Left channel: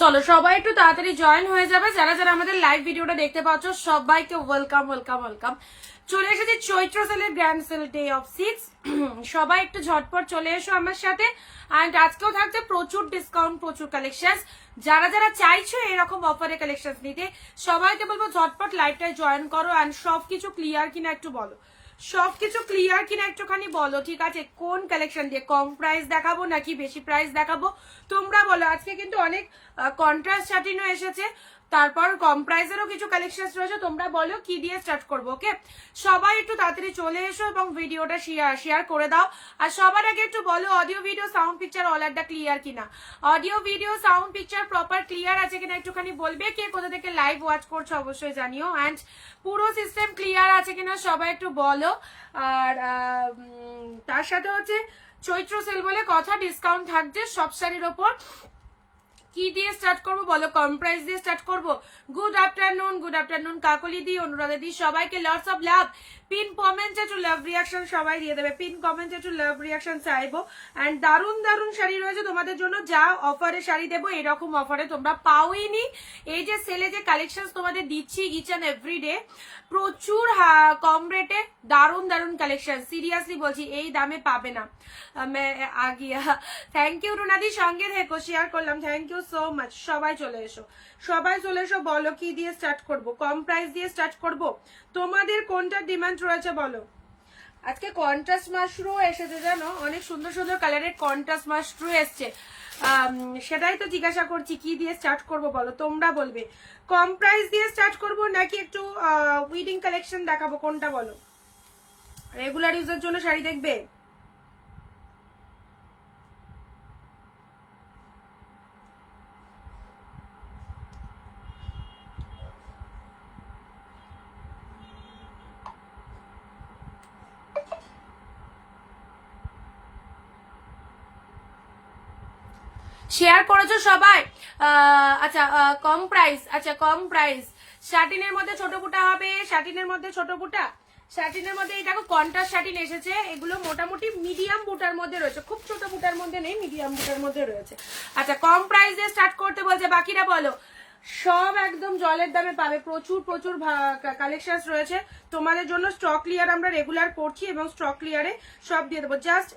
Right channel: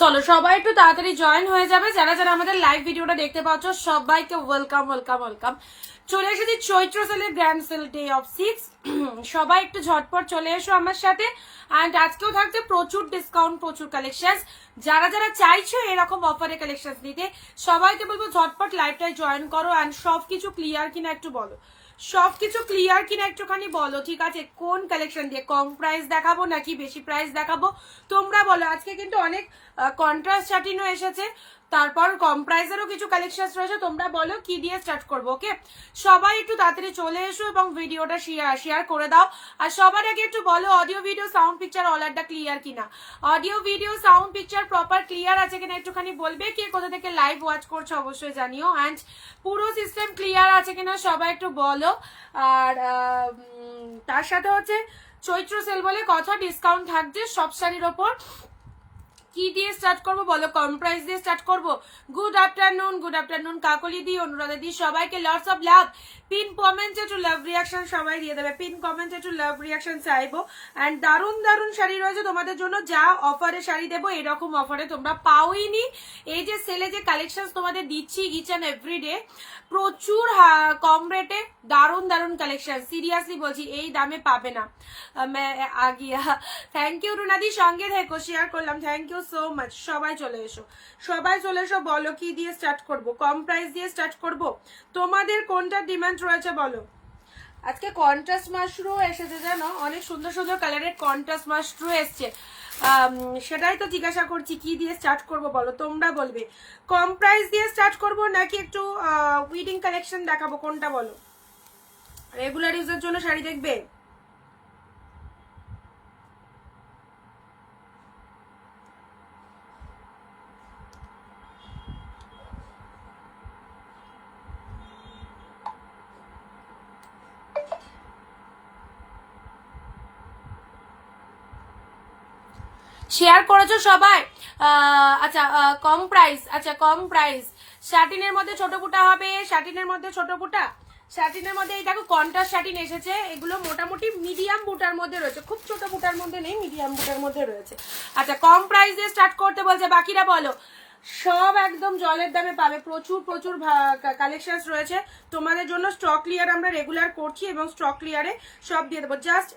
চলো সবাই একটু তাড়াতাড়ি জয়েন হয়ে যাবে। যারা যারা আমাদের লাইভ ভিডিওটা দেখতে পাচ্ছ সবাইকে ওয়েলকাম ওয়েলকাম ওয়েলকাম। চলে এসেছি চৈত্র সেলের গ্র্যান্ড সেল ডে অফ 6। সবাই একটু ঝটপট চলে এসো আমার সাথে। অ্যান্ড আজকেও থাকছে প্রচুর ডিসকাউন্ট, প্রচুর কালেকশন। যারা যারা চাইছো এরকম অফারে কালেকশন নিতে, সবাইকে বলবো ঝটপট লাইভটায় জয়েন করো। অ্যান্ড সবকিছু ক্লিয়ার কিনা একটু বলো, সবকিছু ক্লিয়ার কিনা একটুখানি বলো, ঠিক আছে? কোন কালেকশন দিয়ে, কম প্রাইস দেখাবো নাকি বেশি প্রাইস দেখাবো, তোমরা বলো। আজকে কিন্তু অনেক কন্ট্রাস্ট শাটিনও এসেছে, তারপর কম প্রাইসেরও কিছু কালেকশন রয়েছে। তোমরা বলো কি দিয়ে স্টার্ট করবো। ওকে, সবাই একটু তাড়াতাড়ি চলে এসো এবং ভিডিওটা শেয়ার করে দাও। আর সবার আগে একটু বলো অডিও ভিডিও সাউন্ড পিকচার অলারটা ক্লিয়ার কিনা, audio video sound picture proper clear আছে কিনা একটুখানি বলবে। কে কোথা থেকে লাইভ ওয়াচ করছো অবশ্যই জানিও। অ্যান্ড পুরো সিস্টেম ক্লিয়ার আছে কিনা সবাই একটু বলো। আর তার সাথে হচ্ছে চৈত্র সেল বলে কথা, ডিসকাউন্ট থাকছে সব শাড়ির ওপর। কি দিয়ে স্টার্ট করবো বলো? কম প্রাইস দিয়ে স্টার্ট করবো। গুড আফটারনুন কাকলি দি, অনুরাধা দি, সবাইকে লটস অফ লাভ। পিন কমেন্টে টু লাভ রিয়াকশন সবাই দিয়ে দেবে, পিন কমেন্টে টু লাভ রিয়াকশন চাইবো। অ্যান্ড দারুন দারুন শাড়ি রয়েছে তোমাদের জন্য, যা অফারে শাড়ি দেবো এরকম অফারে তোমরা পাওইনি। এই যে সেলে যে কালেকশন তোমাদের দিচ্ছি ইচ অ্যান্ড এভরি ডে, প্রচুর কম রেটে দারুন দারুন কালেকশন, সিরিয়াসলি বলছি এই দামে পাবে না। থ্যাংক ইউ রুনাদি, সঙ্গে থেকো, শেয়ার করলাম, থ্যাংক ইউ সো মাচ। সবাই চলে এসো, সবাই চলে এসো। বলো কি দিয়ে স্টার্ট করব, কম প্রাইস দিয়ে স্টার্ট করব, তোমাদের কোনটা ডিমান্ড রয়েছে বলো। আজকে কন্ট্রাস্ট মাশরু এসেছে জানো, অনেক সুন্দর সুন্দর কালারের কন্ট্রাস্ট মাশরু এসছে। সেটাই তো জিজ্ঞাসা করছি কি দিয়ে স্টার্ট করব বলো, তোমরা বলবে। কম প্রাইস দিয়ে স্টার্ট করব নাকি একটু উইডিং কালেকশন দেখাবো, কোনটা বলো? রেগুলার ইউজের জন্য শাড়ি দেখবে? শেয়ার করেছো সবাই? আচ্ছা, কম প্রাইস, আচ্ছা কম প্রাইস শাটিনের মধ্যে ছোট বুটা হবে, শাটিনের মধ্যে ছোট বুটা, শাটিনের মধ্যে এই দেখো কন্ট্রাস্ট শাটিন এসেছে। এগুলো মোটামুটি মিডিয়াম বুটার মধ্যে রয়েছে, খুব ছোট বুটার মধ্যে নেই, মিডিয়াম বুটার মধ্যে রয়েছে। আচ্ছা, কম প্রাইস দিয়ে স্টার্ট করতে বলছে, বাকিরা বলো। সব একদম জলের দামে পাবে, প্রচুর প্রচুর কালেকশন রয়েছে তোমাদের জন্য। স্টক ক্লিয়ার আমরা রেগুলার করছি এবং স্টক ক্লিয়ারে সব দিয়ে দেবো। জাস্ট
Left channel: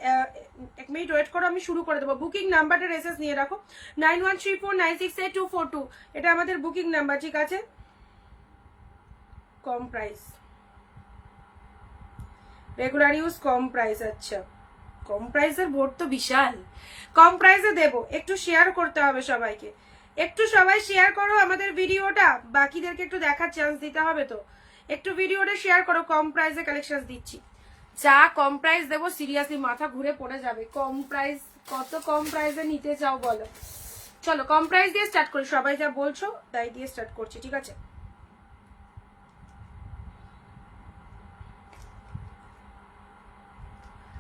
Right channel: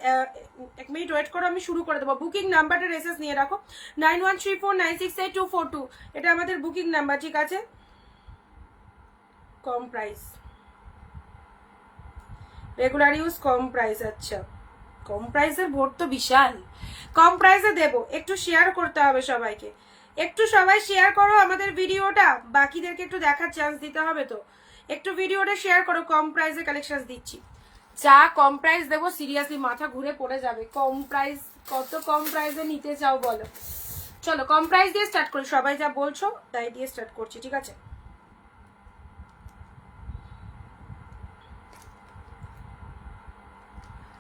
এক মিনিট ওয়েট করো, আমি শুরু করে দেবো। বুকিং নাম্বারটা রেসেস নিয়ে রাখো, 9134968242, এটা আমাদের বুকিং নাম্বার, ঠিক আছে? কম প্রাইস, রেগুলার ইউজ কম প্রাইস। আচ্ছা, কম প্রাইসের ভোট তো বিশাল, কম প্রাইসে দেবো। একটু শেয়ার করতে হবে সবাইকে, একটু সবাই শেয়ার করো আমাদের ভিডিওটা, বাকিদেরকে একটু দেখার চান্স দিতে হবে তো। একটু ভিডিওটা শেয়ার করো, কম প্রাইসে কালেকশন দিচ্ছি। যা কম প্রাইস দেবো সিরিয়াসলি মাথা ঘুরে পড়ে যাবে। কম প্রাইস, কত কম প্রাইসে নিতে চাও বলো। চলো কম প্রাইস দিয়ে স্টার্ট করি, সবাই যা বলছো তাই দিয়ে স্টার্ট করছি, ঠিক আছে?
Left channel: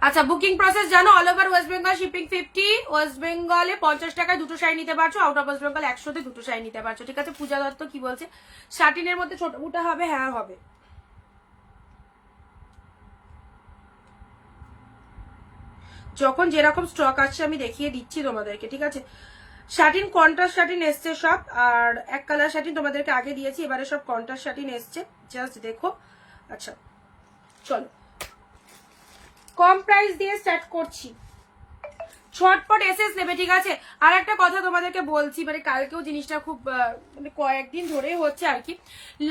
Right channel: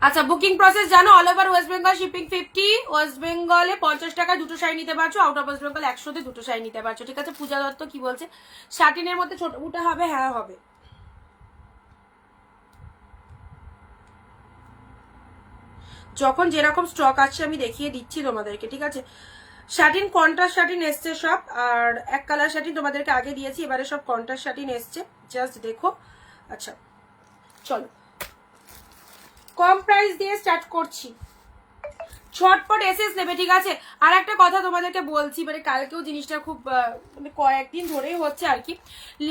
আচ্ছা, বুকিং প্রসেস জানো? All over West Bengal shipping 50, West বেঙ্গলে 50 টাকায় দুটো শাড়ি নিতে পারছো, আউট অফ ওয়েস্ট বেঙ্গল 100-তে দুটো শাড়ি নিতে পারছো, ঠিক আছে? পূজা দত্ত কি বলছে? শাটিনের মধ্যে ছোট বুটা হবে? হ্যাঁ হবে। যখন যেরকম স্টক আছে আমি দেখিয়ে দিচ্ছি তোমাদেরকে, ঠিক আছে? শাটিন কন্ট্রাস্ট শাটিন এসছে সব, আর এক কালার শাটিন তোমাদেরকে আগে দিয়েছি, এবারে সব কন্ট্রাস্ট শাটিন এসছে, জাস্ট দেখো। আচ্ছা চলো কম প্রাইস দিয়ে স্টার্ট করছি, ঝটপট এসএস নেবে, ঠিক আছে? আর একটা কথা তোমাদেরকে বলছি, মানে কালকেও জিনিসটা খুব মানে কয়েকদিন ধরেই হচ্ছে আর কি,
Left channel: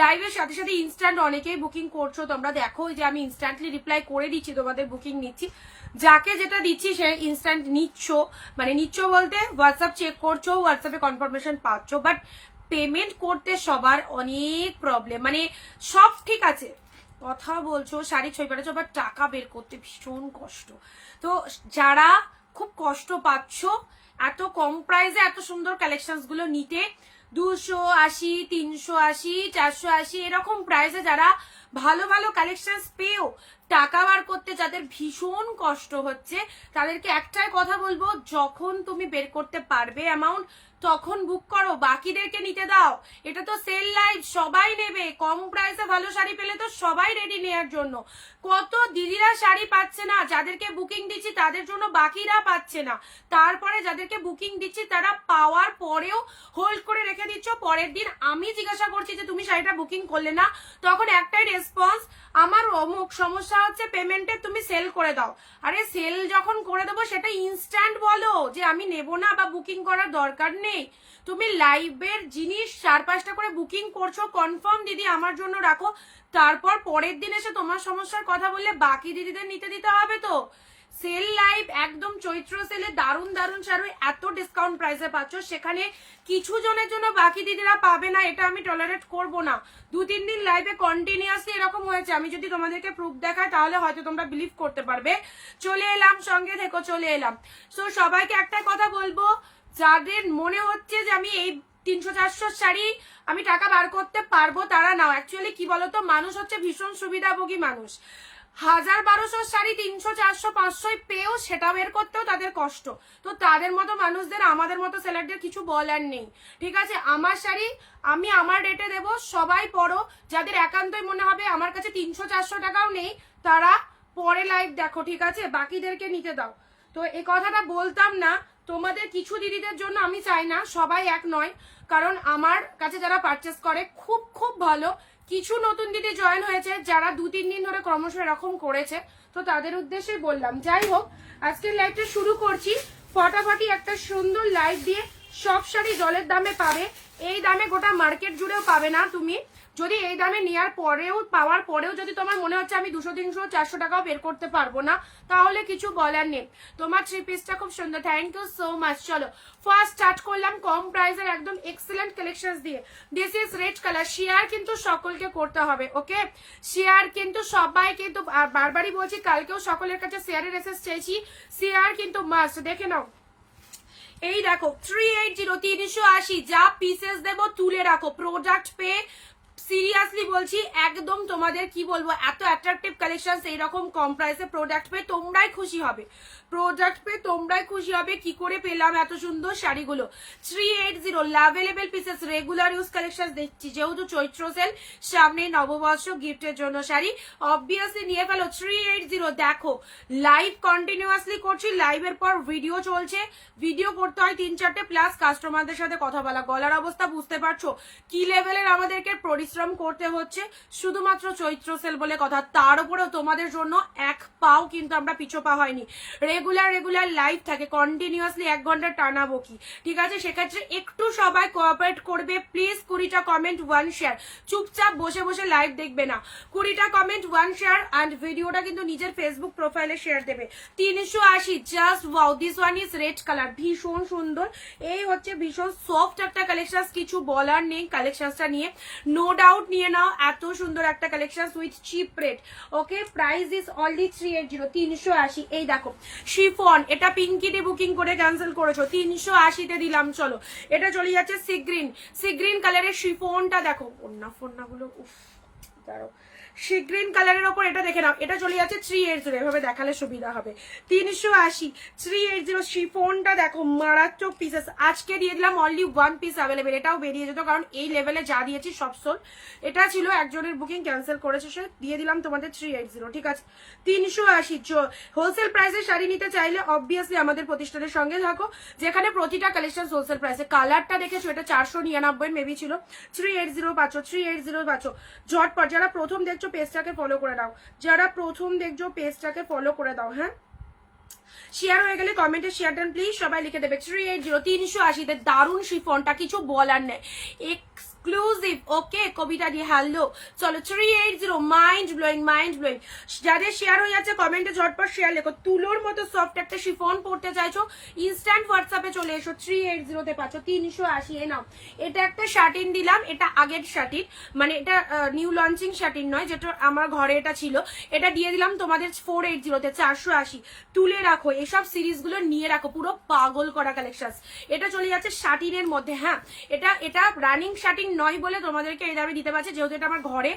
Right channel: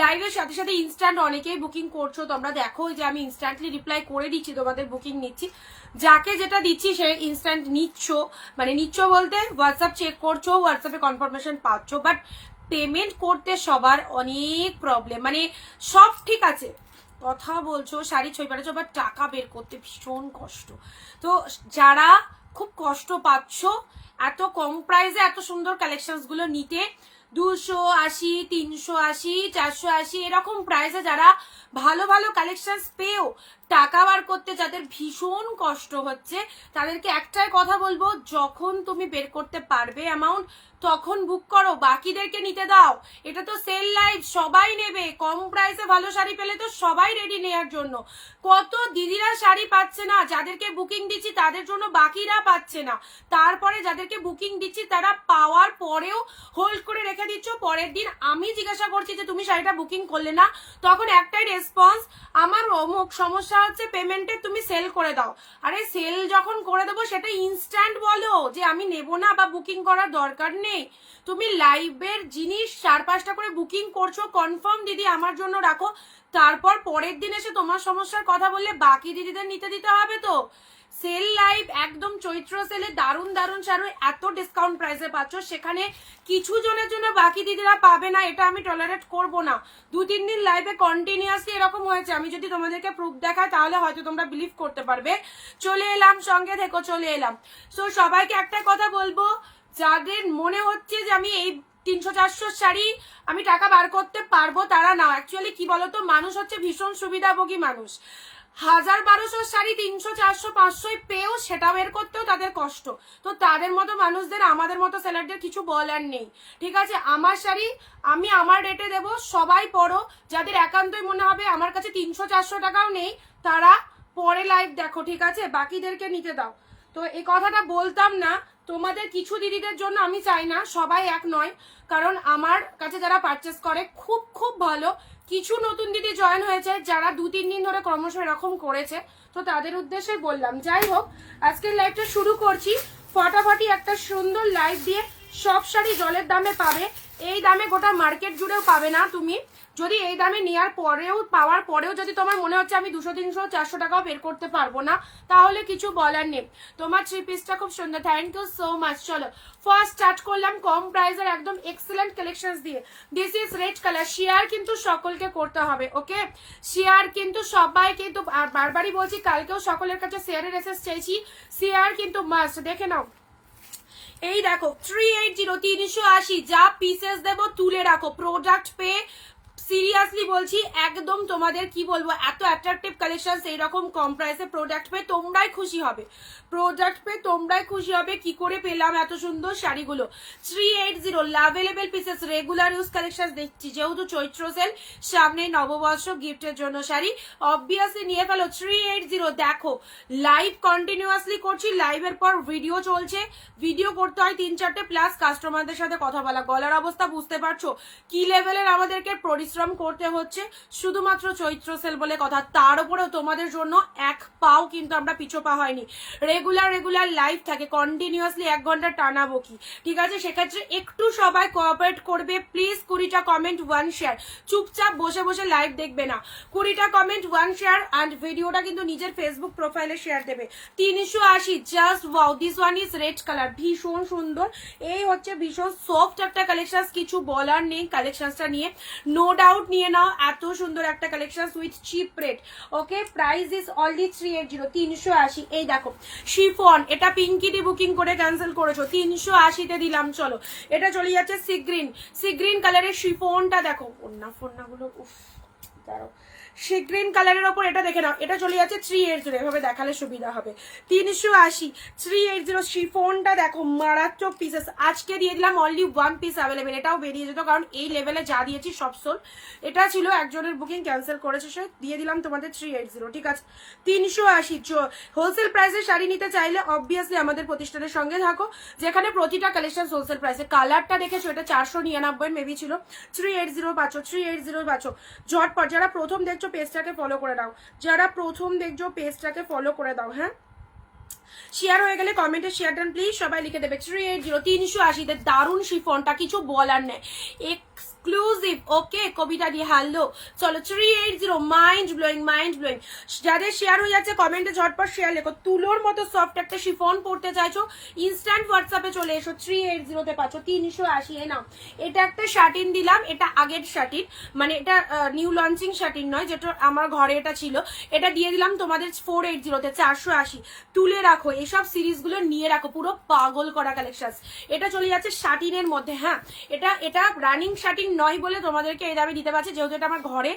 লাইভের সাথে সাথে ইনস্ট্যান্ট অনেকেই বুকিং করছো। তোমরা দেখো যে আমি ইনস্ট্যান্টলি রিপ্লাই করে দিচ্ছি, তোমাদের বুকিং নিচ্ছি, যাকে যেটা দিচ্ছি সে ইনস্ট্যান্ট নিচ্ছ, মানে নিচ্ছ বলতে হোয়াটসঅ্যাপ চেক করছো, হোয়াটসঅ্যাপে কনফার্মেশন পাচ্ছ, বাট পেমেন্ট করতে সবার অনেক প্রবলেম। মানে সব ঠিক আছে, কথা বলছো, শাড়ি ছবি পাঠাচ্ছো, বাট টাকা বের করতে ভীষণ কষ্ট। তো যারা খুব কষ্ট পাচ্ছ এত কম প্রাইসে এত সুন্দর কালেকশন গুলো নিতে, 280, 380, 480 এরকম প্রাইসে যারা ভালো ভালো কালেকশন পেয়েও টাকা বার করতে যাদের ভীষণ কষ্ট হচ্ছে তাদেরকে একটাই কথা বলবো, যখন তুমি বের করতে পারবে অ্যামাউন্ট তখন বুক করো, বাকিদেরকে নিতে দাও। এটা তো সেল লাইভ, সবাই নেবে, কম প্রাইসে ভালো শাড়ি পেলে তো সবাই রেডি নেওয়ার জন্য। কত দিদিরা শাড়ি পাচ্ছে না, যাদেরকে বুকিং দিচ্ছি তাদের জন্য বাকিরা পাচ্ছে না, তারপরে যাদেরকে বুকিং দিচ্ছি তারা পাওয়ার পরেও হোল্ড করে রেখে দিচ্ছ। পরের দিন আমি জিজ্ঞাসা করছি যে তুমি শাড়িটা বুকিং করলে না, তখন একটাই রেসপন্স, আমার অমুক সমস্যা হচ্ছে পেমেন্টে, তুমি সেল করে দাও। আরে সেল যখন করে দেবো সেটা ইনস্ট্যান্ট বলো যে আমি নেব না বা বুকিং করার দরকার নেই। তুমি লাইভের জিনিস 4-5টা করে বুকিং করছো, কনফার্ম দিদি আমার জন্য রাখো, তারপর পরের দিন এসে তোমার সমস্যার কথা বললে বাকি দিদিদের নিতে দিতে হবে তো। সেল লাইভ একদম চৈত্র সেলে দারুণ দারুণ শাড়ি এত ডিসকাউন্ট প্রাইসে পাচ্ছ, সেখানে কিছু জনের জন্য বাকি দিদিরা পাবে না, এটা আমি টলারেট করব না। 2-3 দিন লাইভে কন্টিনিউয়াসলি এরকম হয়েছে, আমি যদি তোমাদেরকে প্রুফ দেখাই তাহলে হয়তো তোমরা বিলিভ করতে পারবে। চলে এলাম, সঙ্গে থেকো, চলে এলাম। সো সবাইকে একটা কথা বলবো, যাদের মনে হচ্ছে যে আমি এই 300-400 শাড়ি আমি টাকা বার করতে পারবো, তারা নাও। অ্যাকচুয়ালি কি বলতো, মানুষ হচ্ছে ভীষণ সুবিধাভোগী মানুষ। 1000-1200 শাড়ি 300-400-500 পেয়েও সেটা বের করতেও তাদের কষ্ট, তো তাদের মতো মানুষদের, আমাদের মতো সেলারদের কিছু বলার নেই। ঠিক আছে, আমার শাড়ি আমি আমার রেটে দেবো, সবাই পরো। যাদের একান্তই মনে হবে আমার কাছে 300-400 টাকাও নেই, তারা পরে লাইভ দেখো, ঠিক আছে, বাকিদেরকে নিতে দাও। তো এই কথাটা বলতাম না তোমাদের কিছু দিদিদের জন্য, আমি চাই না সবাই এক নয়, কারণ আমার কাছে যারা পারচেস করে খুব খুব ভালো, কিছু নতুন দিদি জয়েন হয়েছে যারা 2-3 দিন ধরে ক্রমশ এরকম করেছে, তো তাদের উদ্দেশ্যে বললাম। যাই হোক, আজকের লাইভটা শুরু করছি ফটাফটি একটা সুন্দর লাইভ দিয়ে। সব শাড়ি জলের দামে পাবে, এই দামে গোটা মার্কেট জুড়েও পাবে না তুমি। যদি এই দামে নেওয়ার পরেও, পাওয়ার পরেও যদি তোমার মনে হচ্ছে আমি 200-300-400 টাকাও বের করতে পারবো না, তাহলে কিছু বলার নেই। তোমার 3 পিসটা খুব সুন্দর, থ্যাংক ইউ সো মাচ। চলো ফার্স্ট স্টার্ট করলাম কম প্রাইসের একদম এক্সিলেন্ট কালেকশন দিয়ে। This is red colour. Share কিন্তু সকলকে করতে হবে, ওকে? শেয়ার কিন্তু সবাই, কিন্তু বারবারই বলছি, কালকেও সকলের কাছে শেয়ারের এসএস চাইছি, শেয়ার কিন্তু মাস্ট। দেখে নাও, এই দেখো 380 যা পিসেস দেবো তুলে রাখো, প্রোডাক্ট পেয়ে সিরিয়াসলি বলছি, একদম তোমাদের কি বলবো, এত অ্যাট্রাকটিভ কালেকশন এইরকম কম প্রাইসে প্রোডাক্ট পেয়ে তোমরাই খুশি হবে, প্রোডাক্ট পেয়ে তোমরাই খুশি হবে। কি করে পেলাম এত সুন্দর শাড়িগুলো? 380 available pieces, regular use collection দেখছি, যেহেতু চৈত্র সেল, সামনে নববর্ষ, গিফটের জন্য শাড়ি অবভিয়াসলি নিয়ে ফেলো। 380 দেখো, লাইভ কন্টিনিউয়াসলি করছি, লাইভের পর ভিডিও চলছে, ভিডিও করতে হয় 3-4টে, প্লাস কাস্টমারদের সাথে কথা বলা, গলার অবস্থা বুঝতে পারছো কি লেভেলের আমাদেরকে পরিশ্রম করতে হচ্ছে, শুধুমাত্র চৈত্র সেল বলে কথা। তার উপরেও তোমাদের জন্য এক পাও কিন্তু আমরা পিছোপা হয়নি, রেগুলার লাইভ থাকে কন্টিনিউয়াসলি, 1 ঘন্টা টানা বকি, ঠিক আছে? সেক্ষেত্রে একটু সবাই কোঅপারেট করবে প্লিজ। 20টা কমেন্ট 1 শেয়ার, চুপচাপ বসে বসে লাইভ দেখবে না, 20টা কমেন্ট 1 শেয়ার, অ্যান্ড ভিডিওটা কিন্তু নিজের ফেসবুক প্রোফাইলে শেয়ার দেবে। 380 just wow, this one is red colour, ভীষণ সুন্দর। এই হচ্ছে ভীষণ সফট একটা কালেকশন, কিছু বলার নেই কালেকশনটা নিয়ে, নো ডাউট নিয়ে নাও, এত সুন্দর একটা collection with chip rate, okay? Price is only 380, 380। এই দেখো শিফন, এটা পিঙ্কি দিয়ে বুকিং করে ক্যান্সেল করেছো, 380-তে দিলাম। চলো, এটা চলে যাচ্ছে সি গ্রিন কালারের শিফনটা দেখো, ফোন্নাগুলো উফ, দাঁড়ো, সি গ্রিন কালারের ওপর এটা দেখে নাও, এটা চলে যাচ্ছে 380, এভাবে দেখালে সুবিধা হবে। 380, 380 শিফনটা দেখো, মারাত্মক পিসেস। আজকে দিয়ে দিলাম অনলি 1 পিস অ্যাভেলেবেল, এটাও বেরিয়ে যেত, কারণ এই লেভেলে যা দিয়েছি সব সোল। এটা ছিল একজনের বুকিং, ক্যান্সেল করেছে সে, দিয়ে দিলাম তোমাদের 380, ঠিক আছে? 380 হোলসেল প্রাইসে শাড়ি নিতে চাইলে অবভিয়াসলি আমাদের প্রতিষ্ঠানের সঙ্গে থাকো, যেখানে প্রতিটা কালেকশন হোলসেল প্রাইসে। কালারটা দেখেছো, এটা 499 মেবি ছিল, 380 পাচ্ছ, 380 পাচ্ছ। ঝটপট যারা প্রথম দেখছো পেজটাকে ফলো করে দাও, যারা প্রথম দেখছো পেজটাকে ফলো করে দাও, হ্যাঁ? শেয়ার হয়ে গেলে কমেন্টে শেয়ার ডান প্লিজ, সবাই লিখে দেবে 380, 380 দারুণ শিফনটা, কিছু বলার নেই, এক্সক্লুসিভ, ওকে? কবিতা দিয়ে হ্যালো। চলো 380, মাইন্ড ব্লোয়িং। যাদের শেয়ার হয়ে যাচ্ছে কমেন্টে ঝটপট শেয়ার লেখো। তুলোর মতো সফট একটা শিফন পড়তে চাইছো, ইনস্ট্যান্ট হোয়াটসঅ্যাপে চলে এসো, 380-তে পাচ্ছ, 380। নাও, এটা একটা শার্টিন দিলাম, এটা আগের শার্টিন, মানে এটা নিউ লঞ্চিং শার্টিন নয়, যেটা আমার ঘরে এটা ছিল, এটা দিয়ে দিলাম তোমাদের 480-তে, 480। তুলে রাখো, এসব সিরিজগুলো নিয়ে রাখো, পুরো পাগল করা কালেকশন। এটা চলে যাচ্ছে শার্টিনের মধ্যে, হ্যাঁ? এটা রানিং শার্টিন নয় বলে তোমাদেরকে এই দামে দিতে পারছি, যেহেতু এটা আমার ঘরে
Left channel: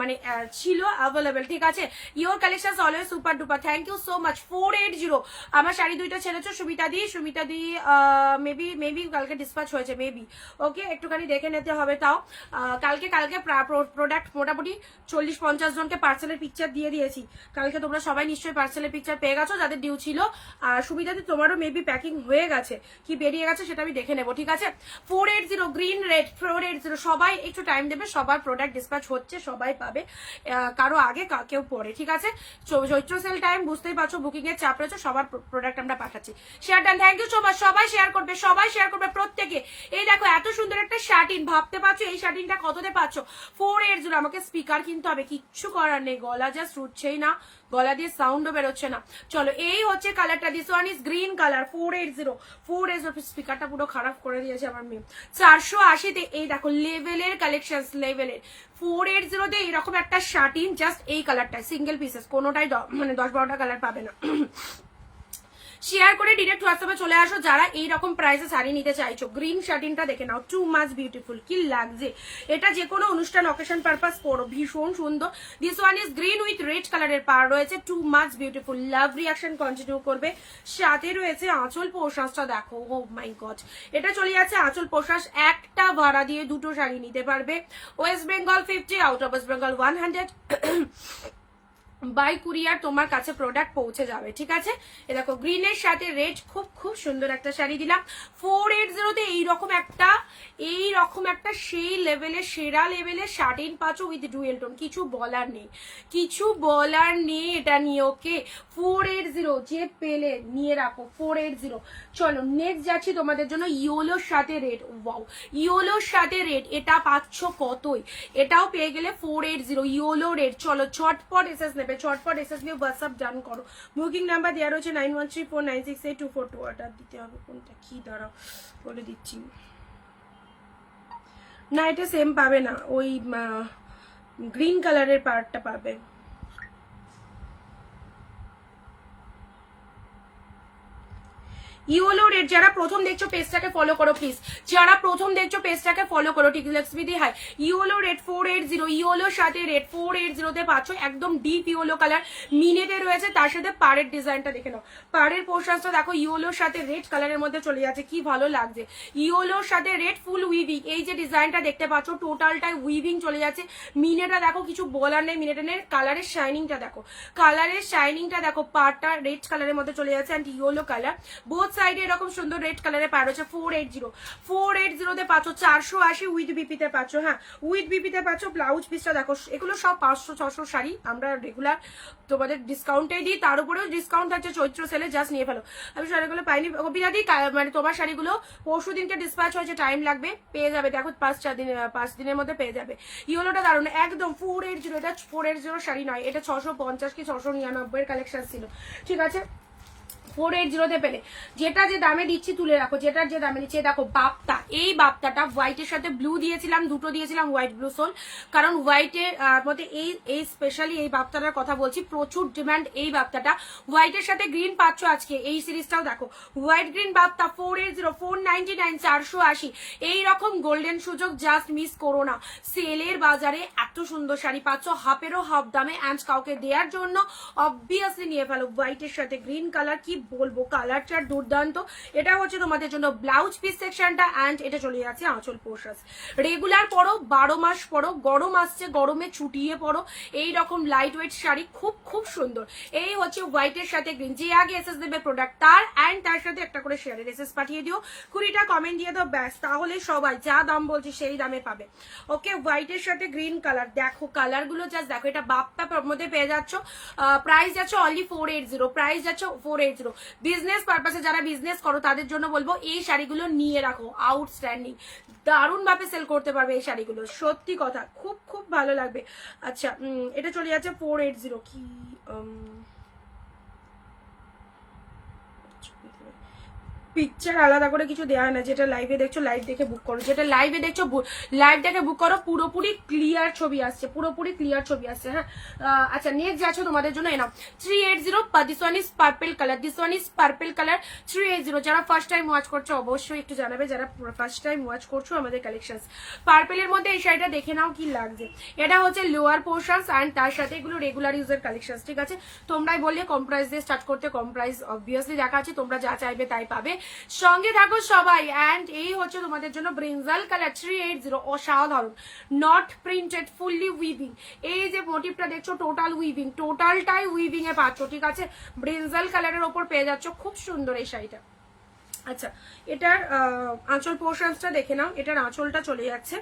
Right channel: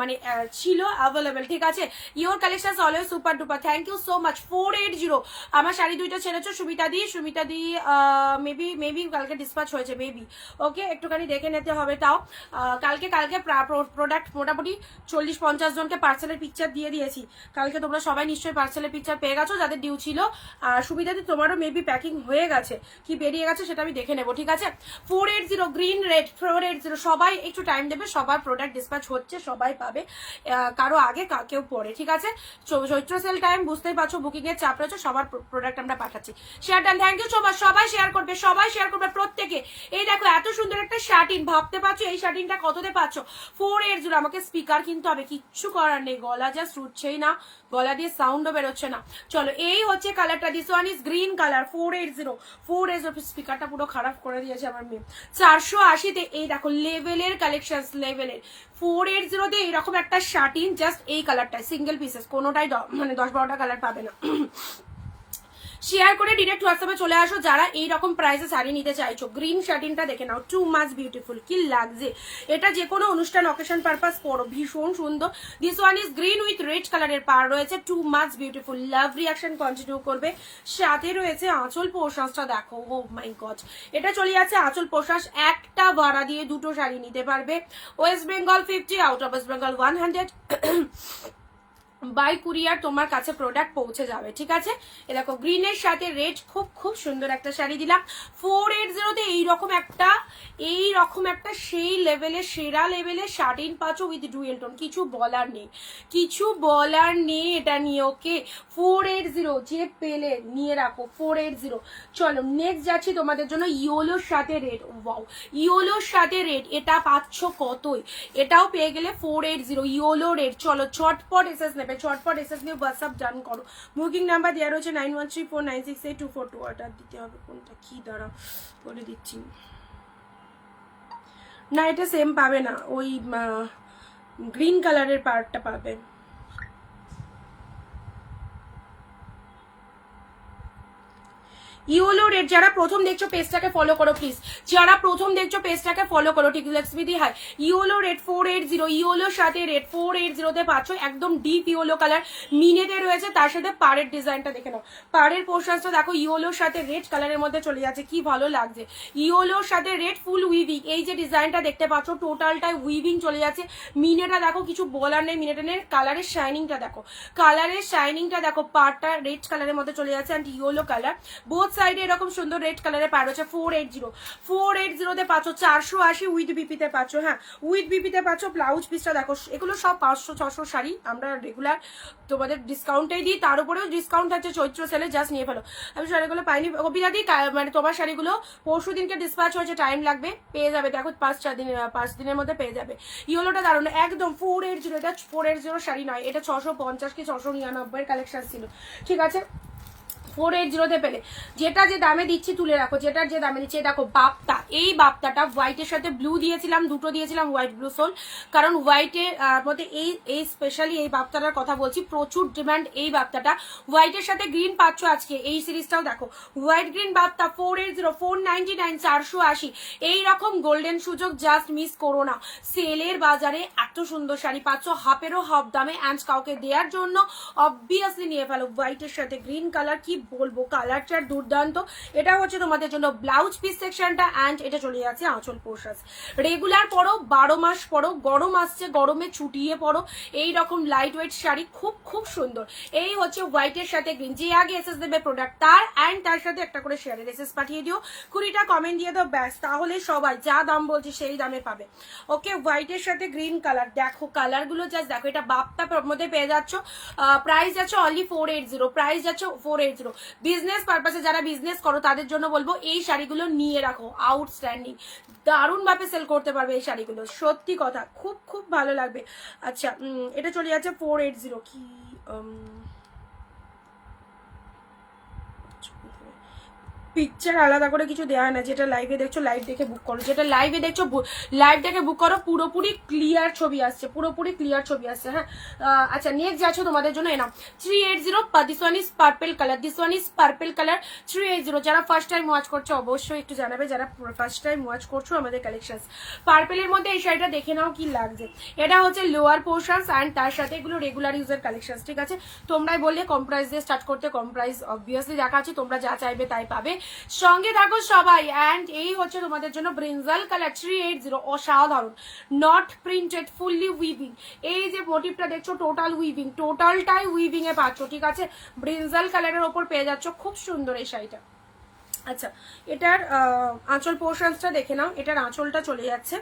মানে ছিল অ্যাভেলেবেল, ঠিক আছে। Your collection always super duper, thank you so much. 480 আমার শাড়ি দুইটা ছেড়েছো সুমিতা দি মেবি কালকে ডিসপ্যাচ হয়েছে মেবি, ওকে একটুখানি দেখে নিতে হবে। তাও কালকে প্রোডাক্ট মোটামুটি 40-50 জনকে পার্সেলের পিকচার দিয়ে দিয়েছি কালকে, তোমরা সবাই নিশ্চয়ই পার্সেলের পিকচার পেয়ে গেছো যাদের ডিউ ছিল। সুবিধা দি তোমারও মেবি প্যাকিং হয়ে গেছে কি বেরিয়ে গেছে সেটা আমি দেখে নেবো, ঠিক আছে। 480 গ্রিন রেড 480, সবাই একটু টাইম দেবে, সবার প্রোডাক্ট ডিসপ্যাচ হচ্ছে, সবাই পাবে, কারো আগে কেউ পরে, ঠিক আছে। চৈত্র সেল টাইম বুঝতেই পারছো, বুকিং এর চাপ রয়েছে, সবার প্রোডাক্ট আমরা পাঠাচ্ছি। Share done, thank you so much. সবাই শেয়ার করবে প্রত্যেকে। এই দেখো এত সুন্দর একটা শার্টিন, ভাবতে পারছো এই শার্টিনটা কততে পাচ্ছ? 480। আমাকে স্পিকার কিনতে হবে, কিচ্ছু করার নেই, গলা জাস্ট উঠছেই না, গলা দিয়ে সাউন্ডও বেরোচ্ছে না। চলো এই হচ্ছে কালারটা, this one is green colour. 480 স্পিকারটা পুরো খারাপ করে দিয়েছে আমার মেয়ে। 480-তে এই দেখো লেভেলের কালেকশন, লেভেলের 480-তে এরকম একটা শার্টিন, জাস্ট এই কালারটা সিঙ্গেল পিসেস, কোনোটাই মানে 10-12টা কালার পাবে না। শেয়ার করে ডিরেক্ট হোয়াটসঅ্যাপে চলে আসো যারা এইরকম প্রাইসে শাড়ি নিতে চাইছো। গ্রিন শার্টিনটা দেখে নাও, টু মাচ বিউটিফুল, কি লাগছে এটা, যে কোনো অনুষ্ঠান অকেশন পারপাস পরো, ভীষণ সুন্দর। This one is green with red কালারের পার রয়েছে, টু মাচ বিউটিফুল, লাভ রিয়াকশন কন্টিনিউ করবে। সাথে রয়েছে আঁচল পোশাকটা দেখো, ও মাই গড, এটা চলে যাচ্ছে আঁচল পোশাক, একটা ভাড়া দিয়ে দুটো শাড়ি নিতে পারবে। West Bengal 50, out of West Bengal 100 by courier তোমার কাছে প্রোডাক্ট পৌঁছে যাবে, ঠিক আছে। এ দেখো গ্রিনের সাথে রেড, খুব সুন্দর একটা শাড়ি দিলাম। 480-তে এইরকম একটা সেই লেভেলের, সেরা লেভেলের শার্টিন পাচ্ছ উইথ ডুয়েল টোন, কিছু বলার নেই এটা নিয়ে, ওকে। 480 যে পেলে নিয়ে রাখো, 480। চলো নেক্সট যাচ্ছি তোমাদের জন্য ইয়োলোর সাথে রেড, ওয়াও, ইয়োলোর সাথে রেড, এটা পাচ্ছ কতই, এটাও পেয়ে গেলে 480 ইয়োলো রেড। চলো চটপট এসএস নেবে, চটপট এসএস নিয়ে হোয়াটসঅ্যাপ ডান করো। বুকিং নাম্বার দেওয়া রয়েছে 9134968242, অর্ডার দিতে হবে কোনটা কি, দাঁড়াও বলে দিচ্ছি। না এটা সেম পাবে না, ওই গ্রিন কালারের পার্টটা পাবে। ইয়োলো রেড, যারা প্রথম দেখছো পেজটাকে ফলো করো প্লিজ, যারা প্রথম দেখছো পেজটাকে ফলো করো, ঠিক আছে। হাই ইয়োলো রেড 480, ইয়োলোর সাথে রেড 480-তে পাচ্ছ, একদম ডিপ ইয়োলো কালার, মিনেতে রয়েছে, তার সাথে পাড়ের ডিজাইনটা দেখে নাও, পাড়ের পোর্শনটা দেখো, ইয়োলোর সাথে রেড কালারের মধ্যে চলে যাচ্ছে, কি ভালো লাগছে। ইয়োলোর সাথে রেড ফুল উইভিং, এই যে ডিজাইনটা দেখতে পাচ্ছ টোটালটাই উইভিং চলে যাচ্ছে। মিনেটা দেখো, কিছু বলার নেই, মিনেটের কালারের শাইনিংটা দেখো, পাড়টা রেড কালারের মধ্যে চলে যাচ্ছে, অ্যান্ড ইয়োলো কালার, বোথ সাইডে এরকম সুন্দর রেড কালারে পার হচ্ছে। 480-তে পাচ্ছ, 480 উইথ বিপিতে পাচ্ছ, হ্যাঁ উইথ বিপিতে পাচ্ছ। ব্লাউজ পিসটা দেখো, এগুলো সব 500-600 শাড়ি আমরা রেগুলার তোমাদের ডিসকাউন্টেই দিই, তার উপরেও ডিসকাউন্ট থাকছে চৈত্র সেলে, জাস্ট নিয়ে ফেলো। আমি শাড়িগুলো পাইনি কবিতা দি, মানে তোমার শাড়িগুলো পরশু দিনকে ডিসপ্যাচ হয়েছে, টাইম লাগবে, পেয়ে যাবে, দেখো 5 দিনের মধ্যে পেয়ে যাবে। ইয়েলোটা দারুণ একদম 480, এটা 480 শাড়ি নয়, এটা 650 কি 699 কালেকশন ছিল, ঠিক আছে। 480-তে পেলে, যেটা যে দামে দিচ্ছি তুলে রাখো, যেটার যে দামে দিচ্ছি। দেখো বাপ্তা, এই বাপ্তাটা হোয়াইটের সাথে ব্লু দিয়েছিলাম, দুটো দিয়েছিলাম হোয়াইট ব্লু সোল, কারণ হোয়াইটের মধ্যে এই স্পেশালি এই বাপ্তাটার কথা বলছি, প্রচুর ডিমান্ড এই বাপ্তাটা। হোয়াইটের সাথে গ্রিন পাচ্ছ আজকে, এই সিরিজটাও দেখো, হোয়াইট গ্রিন বাপ্তা 480, 499, 480, এইরকম গোল্ডেন সুযোগ জাস্ট মিস করো না। সেলের বাজারে এত সুন্দর শাড়ি পাচ্ছ হাফেরও হাফ দামে, অ্যান্ড কাউকে দেওয়ার জন্য অবভিয়াসলি নিয়ে ফেলো। হোয়াইটের সাথে গ্রিন কালার, কি বলবো, কালারটা দুর্দান্ত। এটা হচ্ছে তোমাদের জন্য ব্লাউজ পিস সেকশনটা, অ্যান্ড এটা চলে যাচ্ছে আঁচল পোশাক। রেগুলার পরো, 12 মাস পরো, গরম আসছে গরমে ছুটিয়ে পরো, এইরকম লাইট ওয়েট শাড়ি, খুব সুন্দর। এই হচ্ছে হোয়াইটের সাথে গ্রিন, যে আগে এসএস দেবে প্রোডাক্ট তার, অ্যান্ড তার সাথে একটা করে শেয়ারের এসএস পাঠিয়ে দিও, 20টা কমেন্ট দিয়ে দাও, ব্যাস, তাহলে সবাই যা দাম বলছে সেই দামে পাবে, ওকে। হোয়াইটের সাথে গ্রিন কালার, দেখো কালারগুলো জাস্ট দেখো, এটা বাপ্তা মধ্যে পেয়ে যাচ্ছ, প্রাইস যাচ্ছে অনলি 480, প্রাইস যাচ্ছে 480। বিজনেস পারপাসে যারা বিজনেস করো তাদের জন্য বলবো এই শাড়িগুলো নিয়ে রাখো, আউটস্ট্যান্ডিং, দারুণ ভাবে সেল করতে পারবে এই শাড়িগুলো, সত্যি কথা, খুব ভালো লাগবে। আচ্ছা এটা চলে যাচ্ছে 480, কি পিকচার আলাদা করে কিছু দেওয়া হয় না, যেটা লাইভে দেখছো লাইভ দেখে বুক করো, যেটা লাইভে দেখছো লাইভ দেখে বুক করো, পুরোপুরি ক্লিয়ার ছবি আসছে, পুরোপুরি ক্লিয়ার ছবি আসছে। হ্যাঁ আচ্ছা নেক্সট যাচ্ছ তোমাদের জন্য Enam 380, this one is purple colour, this one is purple colour 380। যারা ফার্স্ট টাইম ওয়াচ করছো অবশ্যই একটু জানাবে, যারা ফার্স্ট টাইম ওয়াচ করছো আমাদের কালেকশন। পার্পলের মধ্যে এই শাড়িটা দেখে নাও কি লাগছে, এটা হচ্ছে লোয়ার পোর্শনস অ্যান্ড তার সাথে এগুলো রেগুলার ইউজের কালেকশন, ঠিক আছে। তোমরাই বললে কম প্রাইস দিয়ে স্টার্ট করতে, কম প্রাইস অবভিয়াসলি দেখা আছে, তোমরা যা চাইবে তাই পাবে, সঙ্গে থাকো সবাই। অ্যান্ড এই হচ্ছে তোমাদের জন্য ব্রিনজাল কালার 380, অসাধারণ, নট প্রিন্টেড, ফুললি উইভিং। এই যে মোটিভটা দেখছো টোটাল উইভিং, টোটালটাই উইভিং এ পাচ্ছ, ঠিক আছে। ব্রিনজাল কালারের ওপর পেয়ে যাচ্ছ, খুব সুন্দর এই শাড়িটা। আচ্ছা এটার আঁচল পোর্শনসটা দেখে নাও, এটার আঁচলটা চলে যাচ্ছে,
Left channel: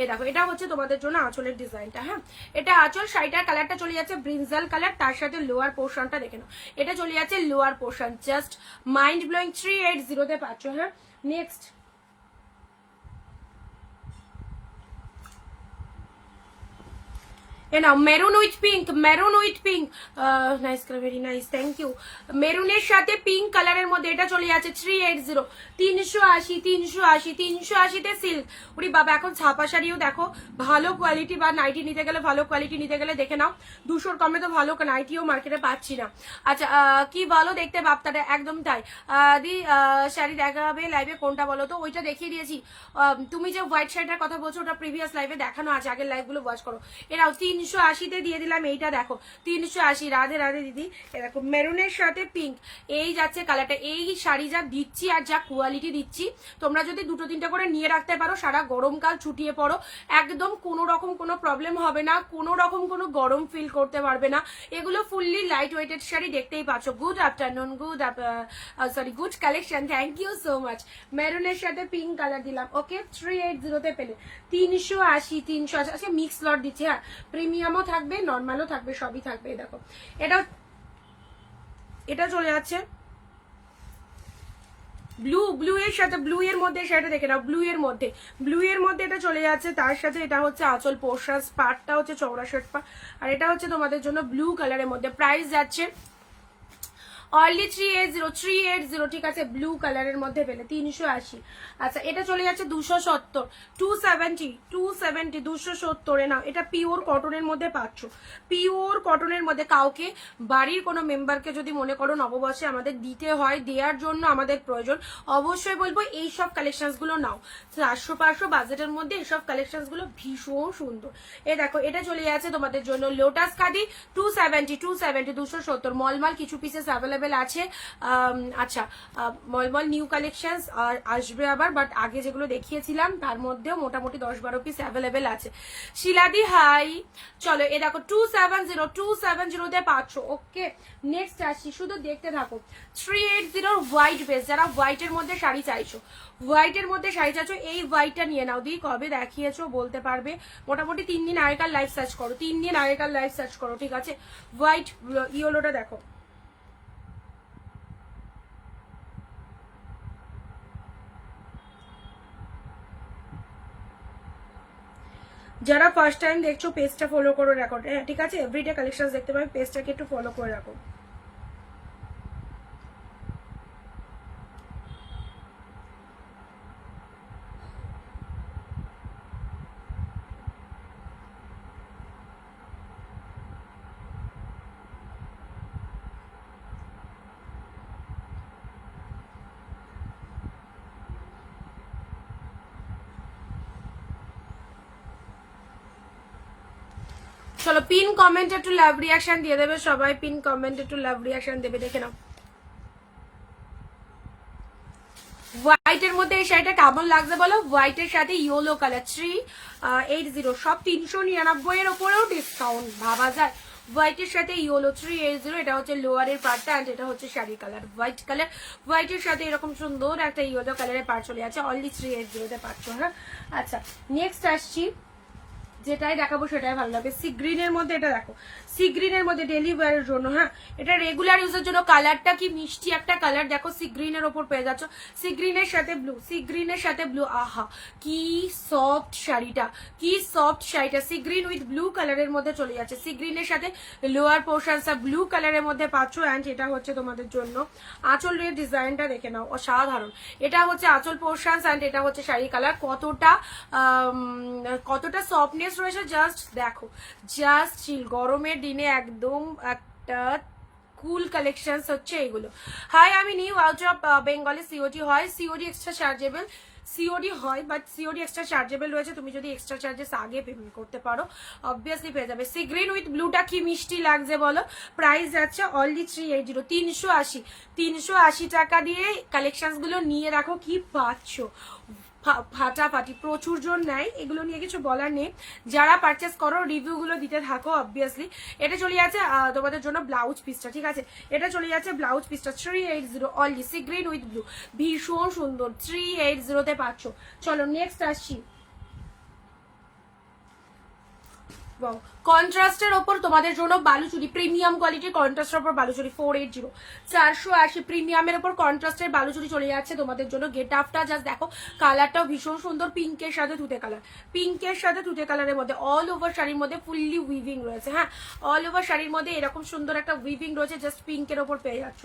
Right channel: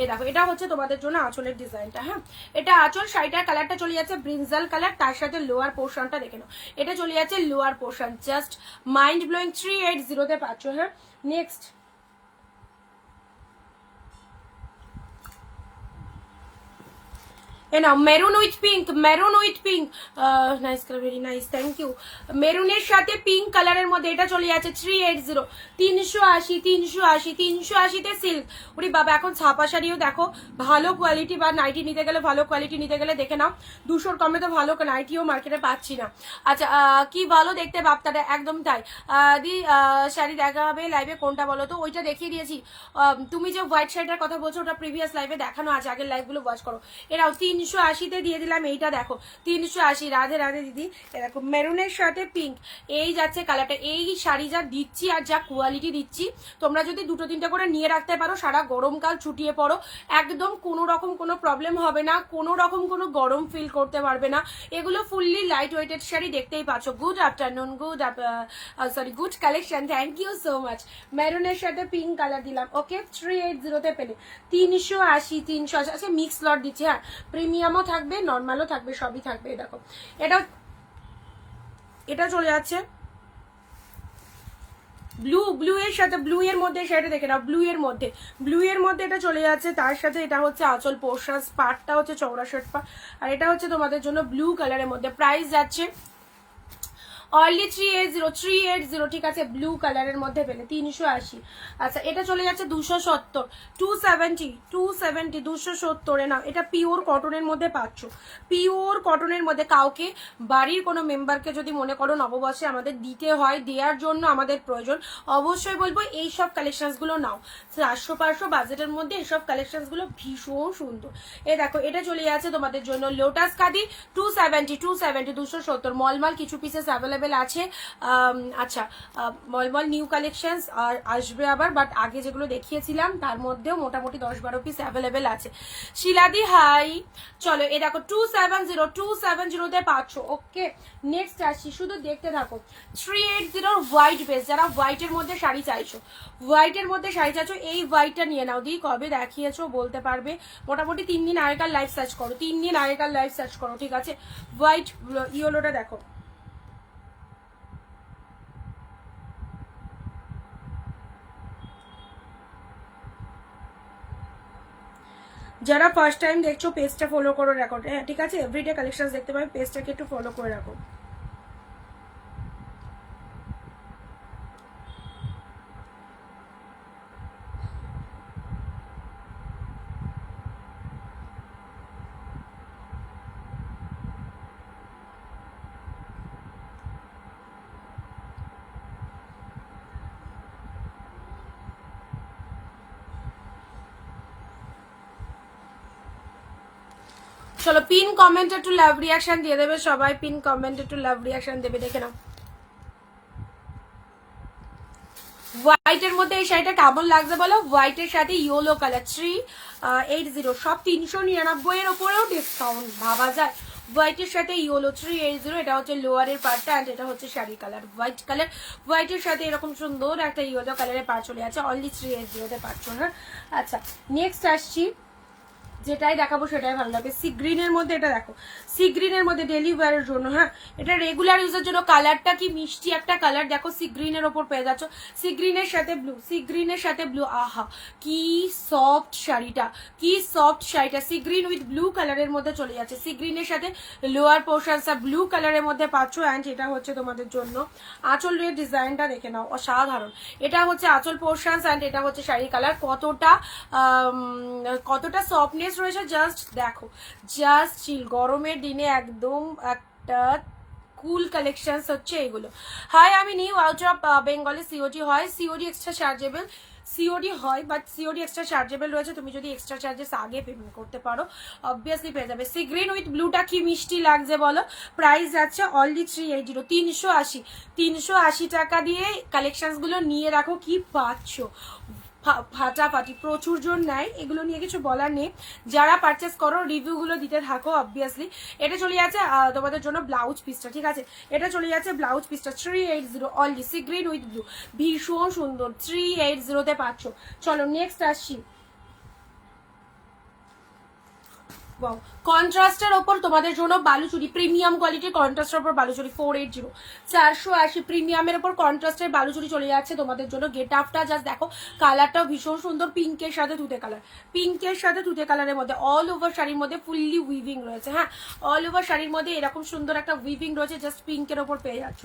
এ দেখো এটা হচ্ছে তোমাদের জন্য আঁচলের ডিজাইনটা। হ্যাঁ এটা আঁচল, শাড়িটার কালারটা চলে যাচ্ছে ব্রিনজাল কালার, তার সাথে লোয়ার পোর্শনটা দেখে নাও, এটা চলে যাচ্ছে lower portion, just mind blowing 380 পাচ্ছ। হ্যাঁ next maroon with pink, maroon with pink, nice colour, very nice, thank you. মেরুনের সাথে পিঙ্ক কালারের মধ্যে এটা চলে যাচ্ছে 380, 380, 380, 380তে সিল্ক। ওরে বাবা এখন ছাপা শাড়িও দেখো, ভালো কোয়ালিটি বা নাইটি নিতে গেলে, ভালো কোয়ালিটি নিতে গেলে দেখে নাও, 200 কমে তো ভালো নাইটিও মার্কেটে পাচ্ছি না। আচ্ছা কি ভালো দেখতে বাপ্তাটা, একদম তাই। দি শাড়ি দেখা হবে লাইভে, কোনটা বলো তো, ওইটা দেখিয়ে দিয়েছি। তুমি যে হোয়াইট শাড়িটার কথা বলছো ওটা প্রিভিয়াস লাইভে দেখানো আছে, আগের লাইভগুলো ওয়াচ করো। এরাও 380তে দিয়ে দিলাম, এইটা দেখো 380, রাধে রাধে দিদি। এরকম মেরুনের সাথে পিঙ্ক, এই যাচ্ছে কালারটা। এই শাড়ি যা দিচ্ছি আর যা কোয়ালিটি দিচ্ছি, তোমরা যদি 2-3টে করে নিয়ে রাখতে পারো, সারা গরমকাল ছুটিয়ে পড়ো, একদম কোনো রকম কোনো প্রবলেম হবে না, কোনো রকম কোনো গরম ফিল করতে পারবে না। এগুলো ফুললি লাইট ওয়েটেড শাড়ি, দেখতেই পাচ্ছ। Good afternoon, good collection, thank you so much. মেরুনের সাথে পিঙ্ক কালার দিলাম, ওকে 380তে পেলে 380, 380। আচ্ছা মিক্স লট দিচ্ছি, হ্যাঁ প্রিমিয়ামও থাকবে, নর্মালও থাকবে, সবই থাকবে। দেখো এটা এটা চলে যাচ্ছে ব্লু এর সাথে, ব্লু এর মধ্যে সেটা দেখে নাও, ব্লু এর মধ্যে এটা চলে যাচ্ছে, তার সাথে এটা হচ্ছে আঁচল পোর্শন, পাটটা হচ্ছে চওড়া শার্ট পা, আর এটা হচ্ছে তোমাদের জন্য ব্লু কালারের মধ্যে। প্রাইস যাচ্ছে অনলি 380, ঠিক আছে, ব্লু কালারের মধ্যে পেলে 380। আচ্ছা এটা চলে যাচ্ছে 270, 270, 270 না, এটা পিওর কটনের মধ্যে পাচ্ছ, পিওর কটনের মধ্যে। কাউকে বাড়ির কোনো মেম্বারকে যদি মনে করো নববর্ষে আমাদের দিতে হয়, দেওয়ার জন্য আমাদের প্রয়োজন, অবশ্যই বলবো এইসব কালেকশনসগুলো নাও। 400-500 বাজেটের মধ্যে এইসব কালেকশনসগুলো ভীষণ সুন্দর। এ দেখো এটা চলে যাচ্ছে তোমাদের জন্য লোটাস কাদি 270, 270, মলমাল কিছু পিসেস অ্যাভেলেবেল আছে। আচ্ছা মলমল নিউ কালেকশন আসবে আবার, বাট আগে যেগুলো দেখিয়েছিলাম তার মধ্যেও মোটামুটি 10-12 পিস অ্যাভেলেবেল আছে। শিলাদি হাই, চলো এ দেখো 270তে পাচ্ছ, ওকে। নেক্সট আসছি, শুধু দেখতে থাকো। 380 হোয়াইট বেস, যারা হোয়াইটের মধ্যে শাড়ি চাইছো, হোয়াইটের মধ্যে শাড়ি চাইছো, এই হোয়াইটটা নিয়ে নাও। দি কবে দেখিয়েছো বলতে পারবে, মোটামুটি 3 দিন আগেকার লাইভ সার্চ করো, 3 দিন আগেকার লাইভ সার্চ করো, ঠিক আছে। হোয়াইট ইয়েলোটা দেখো, যারা ফার্স্ট টাইম দেখছো পেজটা ফলো করে রাখো, হ্যাঁ ঠিক আছে, এভরিডে কালেকশন দেখতে পাবে, পেজটাকে একটু ফলো করে রাখো। চলো পিন কমেন্ট একটু লাভ রিয়াকশন দিয়ে দেবে সবাই, পিন কমেন্ট একটু লাভ রিয়াকশন দেবে, দেখে নাও। হোয়াইটের মধ্যে এই শাড়িটা কেমন লাগছে বলো, হোয়াইটের সাথে ইয়েলো কালার 380, সব 399 এর উপরেও ডিসকাউন্ট, ভাবা যায়। হোয়াইটের সাথে ইয়েলো 380, এটা হচ্ছে লোয়ারের পার্টটা, অ্যান্ড এটা হচ্ছে শাড়ি কালার হোয়াইট কালার, হোয়াইটের সাথে এরকম সুন্দর একটা ইয়েলো কালারের পার্ট চলে আছে, অনলি 380তে পাচ্ছ। হ্যাঁ আচ্ছা নেক্সট আসছি, যেটাই দেখাবো সেটাই ভালো লাগবে। সি গ্রিনের মধ্যে এটা দেখো, সি গ্রিনের মধ্যে ডেলি ওয়্যারের জন্য, হ্যাঁ এটা রেগুলার ইউজের জন্য। কালারটা কি মিষ্টি একটা কালার দেখো, সি গ্রিনের ওপর পেয়ে যাচ্ছ, সি গ্রিনের সাথে ব্লু, সি গ্রিনের সাথে ব্লু, আহা কি সফট শাড়িটা, কি সফট শাড়িটা, সি গ্রিন উইথ ব্লু কালারের মধ্যে চলে যাচ্ছে। সি গ্রিনের সাথে লোয়ার পোর্শনটা ব্লু কালারের মধ্যে পাচ্ছ। অ্যান্ড এটা হচ্ছে তোমাদের জন্য আঁচলের ডিজাইনটা দেখে নাও, অসাধারণ। এটা হচ্ছে আঁচল পোর্শন অ্যান্ড এটা হচ্ছে শাড়ি কালার। কতটা সফটনেস রয়েছে জাস্ট দেখো, জাস্ট চিল। গরমের দিনে একদম একটা কুল কালেকশন হচ্ছে এগুলো। হাই, আমি নিউ আউট অফ বেঙ্গলে, সিওডি হয়, সিওডি এক্সট্রা চার্জেবল, সিওডি হয় বাট সিওডি এক্সট্রা চার্জেবল রয়েছে। তুমি যদি এক্সট্রা চার্জেস আগে পেমেন্ট করতে পারো অবভিয়াসলি পেয়ে যাবে। সি গ্রিন উইথ ব্লুটা কি মিষ্টি লাগছে বলো। প্রাইস যাচ্ছে অনলি 380, 380, 380 টাকা দিয়ে কালেকশনসগুলো নিয়ে রাখো, কি পাচ্ছ ফাটাফাটি। প্রচুর জন নেয়, এগুলো নিয়ে কিছু বলার নেই। যারা পারচেস করো রিভিউগুলো দিতে থাকো অবভিয়াসলি। এটা চলে যাচ্ছে তোমাদের জন্য ব্লাউজ পিসটা, ঠিক আছে, এটা চলে যাচ্ছে ব্লাউজ পিসটা 380 only, sea green with blue, ভীষণ সুন্দর, 380-তে পাচ্ছ। চলো নেক্সট আসছি। কন্ট্রাস্টের ওপর তোমাদের জন্য বালুচুরি, প্রিমিয়াম কোয়ালিটির কন্ট্রাস্টের ওপর বালুচুরি 480, 480 প্রিমিয়ামের ওপর কন্ট্রাস্টের বালুচুরি চলে যাচ্ছে তোমাদের জন্য। গেট আপটা জাস্ট দেখো, কালারটাও ভীষণ সুন্দর, পিঙ্কের সাথে তুতে কালার, পিঙ্কের সাথে তুতে কালারের মধ্যে অল ওভার শাড়ির মধ্যে ফুললি উইভিং রয়েছে। হ্যাঁ, অল ওভার শাড়ির মধ্যে এরকম সুন্দর একটা উইভিং রয়েছে, জাস্ট পিঙ্কের ওপর পেয়ে যাচ্ছ।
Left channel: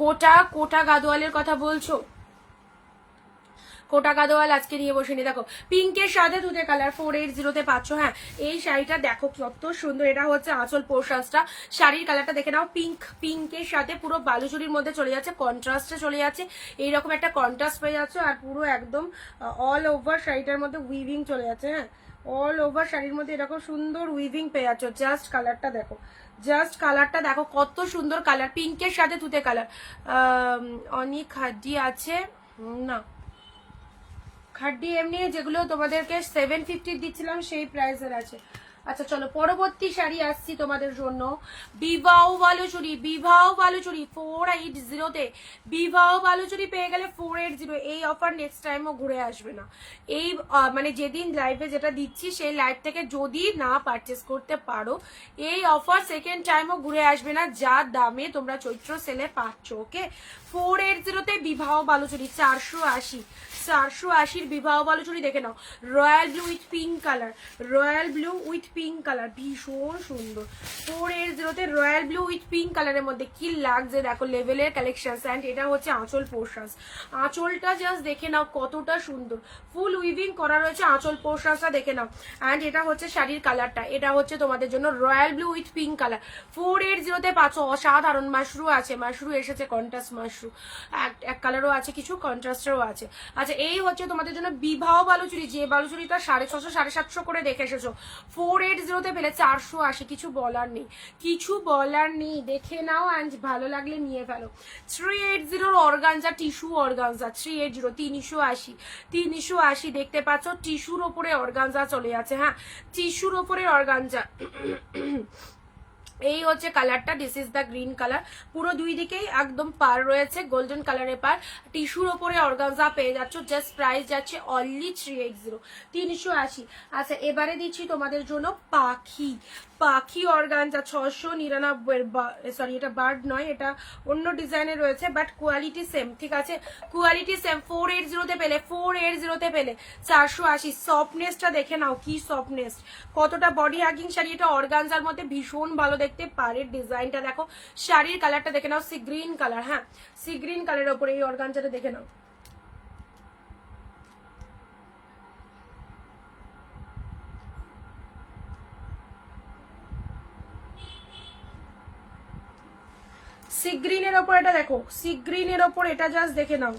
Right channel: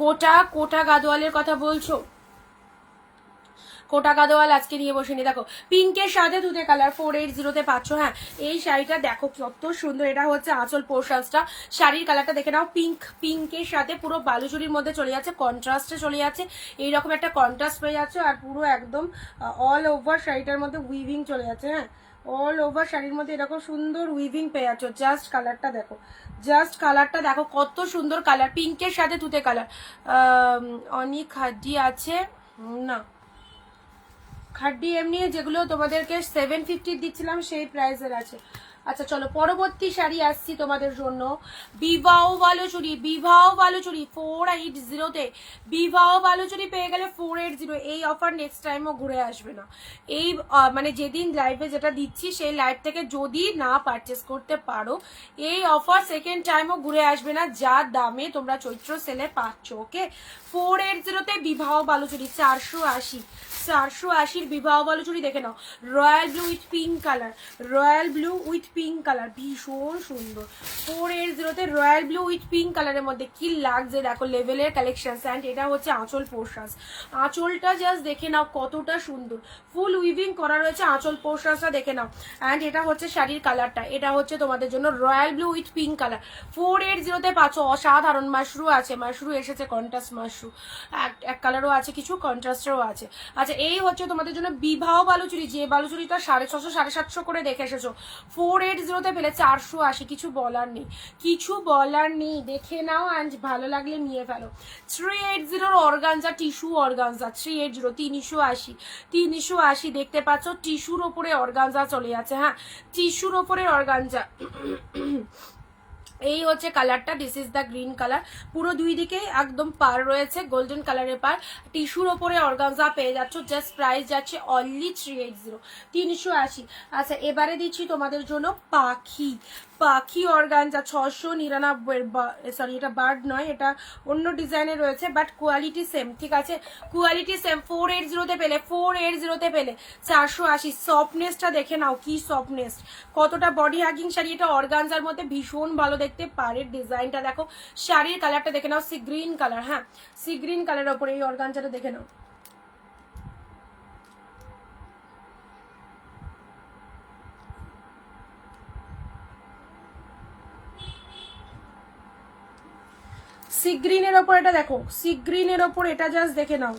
কোটা কোটা গাদোয়ালের কথা বলছো? কোটা গাদোয়াল আজকে নিয়ে বসেনি, দেখো পিঙ্কের সাথে তুতে কালার 480-তে পাচ্ছ। হ্যাঁ, এই শাড়িটা দেখো কত সুন্দর, এটা হচ্ছে আঁচল পোর্শনসটা। শাড়ির কালারটা দেখে নাও, পিঙ্ক, পিঙ্কের সাথে পুরো বালুচুরির মধ্যে চলে যাচ্ছে, কন্ট্রাস্টে চলে যাচ্ছে, এইরকম একটা কন্ট্রাস্ট পেয়ে যাচ্ছে। আর পুরো একদম অল ওভার শাড়িটার মধ্যে উইভিং চলে যাচ্ছে। হ্যাঁ, অল ওভার শাড়ির মধ্যে এরকম সুন্দর উইভিং পেয়ে যাচ্ছ। জাস্ট কালারটা দেখো, জাস্ট কালারটা দেখো কত সুন্দর কালার, পিঙ্কের সাথে তুতে কালার। অনেক হাড্ডি আছে না, খাড্ডি এমনি যেগুলো তোমাদেরকে 750 দিচ্ছিলাম সেই প্রাইসের আছে। আচ্ছা চলো পরবর্তী শাড়ি আসছি তোমাদের জন্য। বিবাহ বালুচুরি, বিবাহ বালুচুরি 480-তে, বিবাহ বালুচুরি পেয়ে গেলে 480। এই অফার নেক্সট টাইমও ঘুরে আসবে না। এই মানে যেদিন লাইভে যেটা দিচ্ছি সেই লাইভ থেকে যদি না পারচেস করতে পারো, এই অফার সেকেন্ড টাইমও ঘুরে আসবে না, যা দামে তোমরা চৈত্র সেলে পাচ্ছ। ওকে, 480-তে বিবাহ বালুচুরি 480, 480-র বিবাহ বালুচুরি দেখে নাও। Royal blue with pink colour, royal blue with pink colour, ভীষণ সুন্দর। 480-তে রয়্যাল ব্লু উইথ পিঙ্ক কালারের মধ্যে কি লাগছে দেখো, লেভেলের কালেকশন। অ্যান্ড এটা হচ্ছে আঁচল পোর্শনস, আঁচলটা জাস্ট দেখে নাও কতটা সুন্দর, ফুল উইভিং করা রয়েছে আঁচল পোর্শনসটা দেখে নাও। অ্যান্ড এটা হচ্ছে শাড়ির কালারটা, এটা হচ্ছে তোমাদের জন্য royal blue with pink colour 480-তে পাচ্ছ। অসাধারণ। মাশরু আছে, মাশরু এসেছে, কন্ট্রাস্ট মাশরু, এক কালারও আছে, কিছু কন্ট্রাস্টেরও আছে। আচ্ছা, এই হচ্ছে তোমাদের জন্য বিবাহ বালুচুরি, যে বালুচুরিটা 650, 750 করে দেখে এসেছো, 480-তে পেলে 480। কিছু বলার নেই, কিছু বলার নেই, দেখে নাও অ্যান্ড ভালো লাগলে নিয়ে ফেলো। 380-র অর্গানজা, টিস্যু অর্গানজা 380, 380, 380 দেখতে পাচ্ছ, টিস্যুর ওপরে অর্গানজা চলে যাচ্ছে। হ্যাঁ, টিস্যুর ওপরে অর্গানজা। এই হচ্ছে কালারটা, this is the green colour. পুরো দুই দিকেই একদম পার রয়েছে, গোল্ডেন কালারের পার, টিস্যুর ওপরে অর্গানজা পেয়ে যাচ্ছ। জাস্ট প্রাইস যাচ্ছে অনলি 380, 380। আচ্ছা, এবারে দিচ্ছি তোমাদের জন্য পাখি, পাখি অর্গানজা 699, সরি এটা বার্ড নয়, এটা অন্য ডিজাইনের রয়েছে, বাট কোয়ালিটি সেম, ঠিক আছে, কোয়ালিটি সেম। 480-তে পেলে, 480-তে পেলে 480। সফটনেসটা দেখে নাও, কি সফটনেস, কতটা বডি হাগিং শাড়ি। এটা অর্গানজার মধ্যে ভীষণ ভালো দেখতে পারে, ডিজাইনটা দেখো, শাড়ির কালারটা দেখে নাও, সি গ্রিন কালার। হ্যাঁ, সি গ্রিন কালারের ওপরে এই অর্গানজাটা দেখে নাও। সি গ্রিনের ওপর এটা দেখো, সি গ্রিনের ওপর এটা জাস্ট দেখে নাও।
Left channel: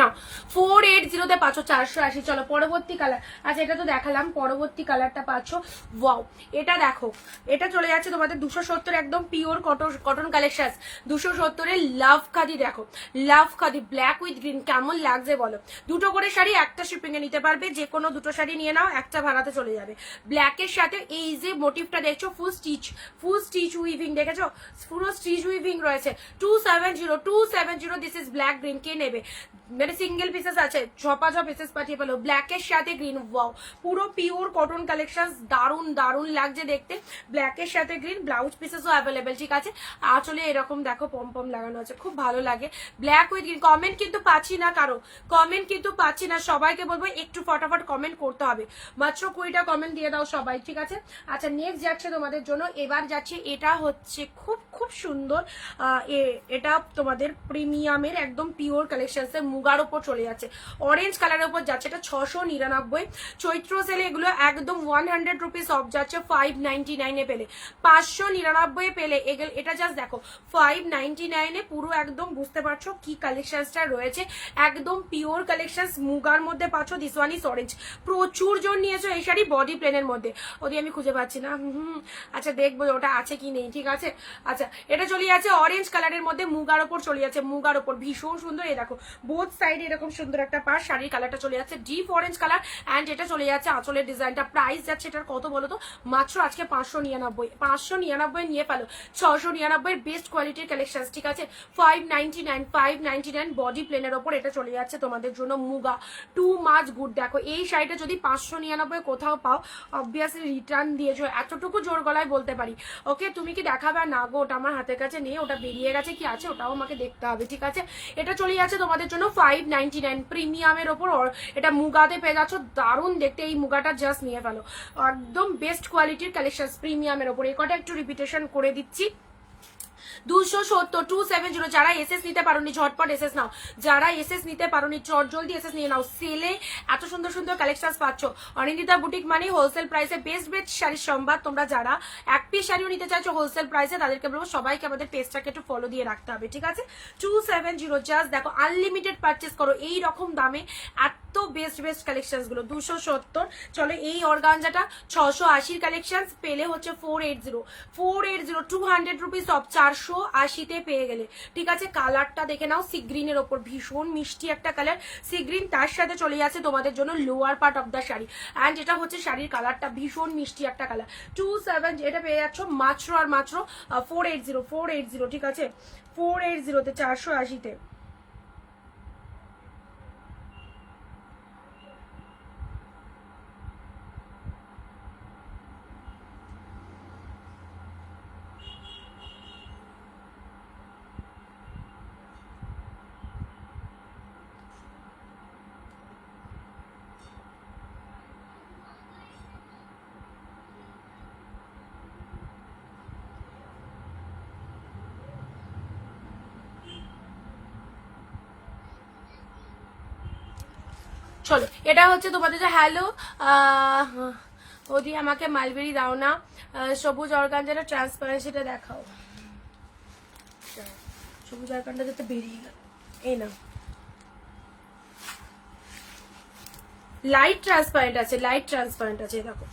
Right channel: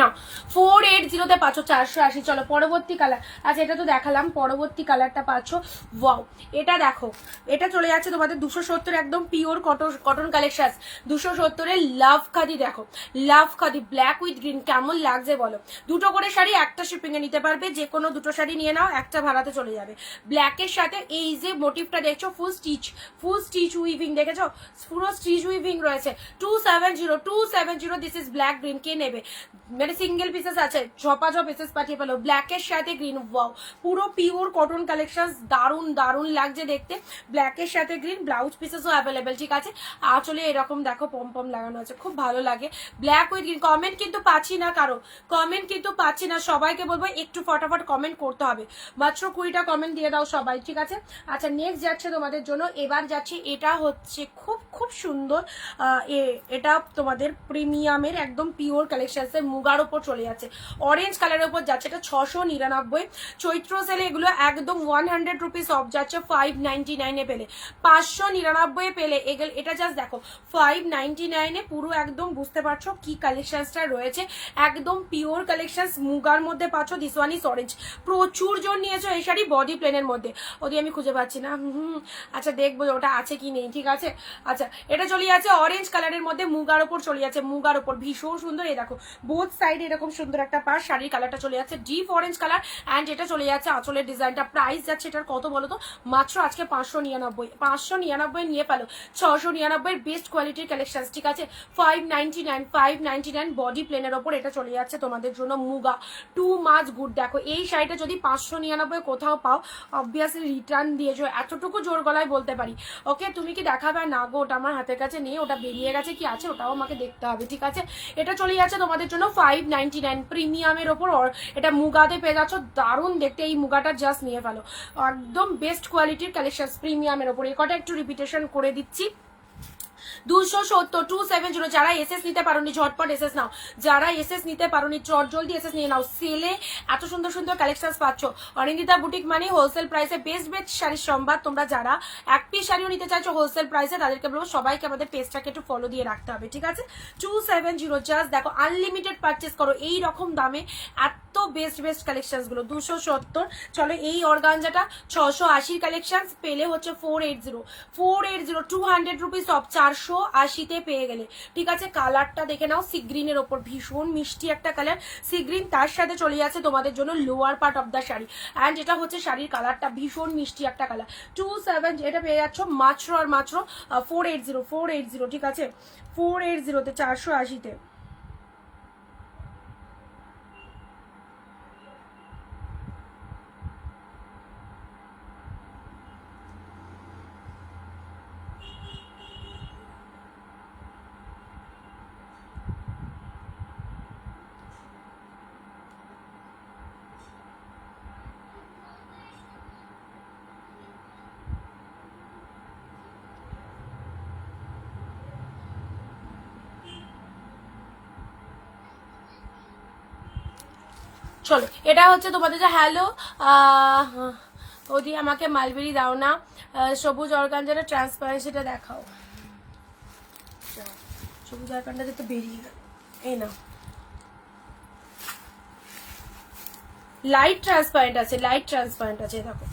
না 480 পাচ্ছ 480। চলো পরবর্তী কালার। আচ্ছা এটা তো দেখালাম, পরবর্তী কালারটা পাচ্ছ। ওয়াও, এটা দেখো, এটা চলে যাচ্ছে তোমাদের 270 একদম পিওর কটন কালেকশন। 270 লাভ খাদি। দেখো লাভ খাদি ব্ল্যাক উইথ গ্রিন, কেমন লাগছে বলো? দুটো করে শাড়ি একটা শিপিং এ নিতে পারবে, যে কোনো দুটো শাড়ি নিয়ে নাও, একটা ভাড়াতে চলে যাবে। ব্ল্যাকের সাথে এই যে মোটিভটা দেখছো ফুল স্টিচ উইভিং, দেখেছো পুরো স্টিচ উইভিং রয়েছে। 270 দিস ইজ ব্ল্যাক গ্রিন। কে নেবে? মানে সিঙ্গেল পিসেস আছে, ঝপাঝপ পিসেস পাঠিয়ে পেলো ব্ল্যাকের সাথে গ্রিন। ওয়াও, পুরো পিওর কটন কালেকশন, দারুন দারুন লাগছে দেখতে। ব্ল্যাকের সাথে গ্রিন, ব্লাউজ পিসেসও অ্যাভেলেবেল, ঠিক আছে। আঁচলে এরকম দেখো পম পম লাগানো আছে, খুব ভালো লাগে। Black with green. কমেন্ট কিন্তু পাচ্ছি না কারো, কমেন্ট কিন্তু পাচ্ছি না। সবাইকে বলবো একটু ফটাফট কমেন্ট করতে হবে, মাত্র 20টা কমেন্ট দিয়ে দাও সবাই, ঠিক আছে। আচ্ছা নেক্সট যাচ্ছে তোমাদের জন্য, এবার যাচ্ছে এটা হচ্ছে খুব খুব সুন্দর। এটা তোমাদের প্রিমিয়ামের একদম পিওর কালেকশন, মুগার উপর চলে যাচ্ছে, অরেঞ্জ কালারের উপর যাচ্ছে। এটা 699। চৈত্র সেলে এগুলো একদম 100 রুপিস অফ যাচ্ছে 599 পেলে, 599 পেলে। এটা জাস্ট দেখো 599 পুরো একদম বুঝতে পারছো কি কালেকশনটা রয়েছে, একদম পিওর কালেকশন মুগার মধ্যে পাচ্ছ। This one is orange. প্রচুর জন নিয়েছো এই শাড়ি বডি প্লেনের মধ্যে, ওদি আমি খুঁজে পাচ্ছি না। আচ্ছা দেখবো ওটা আছে কি নেই, ঠিক আছে। আচ্ছা এটা চলে যাচ্ছে অরেঞ্জ কালারের মধ্যে, মুগার উপর চলে যাচ্ছে, মুগার উপর ভীষণ সুন্দর। এই দেখো বোথ সাইডে এরকম সুন্দর একটা পাশ, শাড়ির কালারটা চলে যাচ্ছে ডিপ অরেঞ্জ কালার, অ্যান্ড এটা চলে যাচ্ছে আঁচলের ডিজাইনটা। প্রাইস যাচ্ছে এটার কত বলো তো? মাত্র আজকে 599 নিয়ে পেলো 699 বেস্ট কোয়ালিটির কালেকশন, ঠিক আছে। 599 বডি প্লেনের ওপর এটা চলে যাচ্ছে তোমাদের জন্য মুগা, টু মাচ গুড। দেখো এই শাড়িটা যদি 599 কোথাও পাও, অবভিয়াসলি রিটার্ন দিয়েছো, এতটুকু জোর গলায় বলতে পারি। ওকে তুমি কি দেখাবে? না গো, ওটা আমার হাতের কাছে নেই, ওটা বেরিয়ে গেছে কি আছে ওটাও আমাকে দেখতে হবে, ঠিক আছে। এটা চলে যাচ্ছে তোমাদের জন্য 599 প্রিমিয়ামের ওপর। এটা মুগাতে পেয়ে যাচ্ছ, দারুণ দেখতে। এই মুগাটা জাস্ট নিয়ে ফেলো, একদম বেস্ট কোয়ালিটির কালেকশন প্রিমিয়ামের ওপর। এই কটা একটু রিপিটেশন করে দিচ্ছি। 270 যারা এসএস নিতে পারোনি ঝটপট এসএস নাও, যারা এসএস নিতে পারোনি চট জলদি এসএস নিয়ে নাও। সেলে এত সুন্দর সুন্দর কালেকশন পাচ্ছ। অনিন্দিতা বুটিক মানে হোলসেল প্রাইসে বেস্ট বেস্ট শাড়ির সম্ভার। তোমরা যারা এক পিস শাড়িও নিতে চাইছো হোলসেল প্রাইসে, তাদেরকে বলবো সবাইকে আমাদের পেজটাকে একটু ফলো দিয়ে রাখতে হবে, ঠিক আছে। 270 জাস্ট দেখো, আনলিমিটেড পারচেস করো এই রকম দামে এত বেস্ট বেস্ট কালেকশন গুলো। 270। চলো এই অর্গানজাটা 680 কালেকশন পেলে হচ্ছে 480 200 রুপিস অফ 480 পেয়ে গেলে, ঠিক আছে। কালারটা দেখে নাও, সি গ্রিনের ওপর ভীষণ মিষ্টি একটা কালার, সি গ্রিন। তার সাথে চলে যাচ্ছে তোমাদের জন্য lower part of the sari, and এটা হচ্ছে শাড়ির কালারটা ভীষণ মিষ্টি একটা কালার। 27 এটা পেয়ে যাচ্ছ মাত্র আর মাত্র 480, ঠিক আছে। 480 480-তে। চলো এটা হচ্ছে তোমাদের যে হ্যালো ওদি আমাকে মালবেরি দাও না, সবুজ অর্গানজাটা ট্রান্সপারেন্সিটা দেখাও। সবুজ অর্গানটা যেতে বেরিয়ে গেল, এই না লাইট ট্রান্সপারেন্ট আছে, লাইট ট্রান্সপারেন্ট আছে, দেখো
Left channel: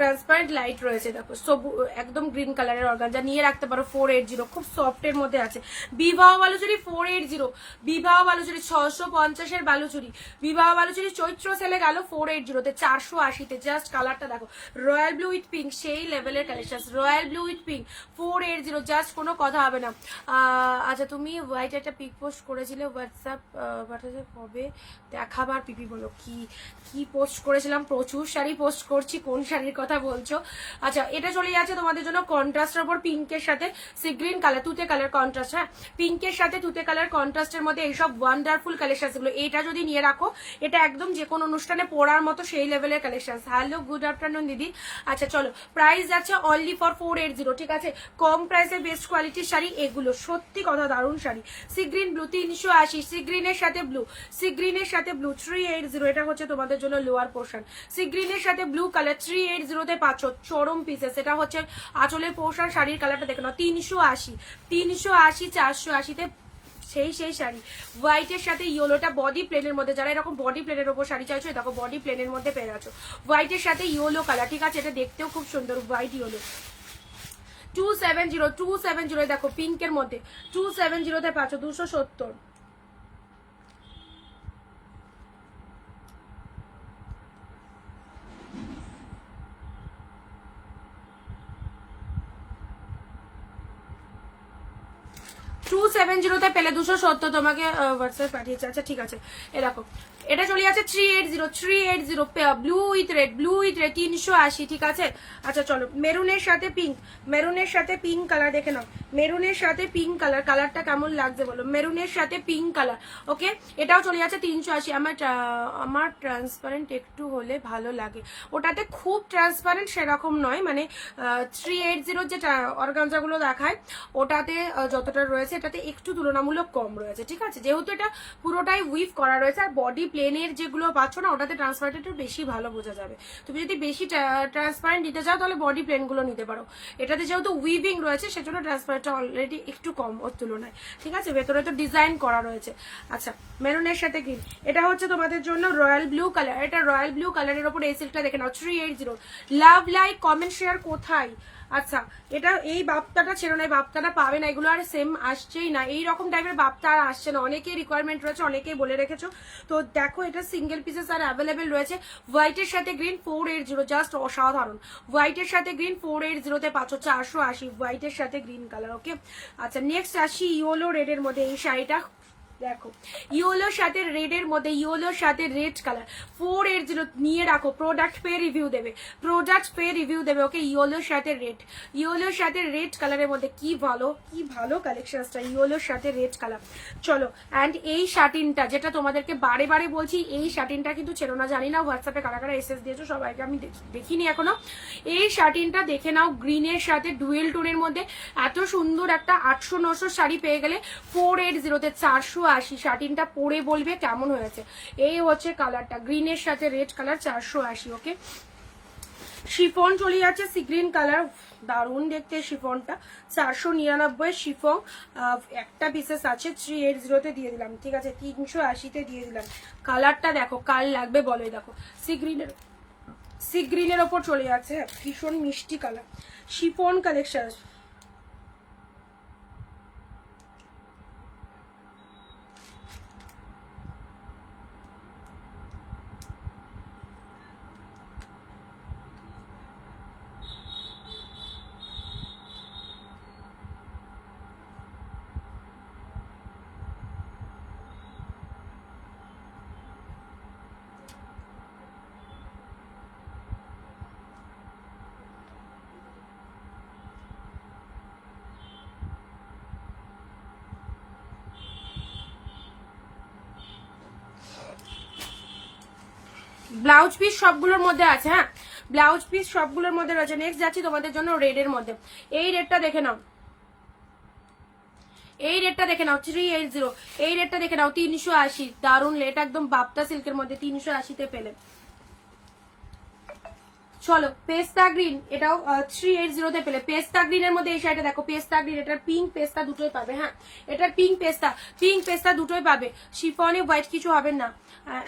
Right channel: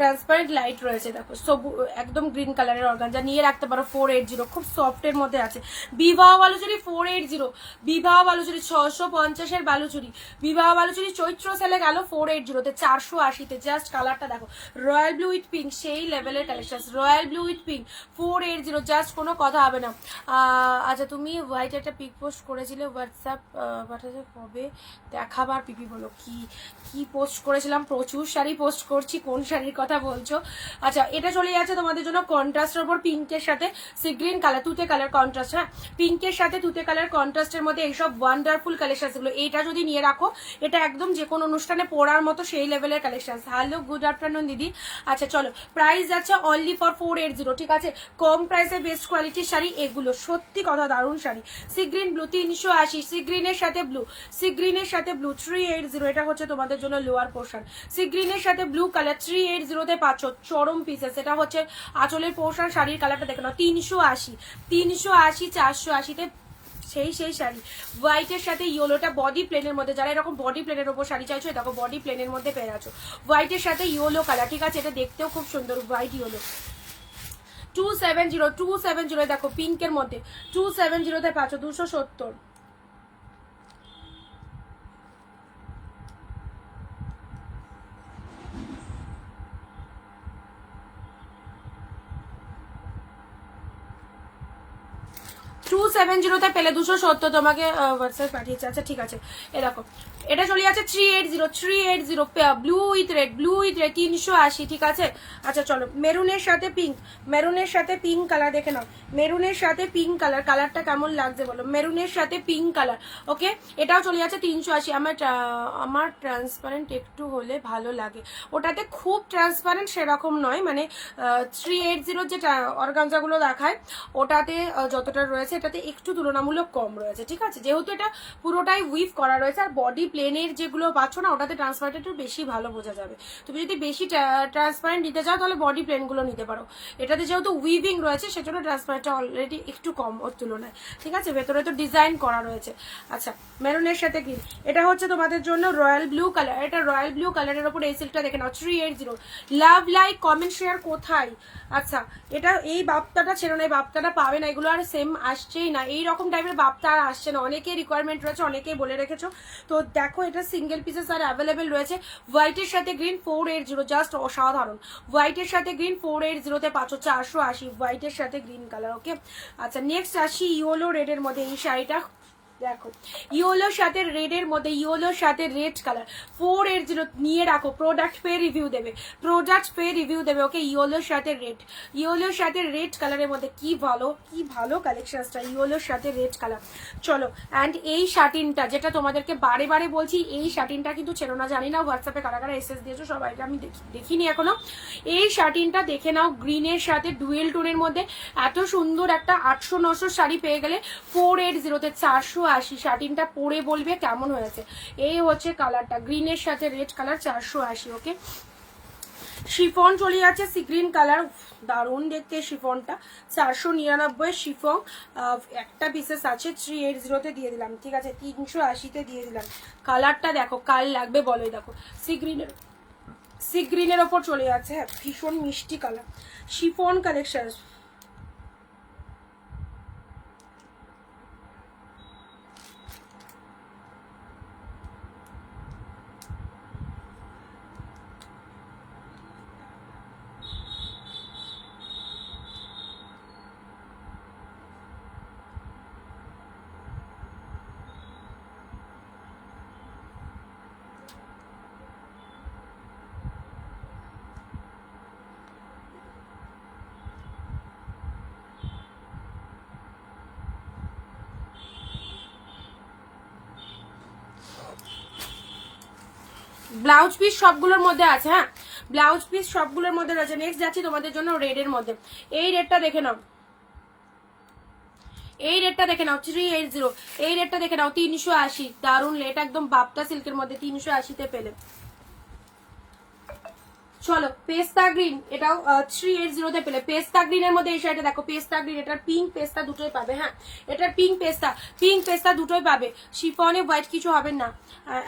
ট্রান্সপারেন্ট লাইট রয়েছে। দেখো সবু একদম গ্রিন কালারের অর্গানজা নিয়ে রাখতে পারো। 480 খুব সফটের মধ্যে আছে। বিবাহ বালুচুরি 480, বিবাহ বালুচুরি 650-এর বালুচুরি, বিবাহ বালুচুরি চৈত্র সেলে গেল 480-তে 480-তে। জাস্ট কালারটা দেখো, রয়্যাল ব্লু উইথ পিঙ্ক, সেই লেভেলের collection. Royal blue with pink 480, just কোনো কথা হবে না। আচ্ছা তুমি হোয়াইট একটা পিক পোস্ট করেছিলে হোয়াটসঅ্যাপ পাঠাতে, কবে দেখাবার পিপি বলো? কি কি পোস্ট করেছিলাম? প্রচুর শাড়ি পোস্ট করছি, কোন শাড়ির কথা বলছো? আচ্ছা এটা চলে যাচ্ছে তোমাদের জন্য কন্ট্রাস্টের উপর, পিঙ্কের সাথে সি গ্রিন কালার, তুতে কালার কন্ট্রাস্ট। হ্যাঁ পিঙ্কের সাথে তুতে কালার কন্ট্রাস্টের মধ্যে এইসব ওয়ান্ডারফুল কালেকশন গুলো। এটা যদি নিয়ে রাখো, এটা একদম যে কোনো অনুষ্ঠানে পরার মতো সেই লেভেলের কালেকশন। হ্যালো গুড আফটারনুন দিদি। আচ্ছা চলো প্রাইস যাচ্ছে অনলি ফর 480, ঠিক আছে। কম প্রাইসে বেস্ট কোয়ালিটির শাড়ি এগুলো, সত্যি কথা দারুণ sari. Sea green blue 380, sea গ্রিনের সাথে ব্লু, সি গ্রিনের সাথে ব্লু 380। এটা হচ্ছে তোমাদের জন্য লোয়ার পোর্শন। সি গ্রিনের সাথে ব্লু কালার 380-তে পাচ্ছ চরম পিসেস। এটা হচ্ছে আঁচলের পোর্শন, শাড়ির কালারটা দেখে নাও। 380 380 480-তে সেই শাড়ি হোয়াইটের সাথে ইয়েলোটা বডি প্লেনের মধ্যে, যারা এরকম বডি প্লেনের ওপর শাড়ি চাইছো দেখো বডি প্লেনের মধ্যে পেয়ে যাচ্ছ হোয়াইটের সাথে ইয়েলো কালার, ঠিক আছে? এটা দেখতেও খুব সুন্দর হোয়াইট ইয়েলো। 270 দেখো পিঙ্কের মধ্যে 270 পাচ্ছ 270। 270 পেলে 270 তোমাকে হোয়াটসঅ্যাপ পাঠিয়েছে। আচ্ছা ঠিক আছে, এ দেখো এটা চলে যাচ্ছে 380 ব্লু উইথ রেড 380, ঠিক আছে? আচ্ছা চলো মেরুনের সাথে পিঙ্ক কালার দেখে নাও, মেরুনের সাথে পিঙ্ক কালার, কালারটা কেমন লাগছে বলো? মেরুনের সাথে পিঙ্ক কালার, ওকে? এটাও চলে যাচ্ছে 380। আমার ট্রান্সপারেন্ট একটু হলে ভালো লাগে, ওটাতে খুব ট্রান্সপারেন্ট সেরকম নয়, মানে 380 যে অর্গানজাগুলো দেখায় ওটাতে যতটা রয়েছে এটাতে একটু তুলনামূলক কম রয়েছে, ঠিক আছে? যেহেতু এটা পুরোটাই উইভ করা রয়েছে আর বডি প্লেনের যেগুলো পাচ্ছ না ওটাতে ট্রান্সপারেন্ট একটু বেশি ভালো বোঝা যাবে। তুমি যদি বেশি ট্রান্সপারেন্ট নিতে চাও তাহলে বডি প্লেনগুলো নিতে পারো, এটাতে যেহেতু উইভিং রয়েছে সেজন্য ট্রান্সপারেন্টটা অলরেডি একটু কম ওর তুলনায়, ঠিক আছে? ভেতরে তো ডিজাইন করা রয়েছে। আচ্ছা মেরুনের সাথে গ্রিন, এটা হচ্ছে তোমাদের জন্য রয়্যাল ব্লু কালার, এটা রয়্যাল ব্লু কালারের ওপর এই সিল্কটা দেখে নাও 380। লাভ লাইক কমেন্ট শেয়ার কোথায়? আচ্ছা এটা এই বাপ্তাটা ছিল না, এই বাপ্তাটা পাবে না, এগুলো আর সেম আসছেই না, এইরকম টাইপের বাপ্তা আর আসছে না, অনেকেই রিকোয়ারমেন্ট রয়েছে, অনেকেই বলে রেখেছো। তো দেখো এটা সিঙ্গেল পিসেস আর অ্যাভেলেবেল রয়েছে। হোয়াইটের সাথে গ্রিন 480, জাস্ট অসাধারণ। হোয়াইটের সাথে গ্রিন 480 পাচ্ছ 480, হোয়াইটের সাথে গ্রিন কালার, ওকে? আচ্ছা নেক্সট আসি ইয়েলো রেডের মধ্যে এই শাড়িটা দেখো, ইয়েলোর সাথে রেডের মধ্যে ইয়েলোর সাথে রেড কালার 480 নিয়ে রাখো, প্রোডাক্ট পে রিভিউ দেবে, ওকে? ইয়েলোর সাথে রেড কালারের মধ্যে কি ভালো কালেকশনটা, ইয়েলোর সাথে রেড কালার। চলো অ্যান্ড এই শাটিনটা যেটা তোমাদেরকে বারে বলছি, এই শাটিনটা কিন্তু ছিল না, জানি না হোয়াটসঅ্যাপে কারা এসএস দিয়েছো, সবাইকে আমি দেখিনি এখনো। এই শাটিনটা দেখে নাও, গ্রিনের সাথে ডুয়েল টোনের মধ্যে এত সুন্দর একটা 800-900 শাড়ি পেয়ে গেলে 480-তে 480। শাটিনটা পরে বলবে কেমন হয়েছে। এই হচ্ছে কালারটা, গ্রিনের সাথে রেড কালার 480, ওকে? শিফন চলে যাচ্ছে সি গ্রিন কালার, দারুণ দেখতে শিফনটা, 499 শিফন, একটা পিসেস আছে 380-তে দিয়ে দিলাম, ঠিক আছে? 380-তে দিয়ে দিলাম। কালারটা দেখো কাল লাগবে বলে, দেখো সি গ্রিনের ওপর চলে যাচ্ছে, ভীষণ মিষ্টি colour chiffon collection. Blouse piece সবগুলোর মধ্যে আছে, হ্যাঁ ব্লাউজ পিস সবগুলোর মধ্যে রয়েছে। নেক্সট যাচ্ছি তোমাদের জন্য রেডের মধ্যে, এই রেডটা দেখে নাও, 380, এই রেটটা দেখে নাও 380, দারুণ রেট, একদম বাপ্তা সিল্কের মধ্যে 380-তে পেলে। চলো পেস্তা গ্রিন, এটাও 380-তে পেলে। পেস্তা গ্রিনের মধ্যে এই শাড়িটা দেখো, পেস্তা গ্রিন, এটার পিঙ্ক পেস্তা দুটোই পাবে, হ্যাঁ এটার পিঙ্ক পেস্তা দুটোই পাবে। শিফনে হোয়াইট কিছু হবে না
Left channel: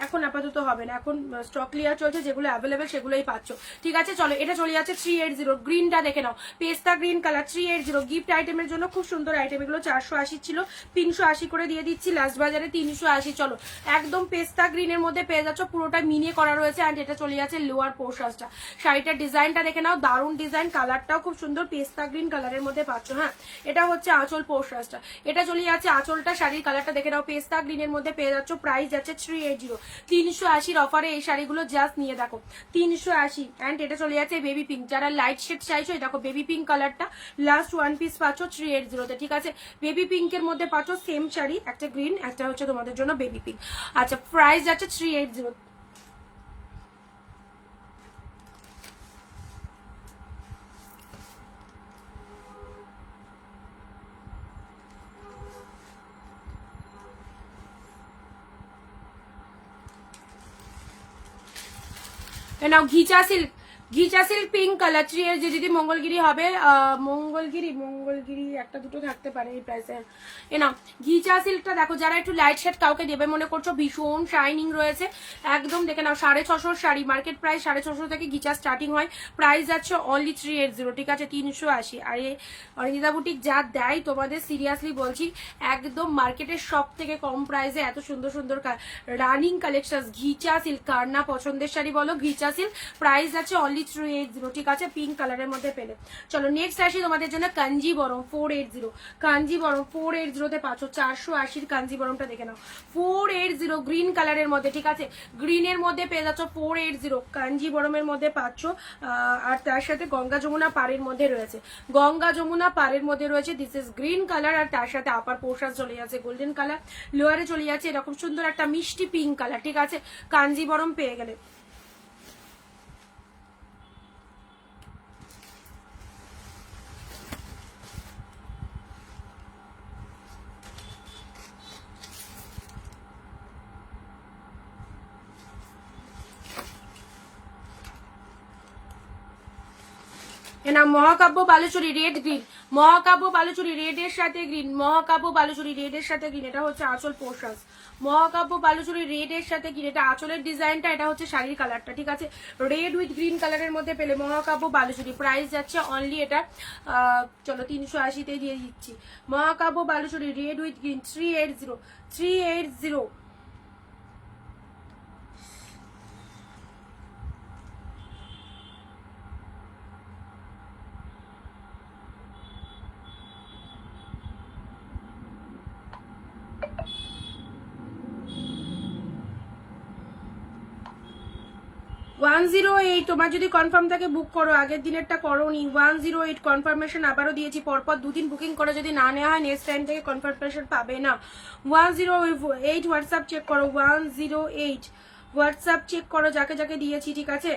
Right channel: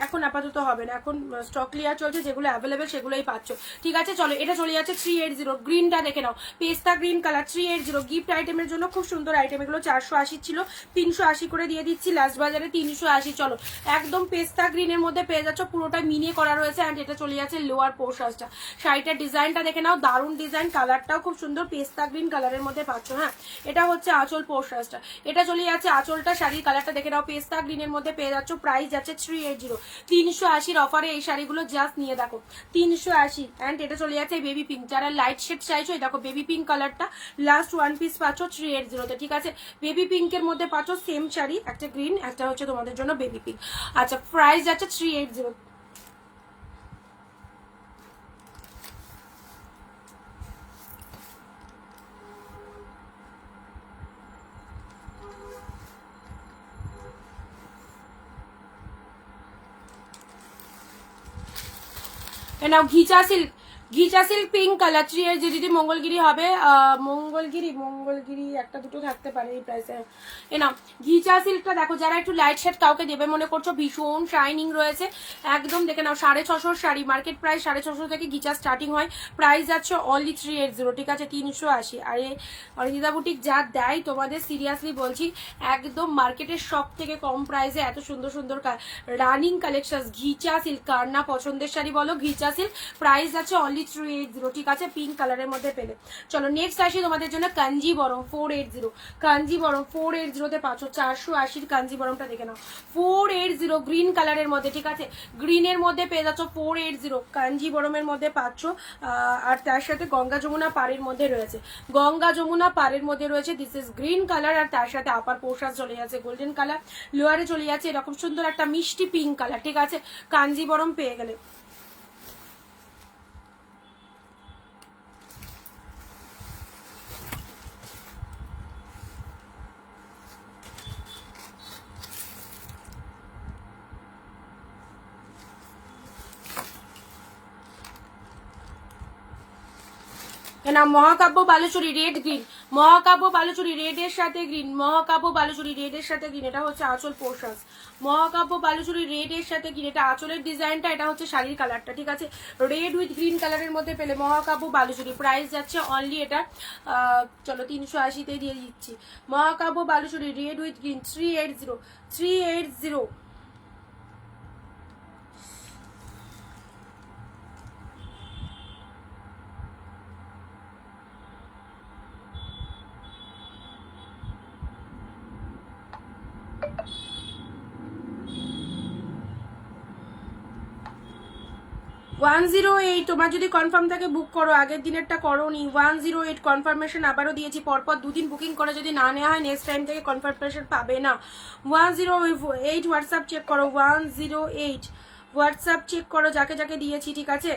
এখন, আপাতত হবে না, এখন স্টক ক্লিয়ার চলছে, যেগুলো অ্যাভেলেবেল সেগুলোই পাচ্ছ, ঠিক আছে? চলো এটা চলে যাচ্ছে 380, গ্রিনটা দেখে নাও, পেস্তা গ্রিন কালার 380, গিফট আইটেমের জন্য খুব সুন্দর আইটেম, এগুলো 480 ছিল, 380 করে দিয়ে দিচ্ছি লাস্ট বাজারে 380। চলো একদম পেস্তা গ্রিনের মধ্যে পেয়ে যাচ্ছ, পুরোটা মিনে করা রয়েছে, অ্যান্ড এটা চলে যাচ্ছে লোয়ার পোর্শনটা। শাড়িটার ডিজাইনটা দেখে নাও, দারুণ ডিজাইন, কালারটাও খুব সুন্দর, পেস্তা গ্রিন কালারের মধ্যে পাচ্ছ, হ্যাঁ এটা হচ্ছে আঁচল পোর্শনটা, এটা চলে যাচ্ছে আঁচলটা, শাড়ির কালারটা দেখে নাও, পেস্তা গ্রিনের মধ্যে পেয়ে যাচ্ছ, প্রাইস যাচ্ছে 380, 380 অফারে এই শাড়িগুলো জাস্ট নিয়ে দেখো 380। অ্যান্ড এটা চলে যাচ্ছে বেবি পিঙ্ক, যারা লাইট শেড চাইছো দেখো বেবি পিঙ্ক কালারটা লাস্ট ওয়ান পিস পাচ্ছ 380-তে, ঠিক আছে? বেবি পিঙ্কের মধ্যে পাচ্ছ সেম শাড়ি, একটা গ্রিন একটা হচ্ছে তোমাদের জন্য বেবি পিঙ্ক। আচ্ছা প্রাইস যাচ্ছে 380। নাও ঘিচা সিল্ক ঘিচা সিল্ক পিঙ্ক কালার 3 যে দিদি মঙ্গলগিরি হবে, মঙ্গলগিরি একটা দুটো থাকতে পারে এই প্রাইসে। এ না ঘিচা সিল্কটা দেখো, যারা একটু লাইট শেড কাউকে দেবে মনে করছো, ভীষণ শাইনিং রয়েছে একদম, দেখে নাও 650 শাড়ি, মার্কেট প্রাইস 650 থেকে ঘিচা স্টার্টিং হয়, প্রাইস আছে অনলি 380, ঠিক আছে 380। আর এই অনিন্দিতা বুটিক যা দেয় তোমাদের সিরিয়াসলি বলছি, একদম মার্কেটের সব থেকে কম প্রাইসে এত সুন্দর সুন্দর রানিং কালেকশন। ঘিচা সিল্ক, কার না পছন্দের শাড়ি বলো, ঘিচা সিল্ক, প্রাইস আছে অনলি 380, ঠিক আছে পিঙ্ক কালারের মধ্যে পেলে। চলো নেক্সট আসি তোমাদের জন্য কাঞ্জিবরম 480, কাঞ্জিবরম 480 তে পাচ্ছ 480 কাঞ্জিবরমটা দেখে নাও 480 গ্রিন কালারের মধ্যে, ঠিক আছে গ্রিনের মধ্যে পেয়ে যাচ্ছ 480 কাঞ্জিবরমের মধ্যে পাচ্ছ। আর তার সাথে গঙ্গা যমুনা পাড়ের মধ্যে রয়েছে, গঙ্গা যমুনা পাড়ের মধ্যে রয়েছে, দিস ইজ গ্রিন কালার, আর তার সাথে আপার পোশাক চলে যাচ্ছে গোল্ডেন কালার, লোয়ারে চলে যাচ্ছে এরকম সুন্দর একটা মিষ্টি পিঙ্ক কালার, ঠিক আছে কাঞ্জিবরম পেয়ে গেলে। না মহাকাব্য বালুচুরি রেড গ্রিন, মহাকাব্য বালুচুরি রেডের সাথে গ্রিন, মহাকাব্য বালুচুরি রেডের সাথে গ্রিন, এটা হচ্ছে আঁচল পোশাক, মহাকাব্য বালুচুরি রেডের সাথে গ্রিন, এটা আঁচলের ডিজাইনটা, এটা হচ্ছে শাড়ির কালারটা, ঠিক আছে রেড উইথ গ্রিন কালারের মধ্যে পেলে মহাকাব্য বালুচুরি, প্রাইস যাচ্ছে অনলি এটা চলো 380-তেই দিয়ে দিচ্ছি। মহাকাব্য বালুচুরি রেড উইথ গ্রিন 380। 108, তোমার যদি কনফার্ম থাকে বুক করো, আগের দিনেরটা করোনি। 108 কনফার্মেশন আবারও দিয়েছি, পরপর দুদিন বুকিং করে যদি না নেওয়া হয় নেক্সট টাইম থেকে কনফার্মেশন পাবে না। 108 হোয়াটসঅ্যাপ চেক করো, 108 হোয়াটসঅ্যাপ চেক করো যাকে যাকে দিয়েছি, ঠিক আছে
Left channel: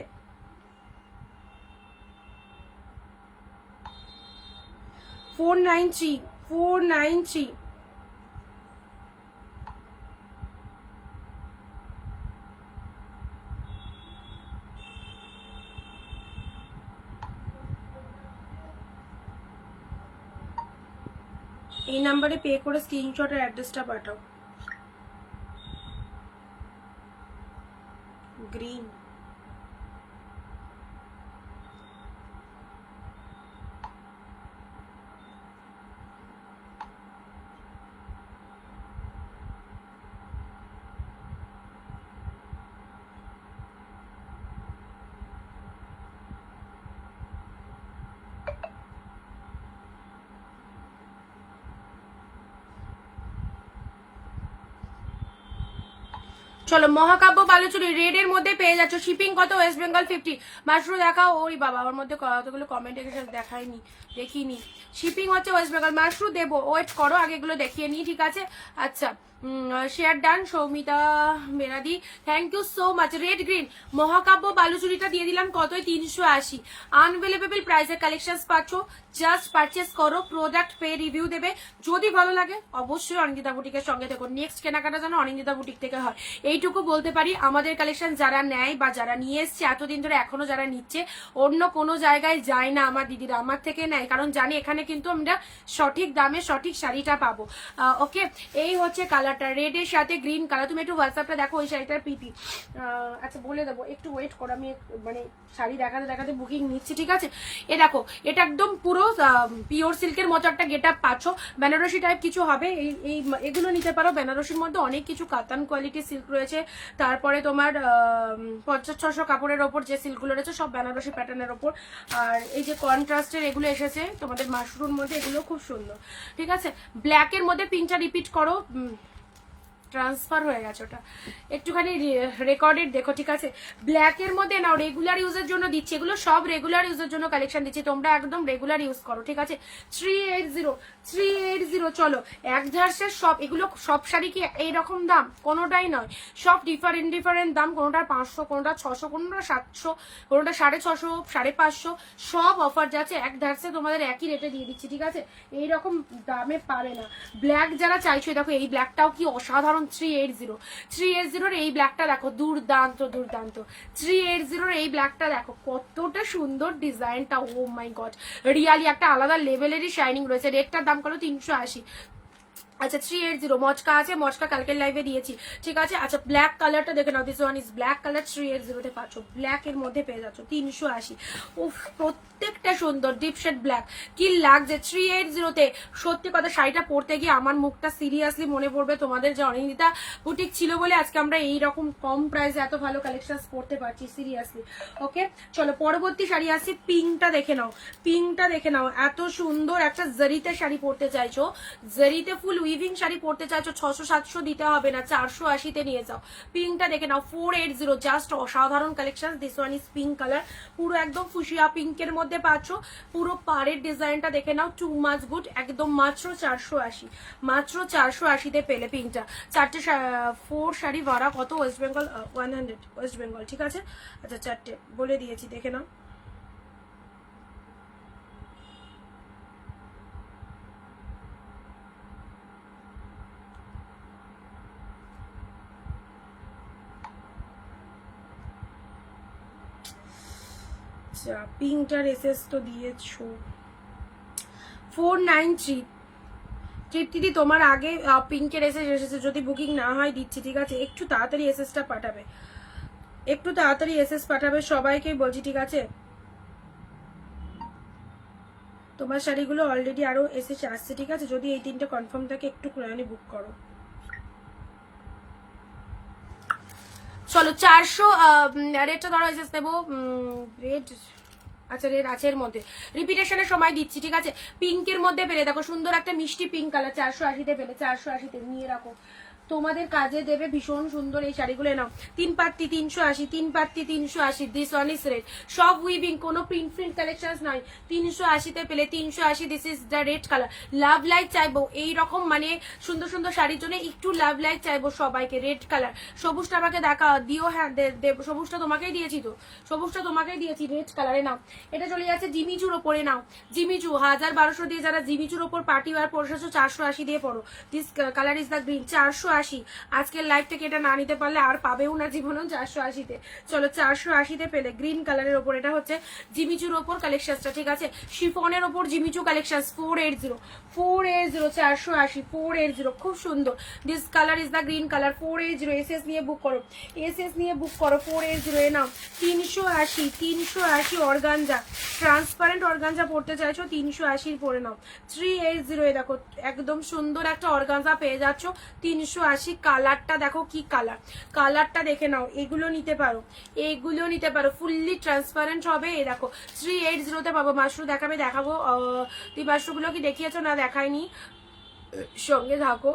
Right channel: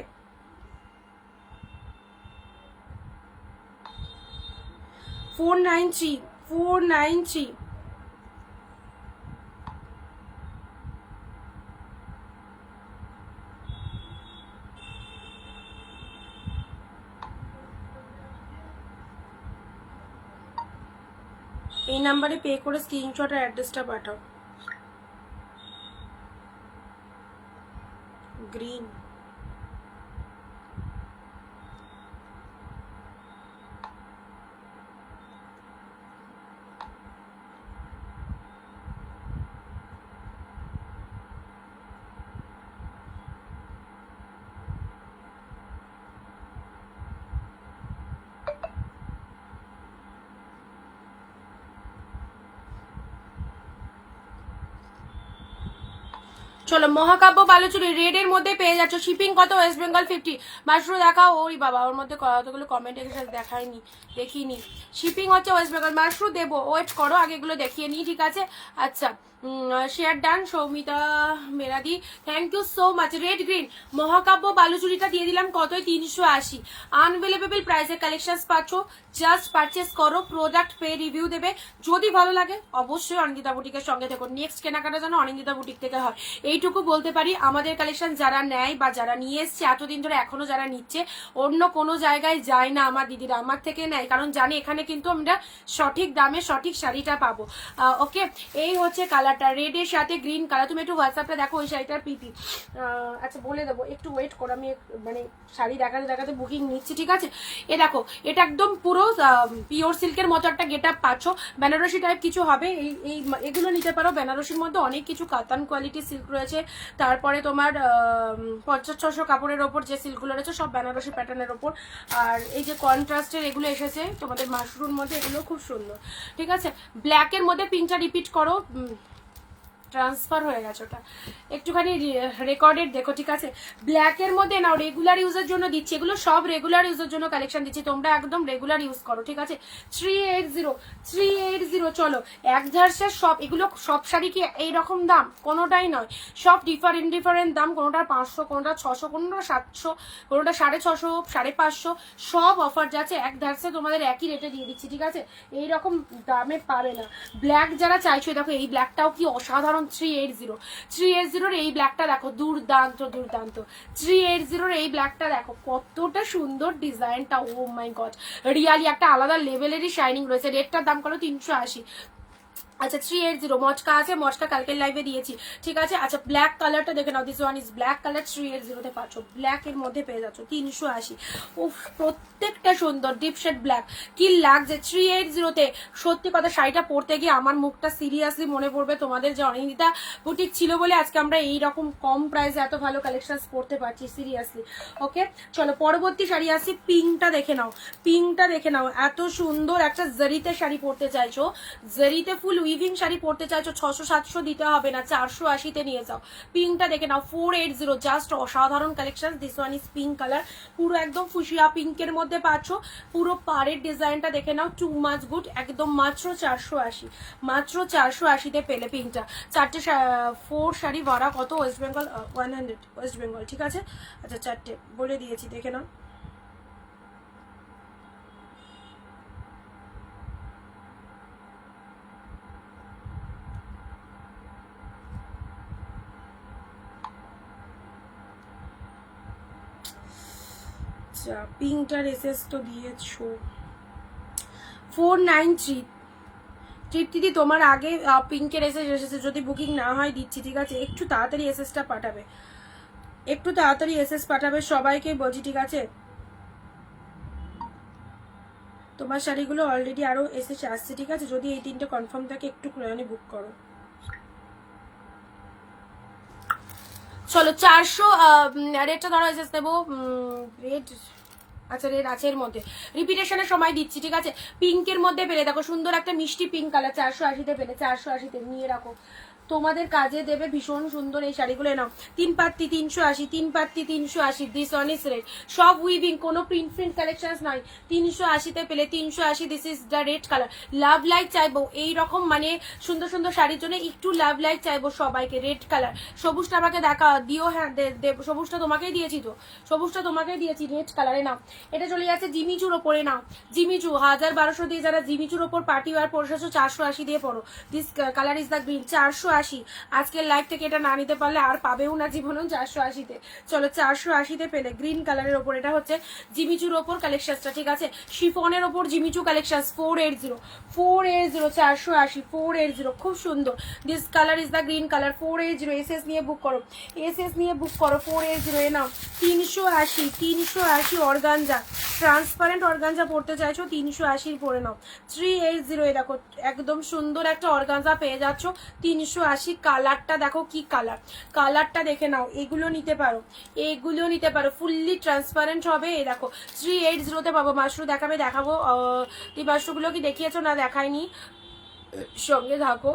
493। এই নাম্বারে পে করে স্ক্রিনশট আর অ্যাড্রেসটা পাঠাও। গ্রিন চলো মহাকাব্য বালুচুরি রেড এর মধ্যে পেয়ে যাচ্ছ, শিপিং কত ওয়েস্ট বেঙ্গল 50। মাশরু দেখাও, ওই বাবা ওর মধ্যে কতগুলো কমেন্ট এসে দেখাইনি, দেখিনি। শিপিং হচ্ছে ওয়েস্ট বেঙ্গল, মাশরু দেবো, ওয়েট করো আগে এগুলো দেখিয়ে নিই, ঠিক আছে আচ্ছা share done. Soumita Meradi thank you so much. Red green মহাকাব্য বালুচুরিটা দিয়ে দিলাম কত 380, আনভেলেবেল প্রাইসের কালেকশন পাচ্ছ, জাস্ট পারচেস করো, প্রোডাক্ট পে রিভিউ দেবে, যদি ভালো লাগে অবশ্যই অনিন্দিতা বুটিকের সঙ্গে দেখো, নেক্সট কেনাকাটা যেন অনিন্দিতা বুটিক থেকে হয় এইটুকু বলতে পারি। আমাদের কালেকশন যারা নেয় বা যারা নিয়ে এসছে এতদিন ধরে এখনো যারা নিচ্ছে, অন্য কোনো জায়গায় যায় না আমার দিদিরা, আমার থেকে নেয়, কারণ জানি এখানে কিন্তু আমরা সঠিক দামে সঠিক শাড়িটা পাবো। ওকে এই হচ্ছে কালারটা, রেড এর সাথে গ্রিন কালার। তুমি একটু হোয়াটসঅ্যাপটা দেখো ওই শাড়িটার পিপি, আচ্ছা বলে দেবো, একটু ওয়েট করো, আমি মানে শাড়ি দেখাতে দেখাতে বুকিং নিচ্ছি, ঠিক আছে। এ দেখো এটা একদম পুরো পিওর সিল্কের মতো একটা গেট আপ পাচ্ছ, বেনারসি টাইপ কিছু হবে, এই এগুলো নিতে পারো। বেনারসির মধ্যে অনেক কিছু কাতান কোয়ালিটির সিল্ক রয়েছে, তারপরে তোমার 50-600 কাপড়ের ওপর যে সিল্কগুলো রয়েছে সব বেনারসি প্যাটার্নের ওপর। আর এই যে কন্ট্রাস্টের এগুলো এসেছে তোমাদের মাশরুম মধ্যে, এগুলো খুব সুন্দর, ঠিক আছে। ব্ল্যাকের মধ্যে পিঙ্কটা রিপিট করো, ট্রান্সফার হয়ে গেছে ওটা, একটুখানি রেকর্ডেড দেখো, ঠিক আছে। ব্ল্যাকের মধ্যে নাও, রেগুলার ইউজের জন্য দিচ্ছি, এগুলো সব রেগুলার ইউজের জন্য কালেকশন দিচ্ছি, তোমরা একদম রেগুলার ইউজ করো, ঠিক আছে। 380 চলো এক ধার্সের সব, এগুলো সব শাড়ি কি এইরকম দাম? কোনোটাই নয়, সব ডিফারেন্ট দাম, কোনোটা 500, কোনোটা 600, কোনোটা 700, কোনোটা 650, 550, সব অফার যাচ্ছে এক ধার্সে, তোমাদের একই রেটে দিয়ে দিচ্ছি, ঠিক আছে। এইরকম দামে পাবে না। ব্ল্যাক যারা চাইছো দেখো, এই ব্ল্যাকটাও কি অসাধারণ অন 380। 380 এই ব্ল্যাকটা দেখো, দুর্দান্ত দুর্দান্ত। 380 এই ব্ল্যাকটা দেখো কতটা সুন্দর ডিজাইনটা, ও মাই গড, রিয়ালি একটা আলাদা লেভেলেরই শাইনিং রয়েছে। রেটটার দাম কত 380। আচ্ছা 380 মচকা আছে, মচকা কালকের লাইভে দিয়েছি, ঠিক আছে। আচ্ছা ব্ল্যাক কালারটা দেখে নাও, this one is black colour, 380 তে পাচ্ছ, ব্ল্যাক এর মধ্যে পেয়ে যাচ্ছ 380। উফ প্রত্যেকটা সুন্দর ডিপ শেড ব্ল্যাক, কি লাগছে 380 তে। সত্যি কথা শাড়িটা পরতে গিয়ে আমার মুখটা সিরিয়াসলি মনে পড়বে তোমাদের, যে অনিন্দিতা বুটিক ছিল বলে আজকে আমরা এইরকম কম প্রাইসে এত ভালো কালেকশন পরতে পারছি, সিরিয়াসলি। ওকে চলো পরবর্তী শাড়ি আসি, পিঙ্কটা দেখে নাও, পিঙ্কটা দেখে নাও, এত সুন্দর একটা জরিতে শাড়ি পরতে চাইছো, জরিতে ফুল উইভিং শাড়ি পরতে চাইছো, 600-700 দিতে হবে না, 480 তে নিয়ে যাও। পিঙ্কটা দেখে নাও 480, জাস্ট অসাধারণ collection. This one is pink colour, পুরো একদম ফুসিয়া পিঙ্কের মধ্যে পাচ্ছ, পুরো পাড়ের ডিজাইনটা দেখে নাও, টু মাচ গুড, একদম মাত্র 480, মাত্র 480 তে পেলে পিঙ্কটা। 4 শাড়ি ভাড়া কত, ওয়েস্ট বেঙ্গল 100, ওয়েস্ট বেঙ্গল, ঠিক আছে। আচ্ছা 4টে বলে দিয়েছি, দেখে নাও। আচ্ছা পিঙ্কটার এসএস তো দিয়েছো 493। তৃপ্তিদি তোমার আগে পিঙ্কের এসএস এসেছে, যদি বুকিং না হয় দিচ্ছি, ঠিক আছে। একটু তাড়াতাড়ি এসএসটা পাঠাবে, একটু তাড়াতাড়ি এসএস পাঠাবে, সবাইকেই বলছি, ঠিক আছে। তোমার শাড়িগুলো অলরেডি আরো এসেছে আসছে, ঠিক আছে। যদি এই 3টে কনফার্ম থাকে একটু ক্রয়নি বুক করো। চলো 400 রেটটা ধরো এসএস দেবো, রেট আচ্ছা রেড আছে এর মধ্যে, রিপিটেশনের সময় দিচ্ছি, ঠিক আছে। পিঙ্কের মধ্যে পেলে দেখো সুন্দর একটা মিষ্টি পিঙ্ক কালার, 480 পেলে, 480 নিয়ে রাখো, তোমাদের কাজে দেবে, ভীষণ সুন্দর এই শাড়িগুলো। নাও 3 পাত্তি 380, 3 পাত্তি 380, দিস ওয়ান ইজ রেড, সব উইভিং, কোনো প্রিন্ট কালেকশন নাই, 380 পেলে, 380। This is the red colour. Love like চাইবো এইরকম মানে সুন্দর সুন্দর শাড়ির জন্য, একটু লাভ লাইক চাইবো সবাইকে। রেড কালার, সবুজটা আমাকে দেখা দিও, হ্যাঁ সবুজটা তোমাকেই দিয়েছি তো, সবুজটা তোমাকেই দিয়েছি, রেড কালারে নাও। এটা চলে যাচ্ছে জিমিচুর ওপরে, নাও জিমিচু 1000-1200 দিয়ে যারা জিমিচুর ওপর পার্টি ওয়ার পরশেছো 480 দিয়ে পড়ো। This colour is the green, 480। আজকের লাইভ থেকে এটা না নিতে পারলে আর পাবেও না জীবনেও, 480 চলো 480 পেলে গ্রিন কালারের ওপর। এটা হচ্ছে জিমিচুর ওপর কালেকশনটা, ঠিক আছে। শিফনের ওপর জিমিচু কালেকশন 480, 480, 480, খুব সুন্দর। This colour is the green colour, 480। SS নিয়ে বুক করো, এসএস নিয়ে বুক করো, 480 এ নাও। 380 অর্গানজা, ট্রান্সপারেন্ট অর্গানজা পড়তে চাইছো, 380 পরে নাও। 380 এ দেখো একদম সুন্দর একটা অর্গানজা পেয়ে যাচ্ছ, 380। কালারটা দেখো কি কালার, কালারটা দেখে নাও। এগুলো নিতে পারো, এগুলো নিতে পারো, ফুললি ট্রান্সপারেন্ট হবে। এই দেখো 380 তে পাবো। মাশরু দেখাবে, দেখাবো। তুই মাশরুগুলো কি দেখিয়েছো না দেখায়নি, সঙ্গে থাকো,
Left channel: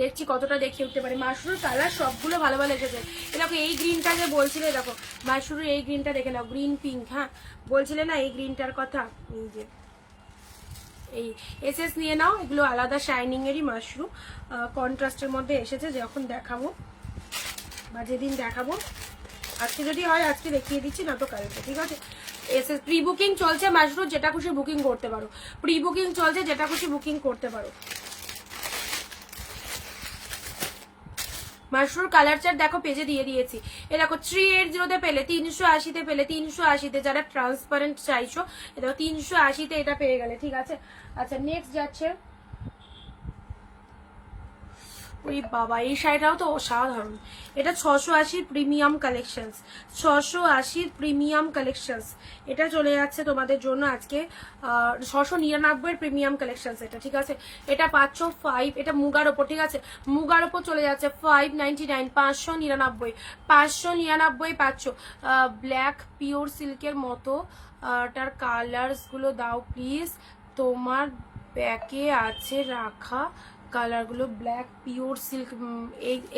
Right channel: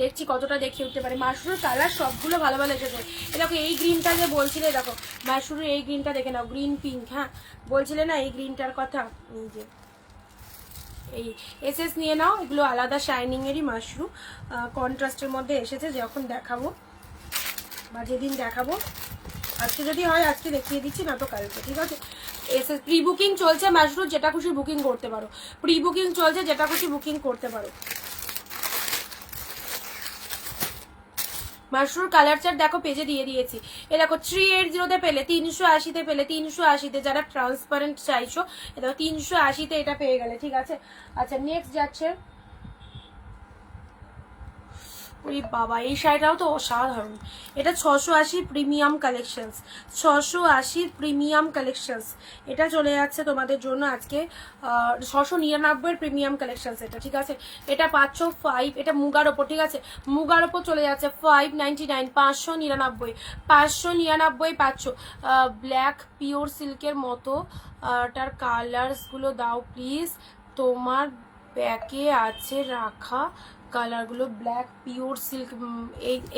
দেখছি কতটা দেখিয়ে উঠতে পারে। মাশরুর কালার সবগুলো ভালো ভালো এসেছে। দেখো এই গ্রিনটা যে বলছিলে, দেখো মাশরুর এই গ্রিনটা দেখে নাও, গ্রিন পিঙ্ক, হ্যাঁ বলছিলে না এই গ্রিনটার কথা, এই যে এই এসএস নিয়ে নাও। এগুলো আলাদা শাইনিং এরই মাশরু, কন্ট্রাস্টের মধ্যে এসেছে। যখন দেখাবো বা যেদিন দেখাবো, আজকে যদি হয় আজকে দেখিয়ে দিচ্ছি, না তো কালকে, ঠিক আছে। এসএস প্রি বুকিং চলছে মাশরু, যেটা খুশি বুকিং করতে পারো, প্রি বুকিং চলছে, যেটা খুশি বুকিং করতে পারো। মাশরুর কালার চার্ট দেখো পেজে দিয়ে দিয়েছি। এ দেখো 380 পেলে, 380 পেলে, 380 যারা ট্রান্সপারেন্ট চাইছো, এ দেখো 380 এটা পেয়ে গেলে, ঠিক আছে। আচ্ছা নেক্সট যাচ্ছে, ওই বাবা এই শাড়িটাও তো অসাধারণ। এটা 680 প্রিমিয়াম কালেকশনস, 680 প্রিমিয়াম কালেকশনস। এটা চলে যাচ্ছে তোমাদের জন্য আজকে 699 প্রিমিয়াম কালেকশনস এটা, ঠিক আছে। এটা পাচ্ছ 5, এটা মুগার ওপর, ঠিক আছে। মুগার ওপর চলে যাচ্ছে 599, 599, 599 পাচ্ছ। ব্ল্যাক পিওর সিল্কের মতো, তার কালার্স গুলো দাও প্লিজ, তোমার ব্যাকে আছে রাখা কালারগুলো, ব্ল্যাক পিওর সিল্ক।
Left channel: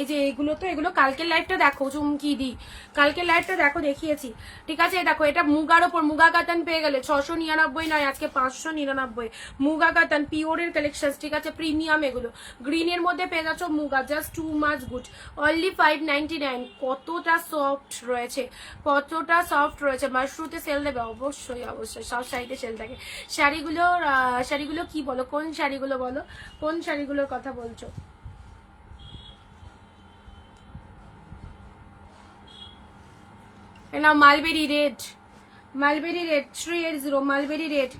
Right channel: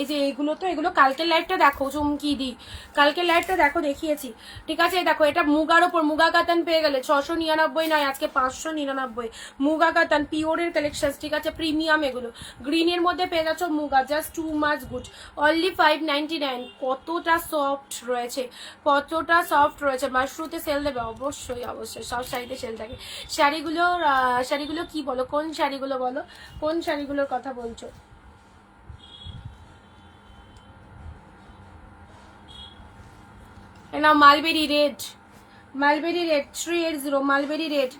এই যে এইগুলো, তো এগুলো কালকের লাইভটা দেখো, চুমকি দি কালকের লাইভটা দেখো, দেখিয়েছি, ঠিক আছে। দেখো এটা মুগার ওপর, মুগা কাতান পেয়ে গেলে 699 নয়, আজকে 599। মুগা কাতান পিওরের কালেকশন, ঠিক আছে, প্রিমিয়াম। এগুলো গ্রিনের মধ্যে পেয়ে যাচ্ছ muga, just too much good, only 599। কতটা সফট রয়েছে, কতটা সফট রয়েছে। মাশরুতে সেল দেবে, অবশ্যই অবশ্যই, সব শাড়িতে সেল থাকে। শাড়িগুলো কি বলো, কোন শাড়িগুলো বলো, কোন শাড়িগুলোর কথা বলছো। না mulberry red, mulberry red 380, mulberry red,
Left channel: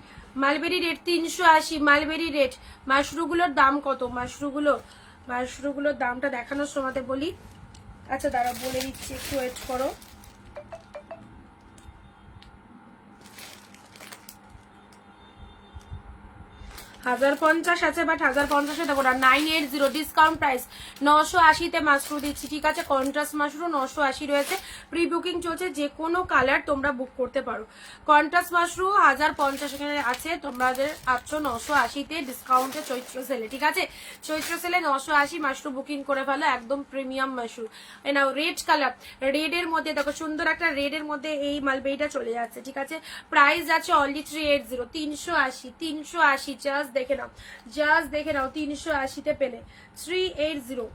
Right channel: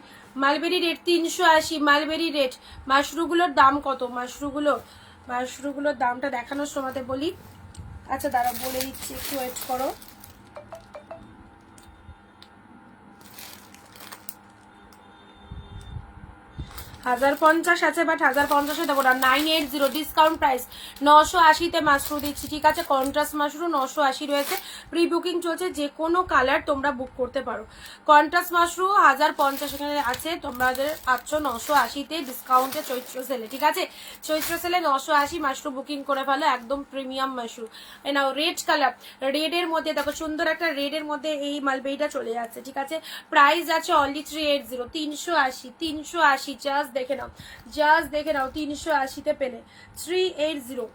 mulberry red 380, mulberry red. মাশরুগুলোর দাম কত? মাশরুগুলোর দামটা দেখানোর সময় বলি। আচ্ছা দাঁড়া বলে দিচ্ছি, একটু ওয়েট করো। 1050 আছে, বাট 1050 দেবো না, 980 ডিসকাউন্ট প্রাইস, 980-তে মাশরু দিচ্ছি, ঠিক আছে? কন্ট্রাস্ট মাশরু 980 রয়েছে, প্রি বুকিং চলছে, যে কোনো কালার তোমরা বুক করতে পারো। কন্ট্রাস্ট মাশরু 1050 এখানে আছে, তোমাদের 980-তে ডিসকাউন্টে চৈত্র সেলে, ঠিক আছে? চৈত্র সেলে 980 মাশরু বুকিং করে ফেলো, একদম প্রিমিয়াম মাশরু। এই নাও রেড কালার, রেডের মধ্যে দেখো সুন্দর একটা রেডের মধ্যে এই মালবেরিটা চলে যাচ্ছে, ঠিক আছে? প্রাইস আছে অনলি 380, 380 জাস্ট দেখে নাও, জাস্ট দেখে নাও, 380-তে পেলে 380।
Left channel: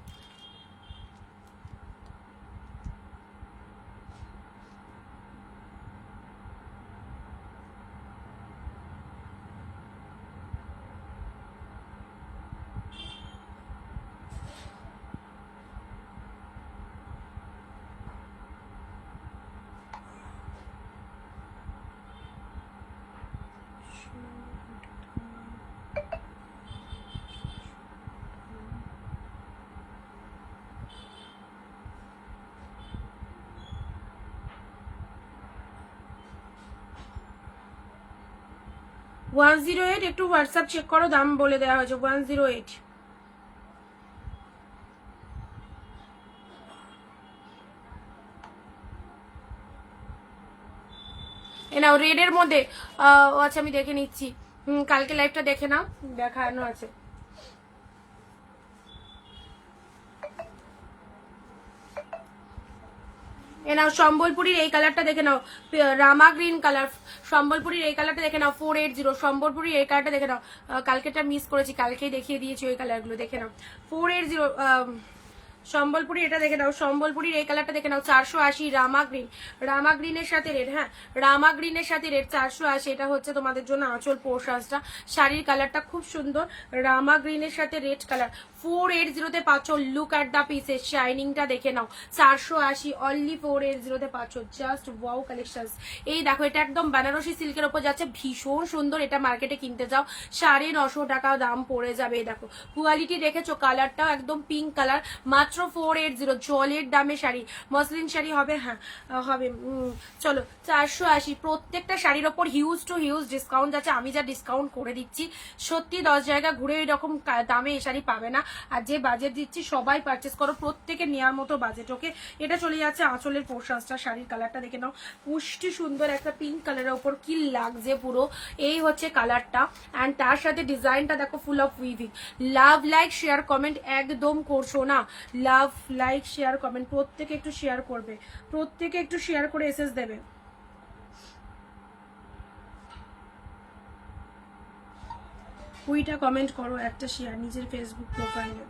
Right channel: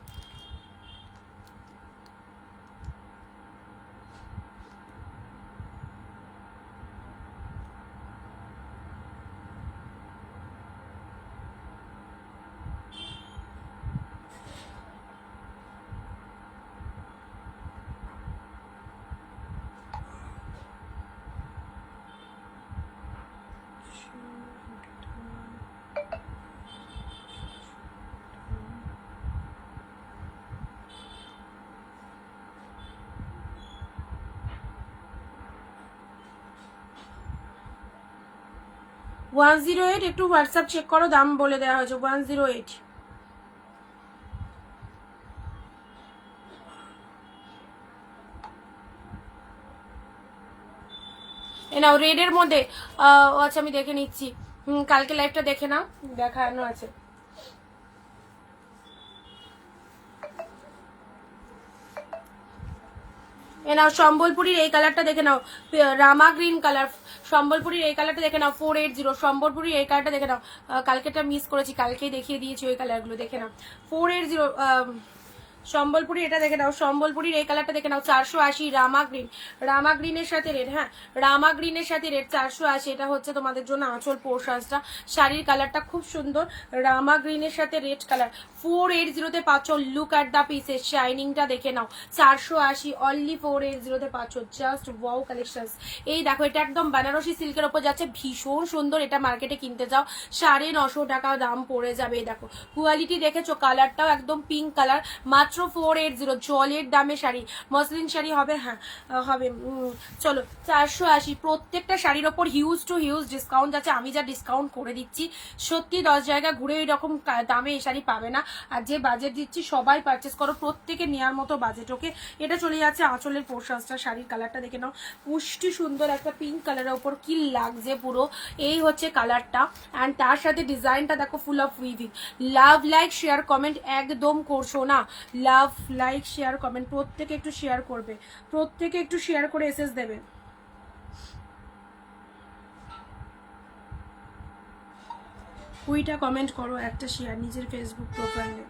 ওয়ান 108, একটু হোয়াটসঅ্যাপ চেক করো, দাম বলে দেওয়া হয়েছে 108। এ নাও রেডের মধ্যে, আচ্ছা আমি দেখে নিচ্ছি, কালকে লাইভটা দেখে নাও, দেখানো আছে। এ নাও সম্বলপুরীর এই কালারটা দেখে নাও, রামা গ্রিন কালার, সম্বলপুরীর এই কালারটা দেখে নাও 480, সম্বলপুরীর এই কালারটা দেখে নাও, কালকেটা মিস করেছি, কালকেই দেখিয়ে দিয়েছি ওই কালারগুলো, দেখে নাও 480। সম্বলপুরি এটা দেখে নাও, সম্বলপুরির এই কালারটা দেখে নাও 480, রামা গ্রিন, রামা গ্রিনের সাথে রেড, হ্যাঁ রামা গ্রিনের সাথে রেড 480, এটা হচ্ছে তোমাদের জন্য আঁচল পোর্শনসটা, শাড়ির কালারটা খুব সুন্দর, রামা গ্রিনের সাথে রেড কালার 480-তে পাচ্ছ। লুক অ্যাট দ্য পিসের শাইনিংটা দেখে নাও, 480 অনলি 480-তে পাচ্ছ, জাস্ট ওয়াও কালেকশনস। এই দেখো এটা একদম বেনারসি সিল্কের ওপর যাচ্ছে, ভীষণ সুন্দর, এটা মার্কেটে কিনতে যাও 950 টাকা দাম পড়ে যাবে। দেখো কোয়ালিটি দেখেছো, কালারটাও একদম পিঙ্ক কালার, মাত্র 480, জলের দামে শাড়ি, মসলিন শাড়ি হবে, হ্যাঁ হবে। চলো 480, প্রত্যেকটা শাড়ির ওপর হিউজ টু হিউজ ডিসকাউন্ট আছে, আমি যা ডিসকাউন্ট করে দিচ্ছি সত্যি 10 জায়গা ঘুরে এরকম দামে এই শাড়ি পাবে না। আর যে বাজেট দিচ্ছি সবাই পারচেস করো, প্রত্যেকে নেওয়ার মতো বাজেট। ওকে, এটা চলে যাচ্ছে আঁচলের পোর্শনসটা, শাড়ির কালারটা দেখে নাও, পুষ্টি সুন্দর একটা পিঙ্ক কালারের ওপর কি লাগছে পুরো, এই হচ্ছে কালারটা। অ্যান্ড তার সাথে ডিজাইনটা দেখো full of weaving. Love like share comment একদম করছো না, লাভ লাইক শেয়ার কমেন্ট প্রত্যেকে একটু শেয়ার করবে, প্রত্যেকে একটু শেয়ার করে এসএস দেবে। কুইটা কমেন্ট করো, একটা শেয়ার নিজের ফেসবুক প্রোফাইলে।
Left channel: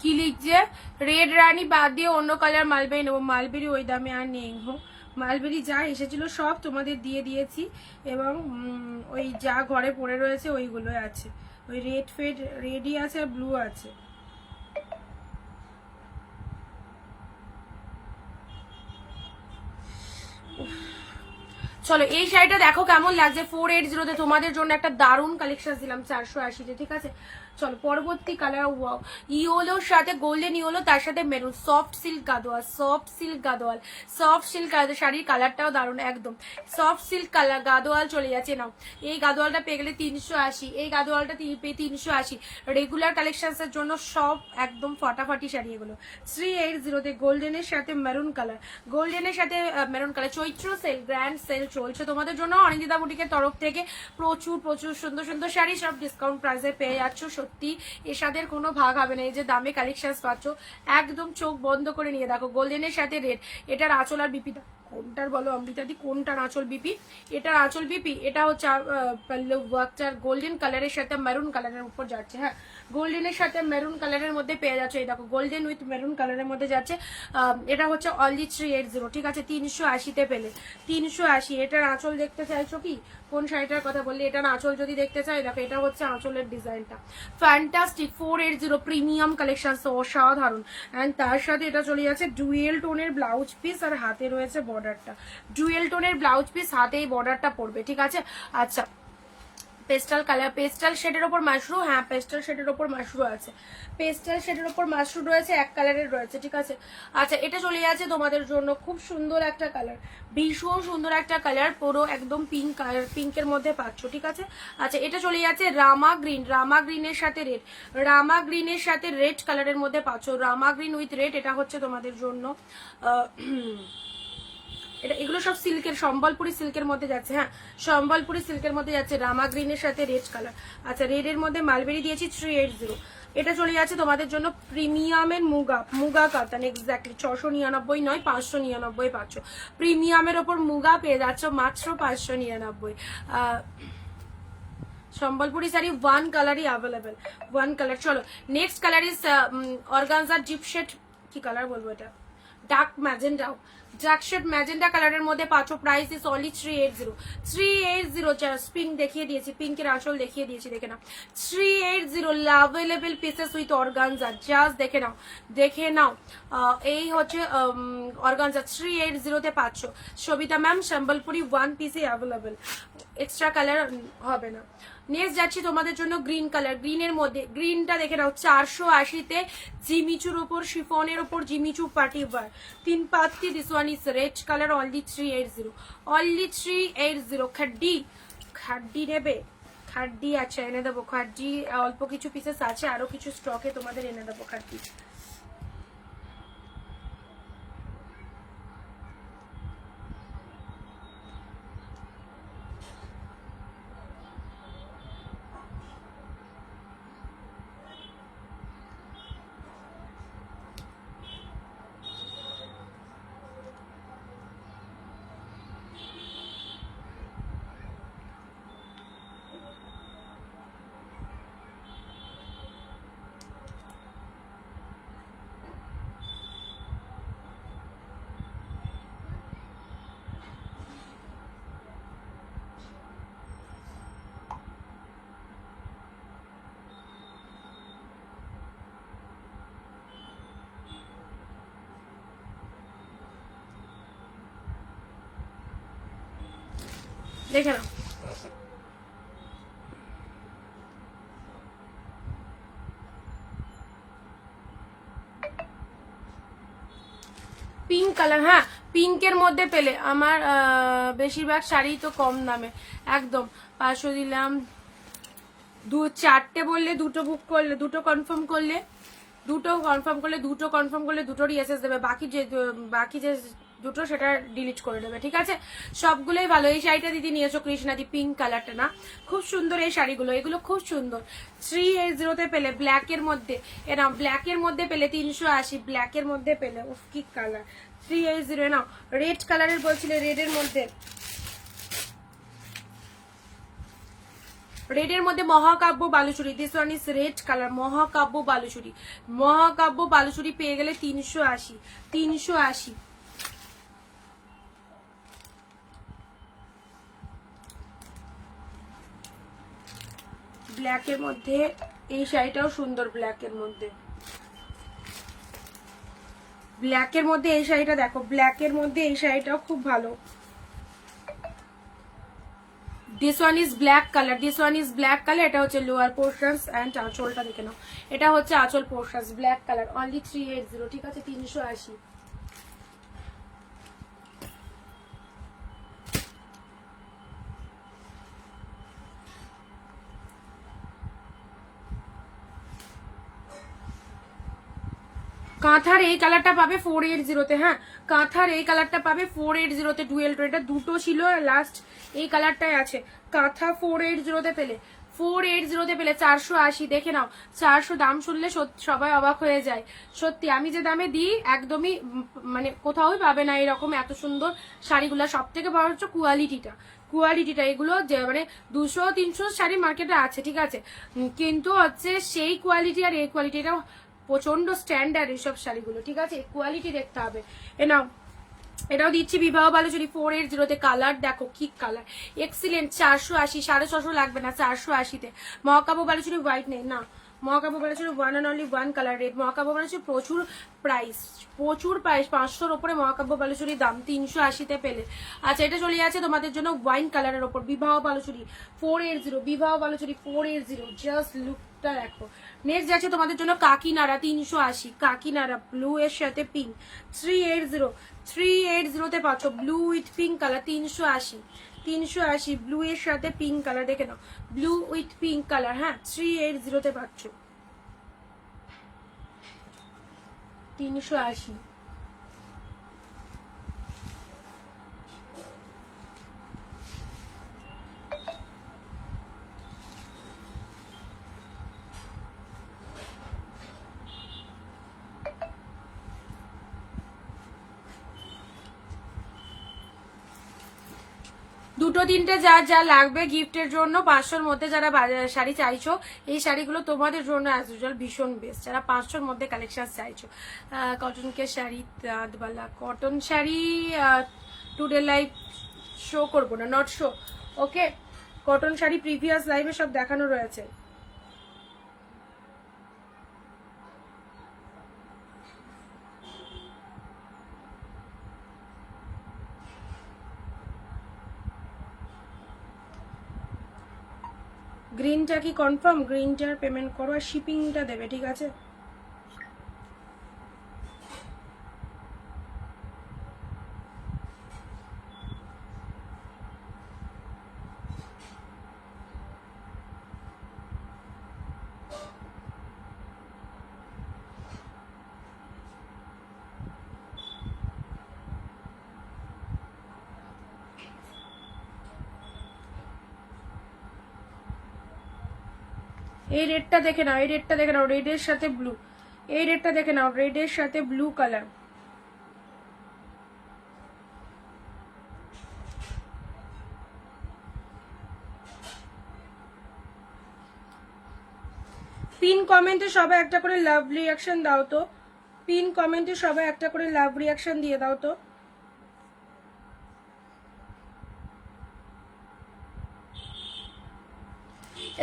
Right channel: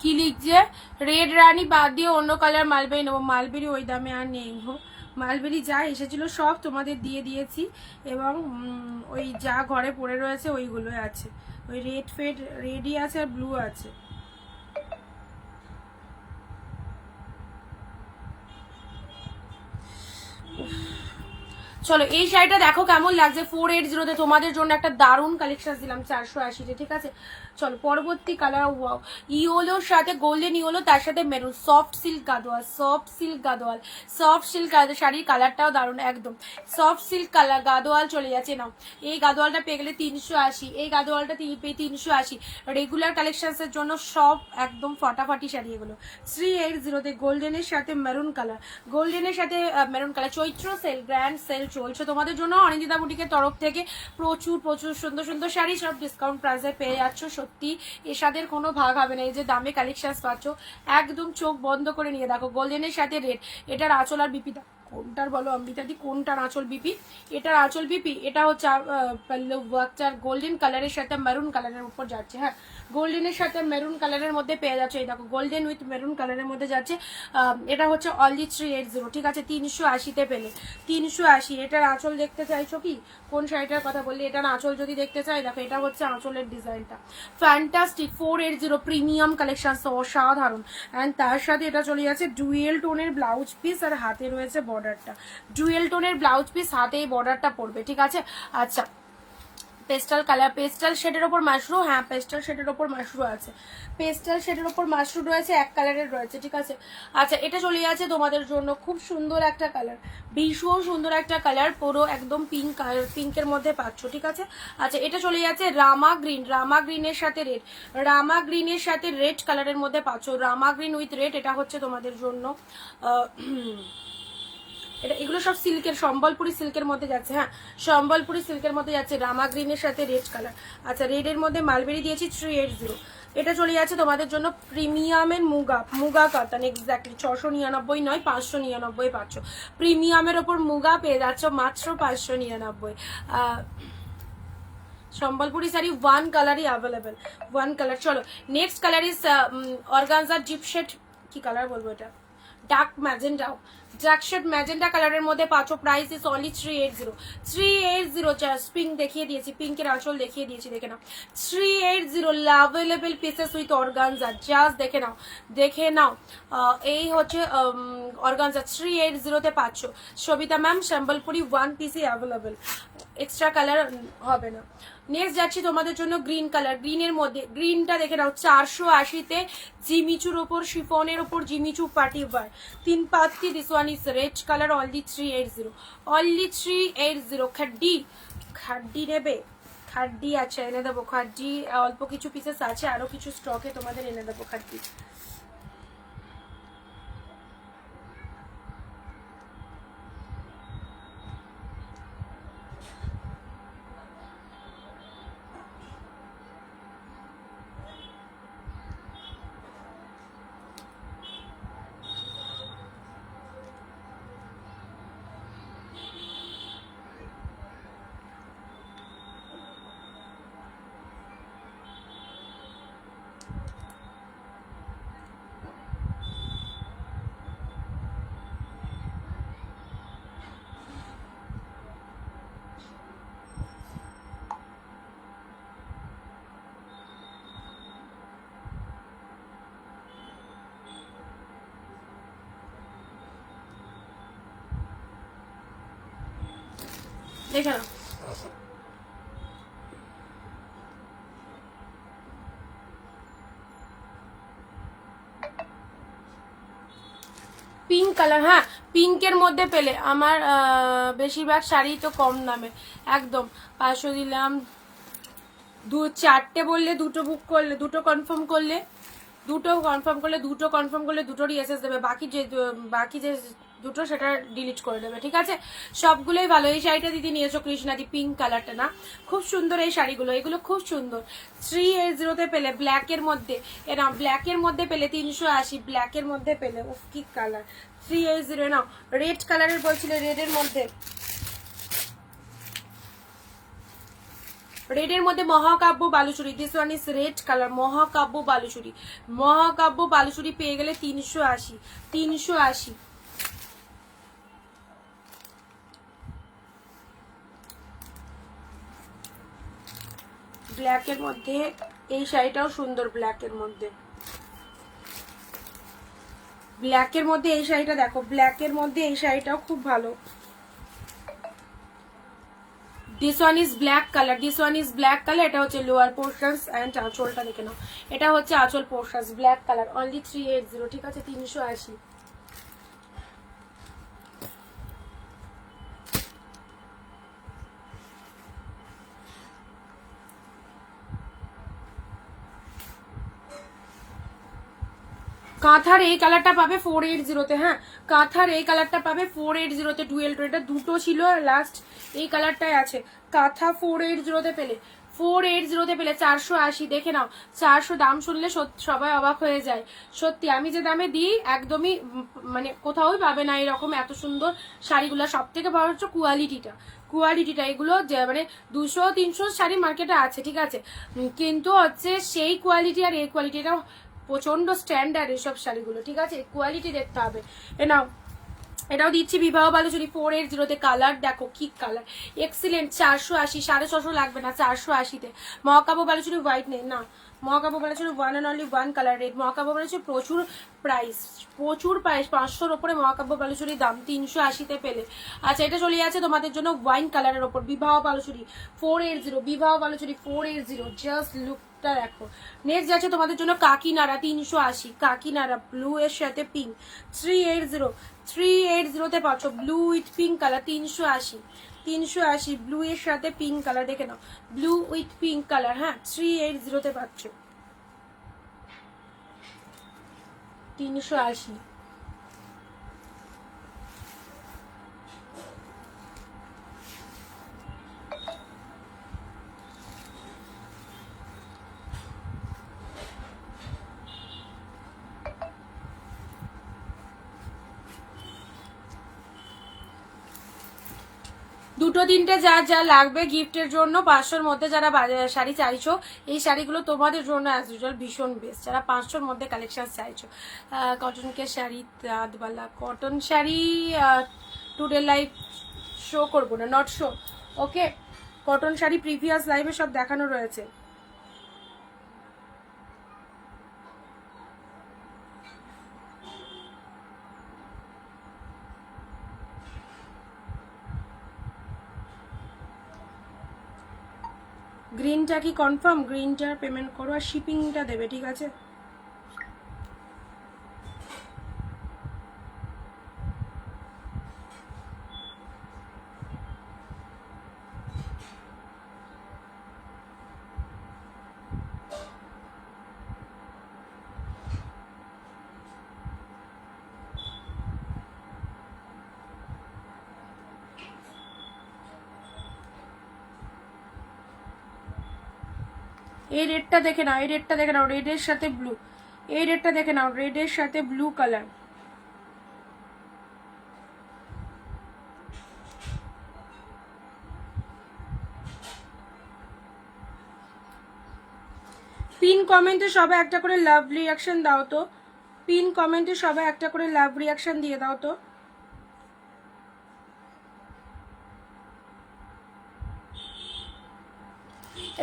কি লিখছে, রেড রানী বাদ দিয়ে অন্য কালার মালবেরি নেবো, মালবেরি ওই দামে আর নেই গো, মালবেরি যা এসেছিল সব তোমাদের দিয়ে দিয়েছি, এবং ওই যা ঘরে পড়ে রয়েছে ওইগুলোই আছে, ওই রেড ফেড রেডই আছে আর ব্লু আছে। চলো এই শাড়িটা দেখো কেমন লাগছে 480 তোমাদের জন্য একটা দারুণ কালেকশন দিলাম 480 ঠিক আছে। চলো পরবর্তী কালার ইয়োলোর সাথে গোল্ডেন ইয়োলো, তার সাথে maroon, soft silk Gadwal, soft silk Gadwal, soft silk শাড়ির কালারটাও দারুণ একদম সফট সিল্ক কালার গাদোয়াল চলে যাচ্ছে। নাও এই গাদোয়ালটা পেয়ে গেলে 380, এই গাদোয়ালটা পেয়ে 380। রেগুলার কালেকশনের জন্য সব একদম ফাটাফাটি শাড়ি এগুলো 380 গোল্ডেনের সাথে মেরুন কালার, গোল্ডেনের সাথে মেরুন কালার। চৈত্র সেল, গ্র্যান্ড সেল চলছে তোমাদের জন্য অনিন্দিতা বুটিকের তরফ থেকে। প্রচুর প্রচুর সুন্দর সুন্দর শাড়ি সব ডিসকাউন্ট প্রাইসে পেয়ে যাচ্ছ। সত্যি এসাদের কোনো ভাগ হবে না। এই যে দামে কালেকশন পাচ্ছ একদম চোখ বন্ধ করে নিয়ে দেখো। গোল্ডেনের সাথে রেড, এটার আঁচল আর বিপিটা কোনটার বলো অমৃতাদি, কোনটার আঁচল বিপি? এটার আঁচল বিপি, এটা হচ্ছে গোল্ডেন কালারের সাথে মেরুন কালারের উপর যাচ্ছে। হ্যাঁ গোল্ডেনের সাথে মেরুন কালারের মধ্যে পেয়ে যাচ্ছে। এই দেখো গোল্ডেন উইথ মেরুন কালারের মধ্যে যাচ্ছে। এটা হচ্ছে অনলি 380 ঠিক আছে। 380-তে পেলে 380। এটার আঁচল দেখতে চাইছো কি? কোন শাড়িটার কথা বললে? এটার আঁচল যদি দেখতে চাই দেখো, এটা হচ্ছে আঁচলের ডিজাইনটা ফ্যান্টাস্টিক 480 প্রিমিয়াম কালেকশন, অসাধারণ। অ্যান্ড তার সাথে এটা চলে যাচ্ছে ডুয়েল টোনের ব্লাউজ পিস, আর হাতে রয়েছে বর্ডারটা। ডুয়েল টোনের ব্লাউজ পিস, হাতে এই বর্ডারটা পড়বে ঠিক আছে। আচ্ছা পেস্টাল কালার, পেস্টাল শেডের ওপর মাশরু, হ্যাঁ পেস্টাল শেডের ওপর মাশরু আছে, পেস্টাল শেডের ওপর মাশরু রয়েছে, এক কালারের রয়েছে ঠিক আছে। আচ্ছা এটা চলে যাচ্ছে তোমাদের জন্য খুব সুন্দর একটা কালার, ভীষণ সুন্দর একটা কালার, পুরো একদম পিঙ্ক কালার, পিঙ্কের মধ্যে পাচ্ছ ঠিক আছে। আচ্ছা এটা চলে যাচ্ছে রামা গ্রিন, রামা গ্রিনের সাথে রেড, রামা গ্রিনের সাথে রেড কালারের মধ্যে পাচ্ছ, রামা গ্রিন উইথ রেড। এটা হচ্ছে তোমাদের জন্য এটা, এগুলো সব সিল্কের, সম্বলপুরি সিল্কের মধ্যে যাচ্ছে। হ্যাঁ সম্বলপুরি সিল্কের মধ্যে যাচ্ছে, রামা গ্রিনের সাথে রেড কালার। আচ্ছা রেডের মধ্যে মালবেরি দিয়েছি 380। এটা চলে যাচ্ছে তোমাদের জন্য প্রিমিয়ামের মুগা, মুগা কাতান এক্স্যাক্টলি 699 নয় 599 পাচ্ছ। প্রিমিয়ামের ওপর মুগা পেয়ে যাচ্ছ মাত্র 599। সম্বলপুরি শাড়ি ওয়ান কালারই অ্যাভেলেবেল, ওয়ান কালার। চলো নেক্সট কালার ইজ অর্গানজার জিপশেড, কি কালার বলবো এটা, ডার্ক ম্যাজেন্ডা, জ্যাকশেড ম্যাজেন্ডা কালারের মধ্যে পাচ্ছ। Price is only 380। 380 just pink দেখিয়ে দিয়েছি, পিঙ্কের আঁচল দেখিয়ে দিয়েছি দেখে নাও। 380 available pieces with organza, just দেখে নাও, দেখে নাও। এই হচ্ছে অর্গানজা 380-তে পাচ্ছ। সবিতা ম্যাম সম্বলপুরি ওয়ান পিসই অ্যাভেলেবেল, এক্সট্রা কালার হবে না। নেক্সট যাচ্ছি তোমাদের জন্য গ্রিন কালার, গ্রিনের মধ্যে গ্রিনটা দেখে নাও 480-তে জিমিচুর ওপর, শিফনের ওপর জিমিচু পার্টি ওয়ার 3 পাত্তি। This one is red colour only 380, only 380। Khaddi, khaddi নেবে? খাড্ডি আচ্ছা এনে দেবো, খাড্ডি অল্প কিছু পিসেস আছে, আরো কিছু স্টকে তোমাদের এনে দেবো খাড্ডি। দেখে নাও পিঙ্ক কালার। হ্যাঁ পিঙ্কের মধ্যে পেলে আমার বেশিরভাগ শাড়ি তো কম দামে একদম 500 দিলাম, 4টে বললে 2টো বুক করলে, 2টো কনফার্ম করলে, 2টো কনফার্ম করলে, 2টো কনফার্ম করলে 2টোরই এসএস দেবে, বাকি যে 2টো সেটা ডিলিট করে দেবে ঠিক আছে। সবগুলোই ভালো। এই শাড়িটা দিদি নিয়েছো কৃষ্ণাদি, পিঙ্ক কালারটা না, খুব সুন্দর এই শাড়িগুলো, এগুলো খুব সুন্দর। 380-তে পেলে ব্ল্যাকের মধ্যে, এরা ব্ল্যাকের মধ্যে পেলে 380, ব্ল্যাকের মধ্যে পেলে উফ কি কালার 380। নাও রেড কালারের বলছিলে, রেডের মধ্যে, রেডের মধ্যে মহাকাব্য Baluchari, this one is red colour, মহাকাব্য বালুচুরি, মহাকাব্য বালুচুরি পেয়ে গেলে 380, 380। ব্ল্যাকের মধ্যে এই শাড়িটাও সুন্দর, ব্ল্যাকের মধ্যে, ব্ল্যাকের মধ্যে এই শাড়িটা দেখো, ব্ল্যাকের মধ্যে এই শাড়িটাও খুব ভালো। This one is black colour, this one is black colour. এটা হচ্ছে লোয়ার পোর্শনস অ্যান্ড আঁচলটা দেখে নাও, এটা হচ্ছে আঁচল পোর্শনস ব্ল্যাক কালার, অনলি 380, ঠিক আছে 380। কাঁথার এই কালারটা পাবে 480-তে। হ্যাঁ, কাঁথার এই কালারটা পাবে 480-তে, ডুয়েল টোন। এটা দুটো ছিল, লাস্ট এই কালারটাই আছে। কাঁথা 480-তে পেলে, 480-তে পেলে 480। দেখে নাও, 400 দাম শুনলে সবাই অবাক হয়ে যায়। সত্যি আমি যে দামে দিই একদমই মানে কোথাও পাবে না এরকম এত সুন্দর শাড়িগুলো। সব থেকে বড় হচ্ছে কোয়ালিটিটা। এগুলো যে মানে 200-300 শাড়ি মার্কেটে আছে, ঠিক আছে, কিন্তু হচ্ছে সেই কোয়ালিটি আর এই কোয়ালিটিটা প্রচন্ড স্ট্যান্ডার্ড এইসব শাড়িগুলো, ঠিক আছে, কোয়ালিটি দেখতে হবে। নাও এটাও দিচ্ছি বিবাহ বালুচুরি 480-তে। কালার দেখো কি কালার, এক্সিলেন্ট। 480, 650 লাগবে না, 480-তে। মহাকাব্য বালুচুরি হোয়াইট নেই না, মহাকাব্য Baluchari one and only one colour red. মহাকাব্য বালুচুরি প্রচুর প্রাইস, 500-র ওপরে মহাকাব্য বালুচুরির দাম, 380-তে পেলে। আচ্ছা, এটা চলে যাচ্ছে তোমাদের জন্য ওয়াইন কালারের ওপর, বিবাহ বালুচুরি 480, বিবাহ বালুচুরি 480, জাস্ট লুকটা দেখো। নেক্সট যাচ্ছে তোমাদের জন্য কাকিনাড়া 380, কাকিনাড়া ব্লু এর সাথে পিঙ্ক 380-তে পাচ্ছ। Blue with pink colour 380, blue এর সাথে পিঙ্ক কালার দেখে নাও, ব্লু উইথ পিঙ্ক কালার। হ্যাঁ, 380-তে পাচ্ছ, 380। দুটো তিনটে যা যা লাগবে গিফটের জন্য 500-র মধ্যে যারা শাড়ি চাইছো, এই শাড়িগুলো তোমাদের জন্য অ্যাজ ইউজুয়াল ভীষণ বেস্ট। যারা 500-র মধ্যে কালেকশন চাইছো, কটনকে শাড়ি, তাঁতবালা cotton sari today live show করবো না, not show, okay. Cotton sari previous লাইভে সব দেখানো রয়েছে। গ্রিনটা কি কনফার্ম? গ্রিনটার পেমেন্ট করো আর শিপিংটা দেবে, ঠিক আছে। এই রেডটা দেখে নাও, এই রেডটা দেখে নাও, রেডের সাথে ব্লু। এই রেডটা দেখে নাও, রেডের সাথে ব্লু কালার। পিন কমেন্টে সবাই একটা করে লাভ রিয়াকশন দাও তো, পিন কমেন্টে সবাই একটা করে লাভ রিয়াকশন দিয়ে দাও তো।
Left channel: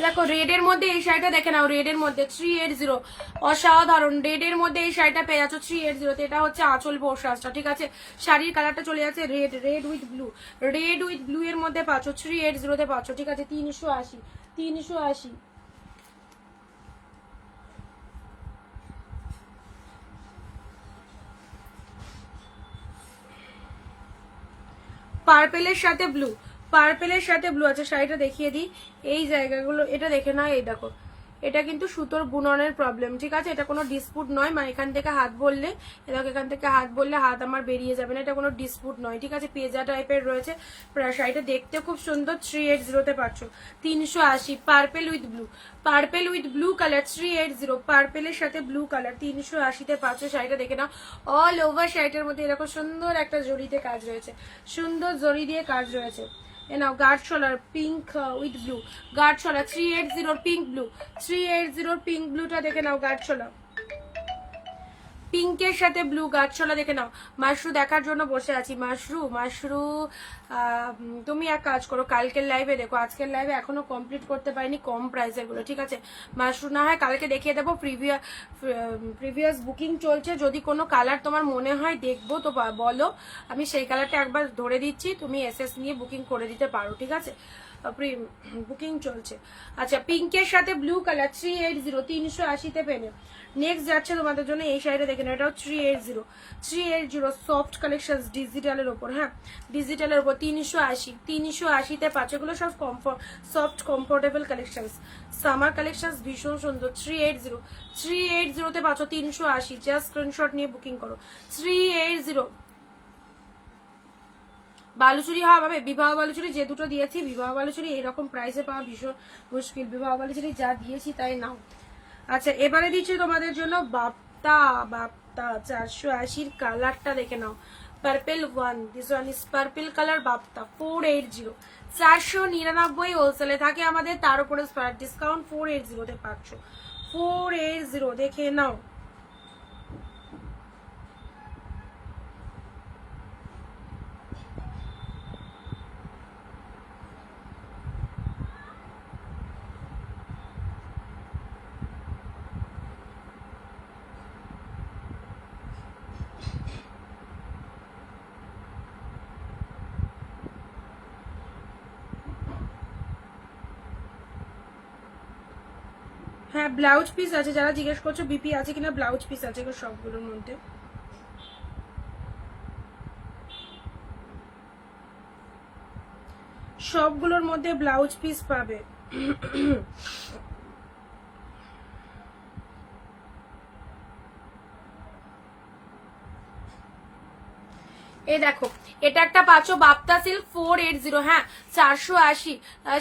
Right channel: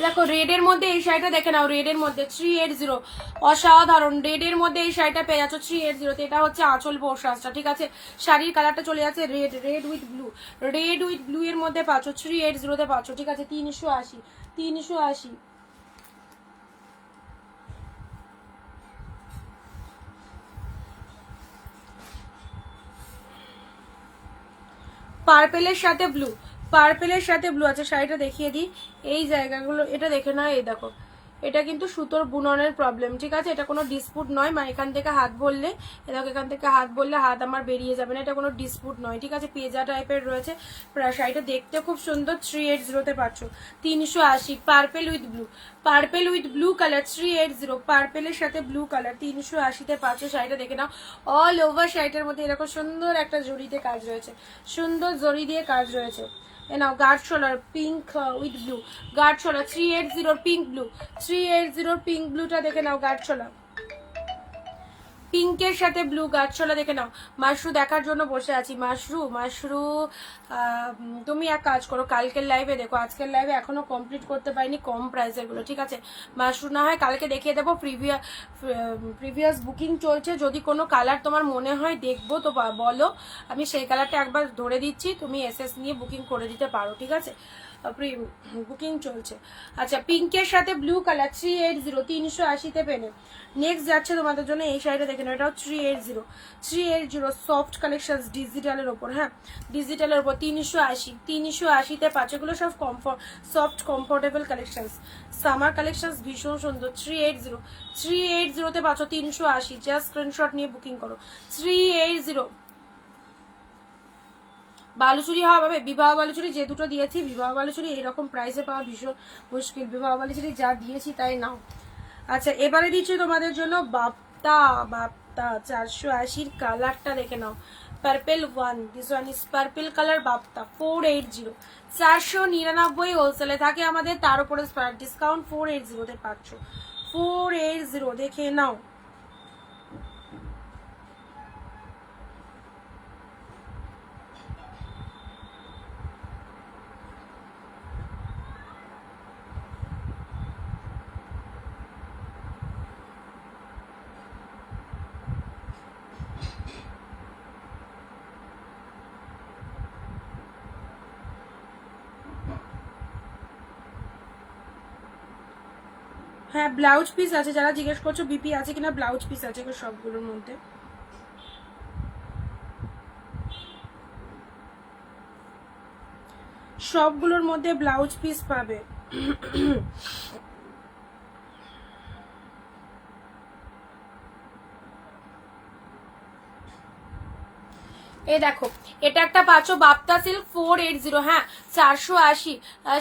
দেখো রেডের মধ্যে এই শাড়িটা দেখে নাও, রেডের মধ্যে 380, অসাধারণ। রেডের মধ্যে এই শাড়িটা পেয়ে যাচ্ছ 380-তে। এটা হচ্ছে আঁচল পোর্শনটা, ঠিক আছে। শাড়ির কালারটা চলে যাচ্ছে রেড, রেড উইথ ব্লু এর মধ্যে পাচ্ছ, 380-তে পাচ্ছ, ঠিক আছে। 380। পার্পেলের সাথে ব্লু আছে। শাড়িটা দেখিয়ে দিই, এই জায়গাগুলো এটা দেখে না, এই দেখো, এটা কিন্তু সুতোর বুননের প্রবলেম, ঠিক আছে। এটা কোনো ডিসপুট নয়, মা এখান থেকে হাত বললে, দেখো এখান থেকে হাত বললে হাত আমার বেরিয়ে যাবে না, এটা কোনো ডিসপুট নয়, ঠিক আছে। পেজা টাইপের রয়েছে শাড়িটা, দেখতে খুব সুন্দর। 380-তে পাচ্ছ, 380। পার্পেল উইথ ব্লু কালার 380, পার্পেলের সাথে ব্লু কালার 380-তে পাচ্ছ। শাড়িটা দেখে নাও, অল ওভার শাড়িটার মধ্যে এরকম সুন্দর একটা জরিতে কাজ রয়েছে, সুন্দর জরি দিয়ে কাজ রয়েছে। নাও গার্ড শোলার পিঙ্ক উইথ ব্লু, গার্ড শোলার 380 পিঙ্ক ব্লু, 380 পিঙ্ক ব্লুটা দেখে নাও। গার্ড শোলার পিঙ্কের সাথে ব্লু গার্ড শোলা দেখে নাও। মাশরু দেখার জন্য বসে আছি, মাশরু তুমি এক কাজ করো, কালকের লাইভে দেখো, আজকের লাইভে এখনো কমপ্লিট করতে পারিনি কম প্রাইসের গুলো, ঠিক আছে? মাশরুম না হয় কালকে দেখিয়ে দেবো। প্রিভিয়াস বুকিং চলছে, যদি কোনো কালার তোমার মনে হয় দেখবো তো বলো, আমি সেই কালারটা একবার ধরে দিচ্ছি, তুমি এসএস নিয়ে বুকিং করে দিতে পারো, ঠিক আছে? বুকিং চলছে। আচ্ছা, পিঙ্কের সাথে ব্লু কালার 380, 380-তে পেলে। নেক্সট যাচ্ছে তোমাদের জন্য এই শাড়িটা দেখে নাও, এটাও 380 সফট কালেকশন ডিজিটালের ওপর, হ্যাঁ ডিজিটালের ওপর 380-তে পাচ্ছ। এগুলো সব soft comfortable collection, summer collection ভীষণ সুন্দর। 380-তে পাচ্ছ 380, জাস্ট স্ক্রিনশট নিয়ে বুকিং করো। 380 বালুচুরি হবে, বিবাহ বালুচুরি যে দুটো দিয়েছি, বিবাহ বালুচুরি এইরকম প্রাইসে পাওয়া ভীষণ মুশকিল, বিবাহ বালুচুরি যা দিয়েছি তাই নাও। আচ্ছা, এবারে দিচ্ছি তোমাদের জন্য বাপ্তা 480 কালারটা দেখে নাও, purple one, this one is purple colour Bapta 480, 499 হোলসেলে থাকে আমাদের, তার উপরে ডিসকাউন্ট 480-তে পাচ্ছ। 480 দেখে নাও। হ্যাঁ ব্লাউজ পিস আছে, যারা জিজ্ঞেস করছো বিপি আছে কিনা, ব্লাউজ পিস আছে সবগুলোর মধ্যে। সবগুলোর মধ্যে ব্লাউজ পিস পাবে। এই দেখো, এটা একটা পাচ্ছ বাপ্তা সিল্ক 480, হ্যাঁ 480।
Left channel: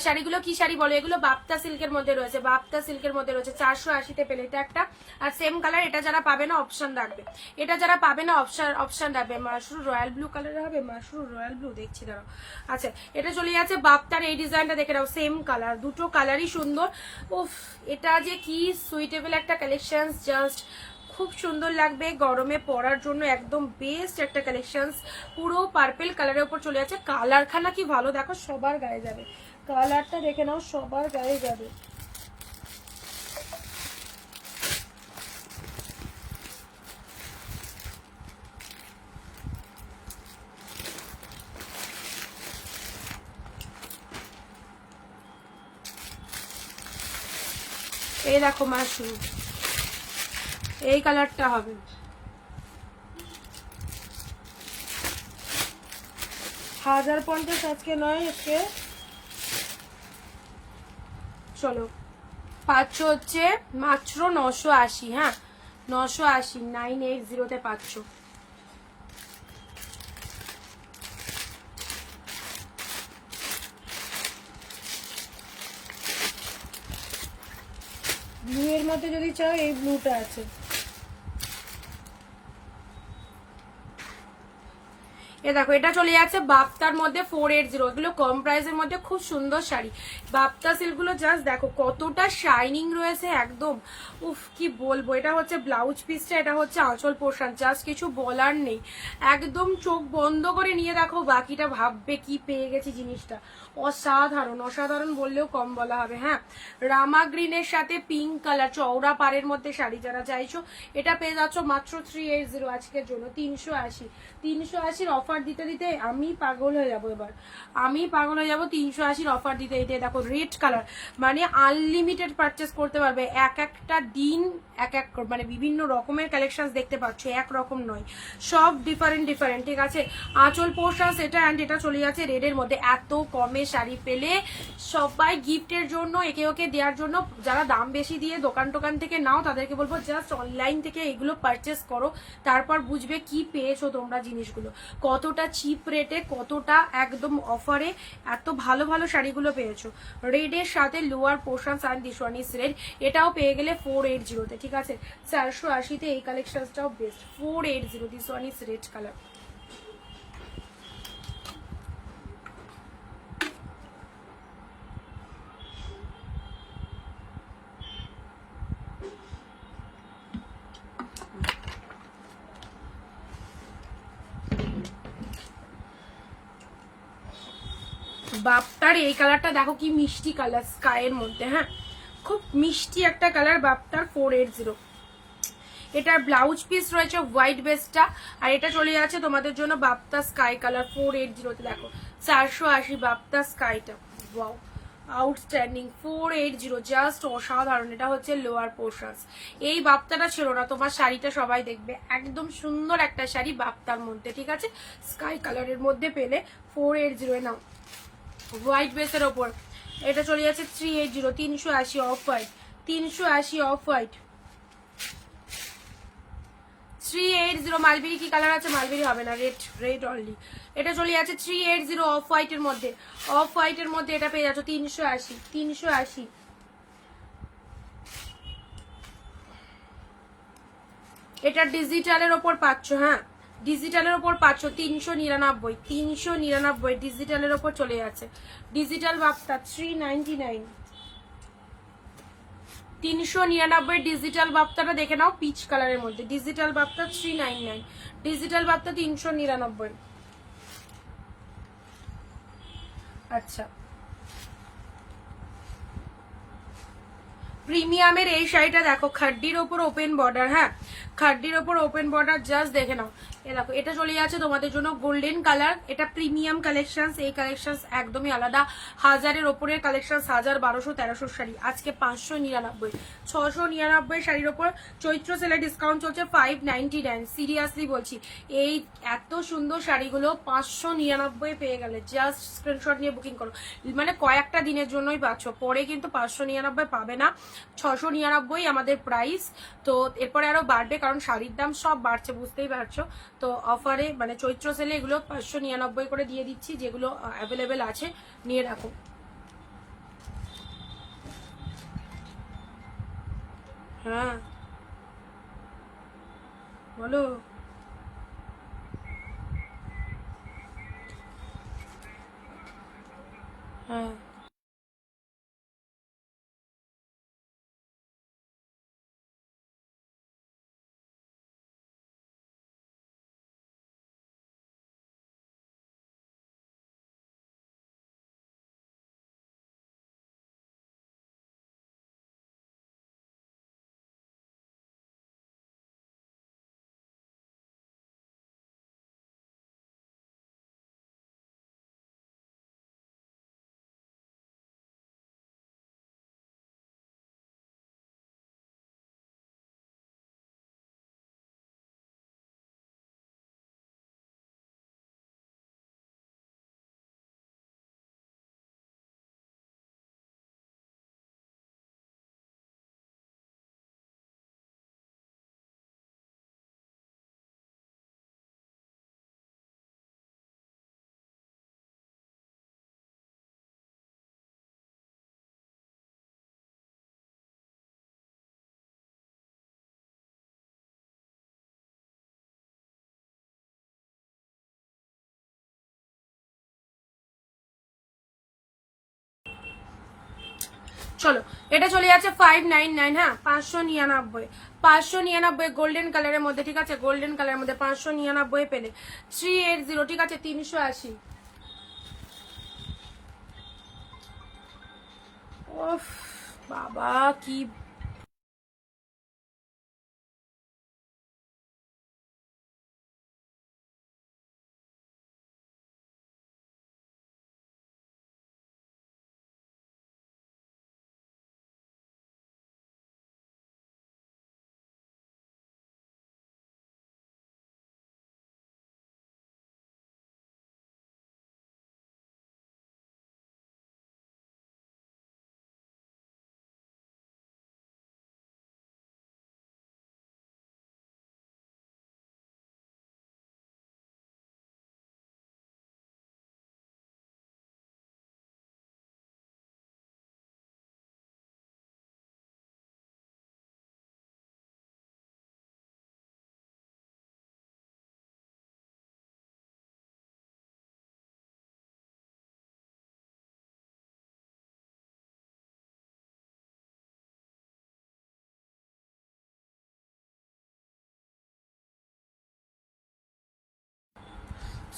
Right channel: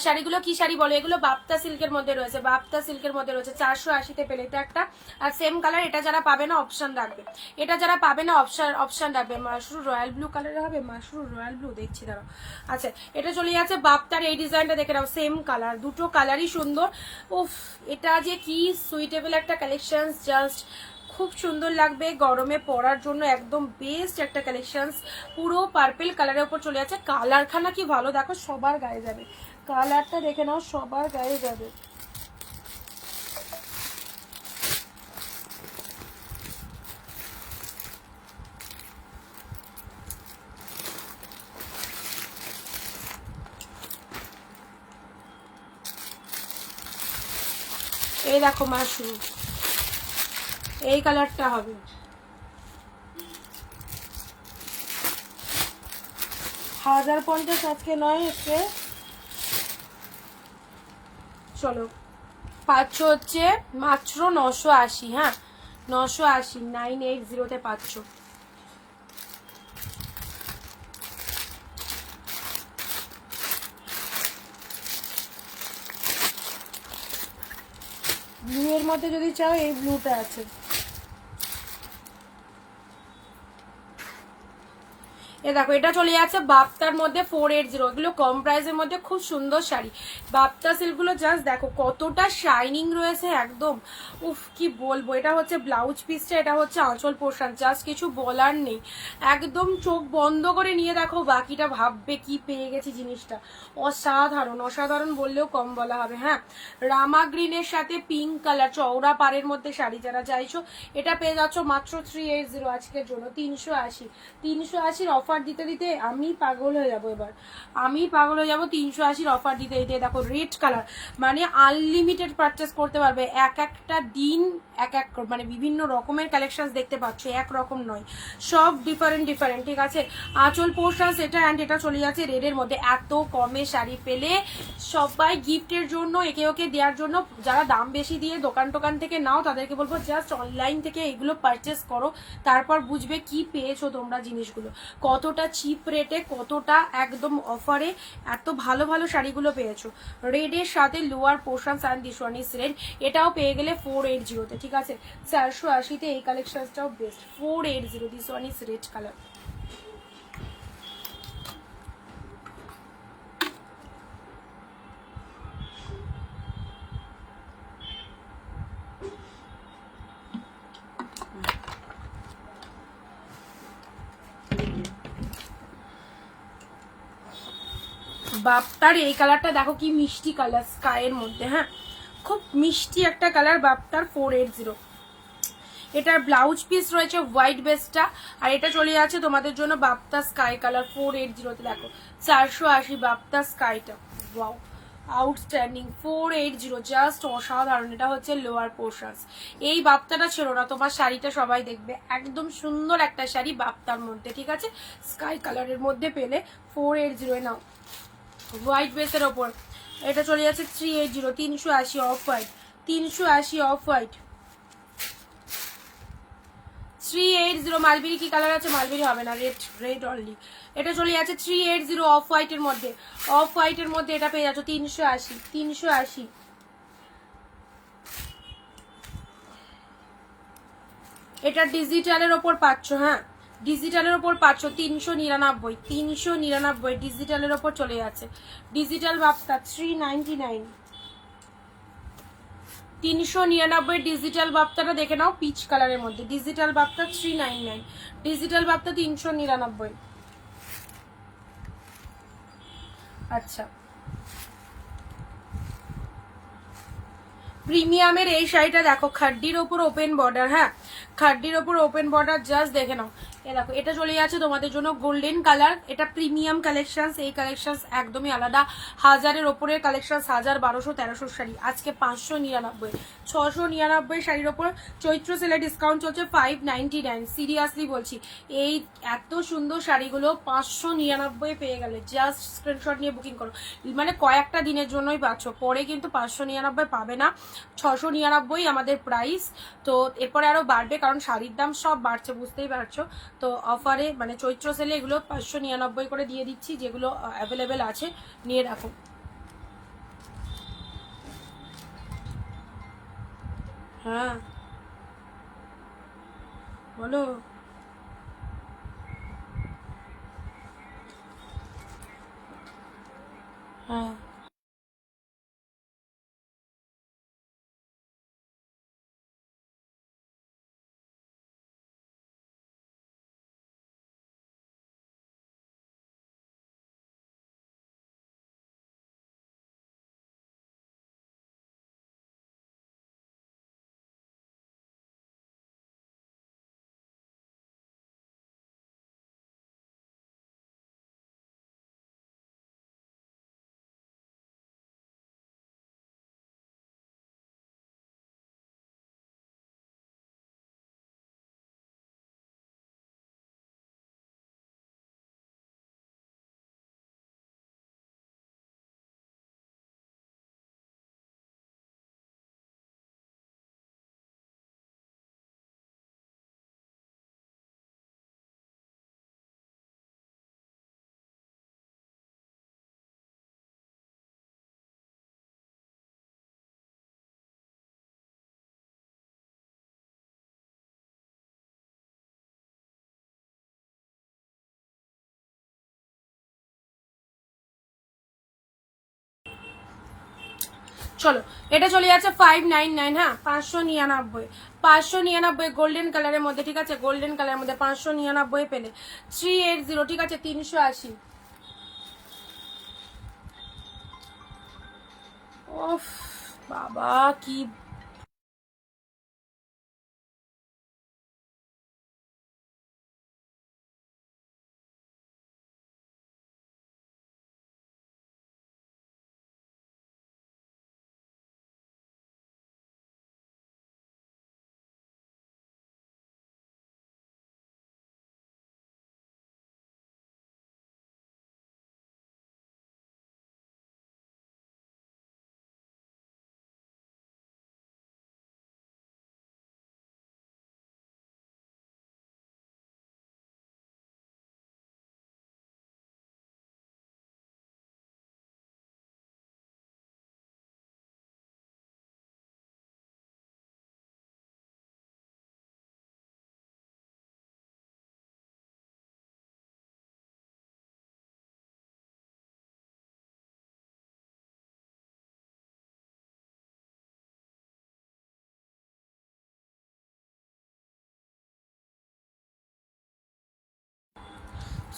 শাড়িগুলো কি শাড়ি বলো, এগুলো বাপ্তা সিল্কের মধ্যে রয়েছে, বাপ্তা সিল্কের মধ্যে রয়েছে। 480-তে পেলে এটা একটা। আর সেম কালার, এটা যারা পাবে না অপশন রাখবে, এটা যারা পাবে না অপশন রাখবে। মাশরুম রয়্যাল ব্লু কালারের হবে, মাশরুম রয়্যাল ব্লু দেখছি দাঁড়াও। আচ্ছা, এটা চলে যাচ্ছে বাপ্তার এই ডিজাইনটা দেখে নাও, সেম কালার, দুটো কালারই সুন্দর। উফ, এটা যে কি সুইটেবল একটা কালেকশন, জাস্ট খুব সুন্দর লাগবে গরমে পরার জন্য, একদম বেস্ট একটা কালেকশন। পুরো পার্পল কালারের উপর চলে যাচ্ছে, কালারখানা কি ভালো দেখো, সবার গায়ে যাবে, কালারটা দেখে নাও, সবার গায়ে যাবে। এই দেখো মাশরুম, এই কালারটা হবে। 1050 আজকে নয়, আজকে চলো পাচ্ছ হচ্ছে মাত্র 980, হ্যাঁ 980, 980-তে পাচ্ছ। ব্লু এর মধ্যে যদি চাও, এই ব্লুটা আছে। এ দেখো, এটা চলে যাচ্ছে বাপ্তার মধ্যে 480, এগুলো কম প্রাইসের মধ্যে খুব সুন্দর শাড়ি। বাপ্তা সিল্কগুলো জাস্ট দেখো কতটা শাইনিং রয়েছে একদম, উফ কি বলবো। এটা হচ্ছে ব্লাউজ পিসটা, এটা হচ্ছে আঁচল পোর্শন, জাস্ট কিছু বলার নেই, একদম চোখ বন্ধ করে নিয়ে দেখো, বাকিটা ভাববে কি পেয়ে গেছি জিনিসটা। অসাধারণ, অসাধারণ বললেও কম বলা হবে। হ্যাঁ, রামা গ্রিনের সাথে পিঙ্ক কালার চওড়া পাড়ের মধ্যে শাড়ি যারা চাইছো, এটা পেয়ে যাচ্ছ মাত্র 380 আজকের জন্য। 380 অফার দিতে দিতে আমি পাগল হয়ে যাবো, এবার আমি পাগল হয়ে যাবো। 380 অফার দিতে দিতে দেখো রেড কালার, মানে আনলিমিটেড পারচেস করতে পারবে, এক একটা দিন এক এক মানে বিভিন্ন রকমের কালেকশন দেখতে পাচ্ছ, একরকম নয়, সব ডিফারেন্ট, ঠিক আছে? আঁচল পোর্শন এটা, অ্যান্ড এটা চলে যাচ্ছে রেডের মধ্যে। এত কমে শাড়ি পেলে সবাই গিফটের জন্য, একে ওকে দেওয়ার জন্য, যারা দাম বেশি দিয়ে দোকান টোকান থেকে নাও তাদেরকে বলবো জাস্ট অনলাইন থেকে এগুলো পারচেস করো, তারপর বুঝবে কি পেয়েছো তোমরা জিনিসগুলো, কতটা চিপ রেটে, কতটা একদম অফারে এত ভালো ভালো শাড়িগুলো পেয়েছো। রেডের সাথে lower portion and this one is red, এটাও পেয়ে গেলে 480-তে, ঠিক আছে? 480-তে এই কালেকশনটাও best. 480, this one is red colour. বাপ্তার এই কালারটা দেখো কি মিষ্টি কালার, স্কাইয়ের মধ্যে। হ্যাঁ, খুব মিষ্টি একটা কালার বাপ্তার 480। এটার ব্লাউজ পিস রয়েছে হোয়াইট বেসটা, আর এটা চলে যাচ্ছে তোমাদের জন্য বাপ্তা স্কাই কালার 480। দেখো 480 বাপ্তা স্কাইটা, ওয়াও আউটস্ট্যান্ডিং 480, জাস্ট অসাধারণ। এটা হচ্ছে লোয়ার পোর্শন। এই বাপ্তাটা ছিল না তোমার শাড়িতে, সবাই দেখবে একদম সুন্দর একটা শাড়ি বাপ্তার মধ্যে, ঠিক আছে, স্কাই কালারের মধ্যে পেলে 480 নাও হোয়াইট বেসের ওপর। এটা চলে যাচ্ছে 380, 380 off white, 380 off white, 380। Mulberry কি কালার আছে? মালবেরি হবে না, রেড, রেড অনলি। এটা চলে যাচ্ছে 380 অফ হোয়াইটের মধ্যে। অফ হোয়াইটের মধ্যে এটা পেয়ে যাচ্ছ 380, 380। এটা ডিজিটালের ওপর পাচ্ছ। হ্যাঁ, ডিজিটালের ওপর পাচ্ছ 399, 399 ডিজিটালের ওপর চলে যাচ্ছে। ডিজিটাল বাপ্তা 399, 399 ডিজিটাল বাপ্তাটা দেখে নাও, পিচ কালারের মধ্যে। Digital Bapta 399, digital Bapta 399। আচ্ছা, প্রিমিয়ামের এই শাড়িটা দেখো, খাড্ডির ওপর ওপেন বর্ডার। হ্যাঁ, খাড্ডির ওপর ওপেন বর্ডার, জাস্ট দেখে নাও। এ দেখো, এটা চলে যাচ্ছে তোমাদের জন্য গোল্ডেন কালার। এটা প্রিমিয়াম কালেকশন, এই কালেকশন একদমই আলাদা। 1000-এর ওপরের কালেকশন, 1000, 1200, 1300 শাড়ি, আজকে 599, 699 শাড়ির ওপর চৈত্র সেলে ডিসকাউন্ট চলছে 599। সিরিয়াসলি বলছি, এই এত সুন্দর শাড়িগুলো 599 পেয়ে গেলে জাস্ট স্ক্রিনশট নিয়ে বুকিং করো। মানে কয়েকটা দিনের জন্যই পাচ্ছ, পরে কিন্তু 599 পাবে না। 699 আমাদের প্রাইস। তো এরপরে আরো বাড়বে, কারণ শাড়ির দাম সব বাড়ছে, বুঝতেই পারছো। তো অফারে মানে চৈত্র সেলে এগুলো 599 করে দিয়ে দিচ্ছি, যেগুলো অ্যাভেলেবেল আছে নিয়ে রাখো। হ্যাঁ বলো। হ্যাঁ চলো, এটা চলে যাচ্ছে 599। হ্যাঁ, 599, 599 গোল্ডেন কালারের মধ্যে, ঠিক আছে, গোল্ডেন কালারের মধ্যে 599 পেলে। 380, ঠিক আছে, 380। ওফ বাবা কি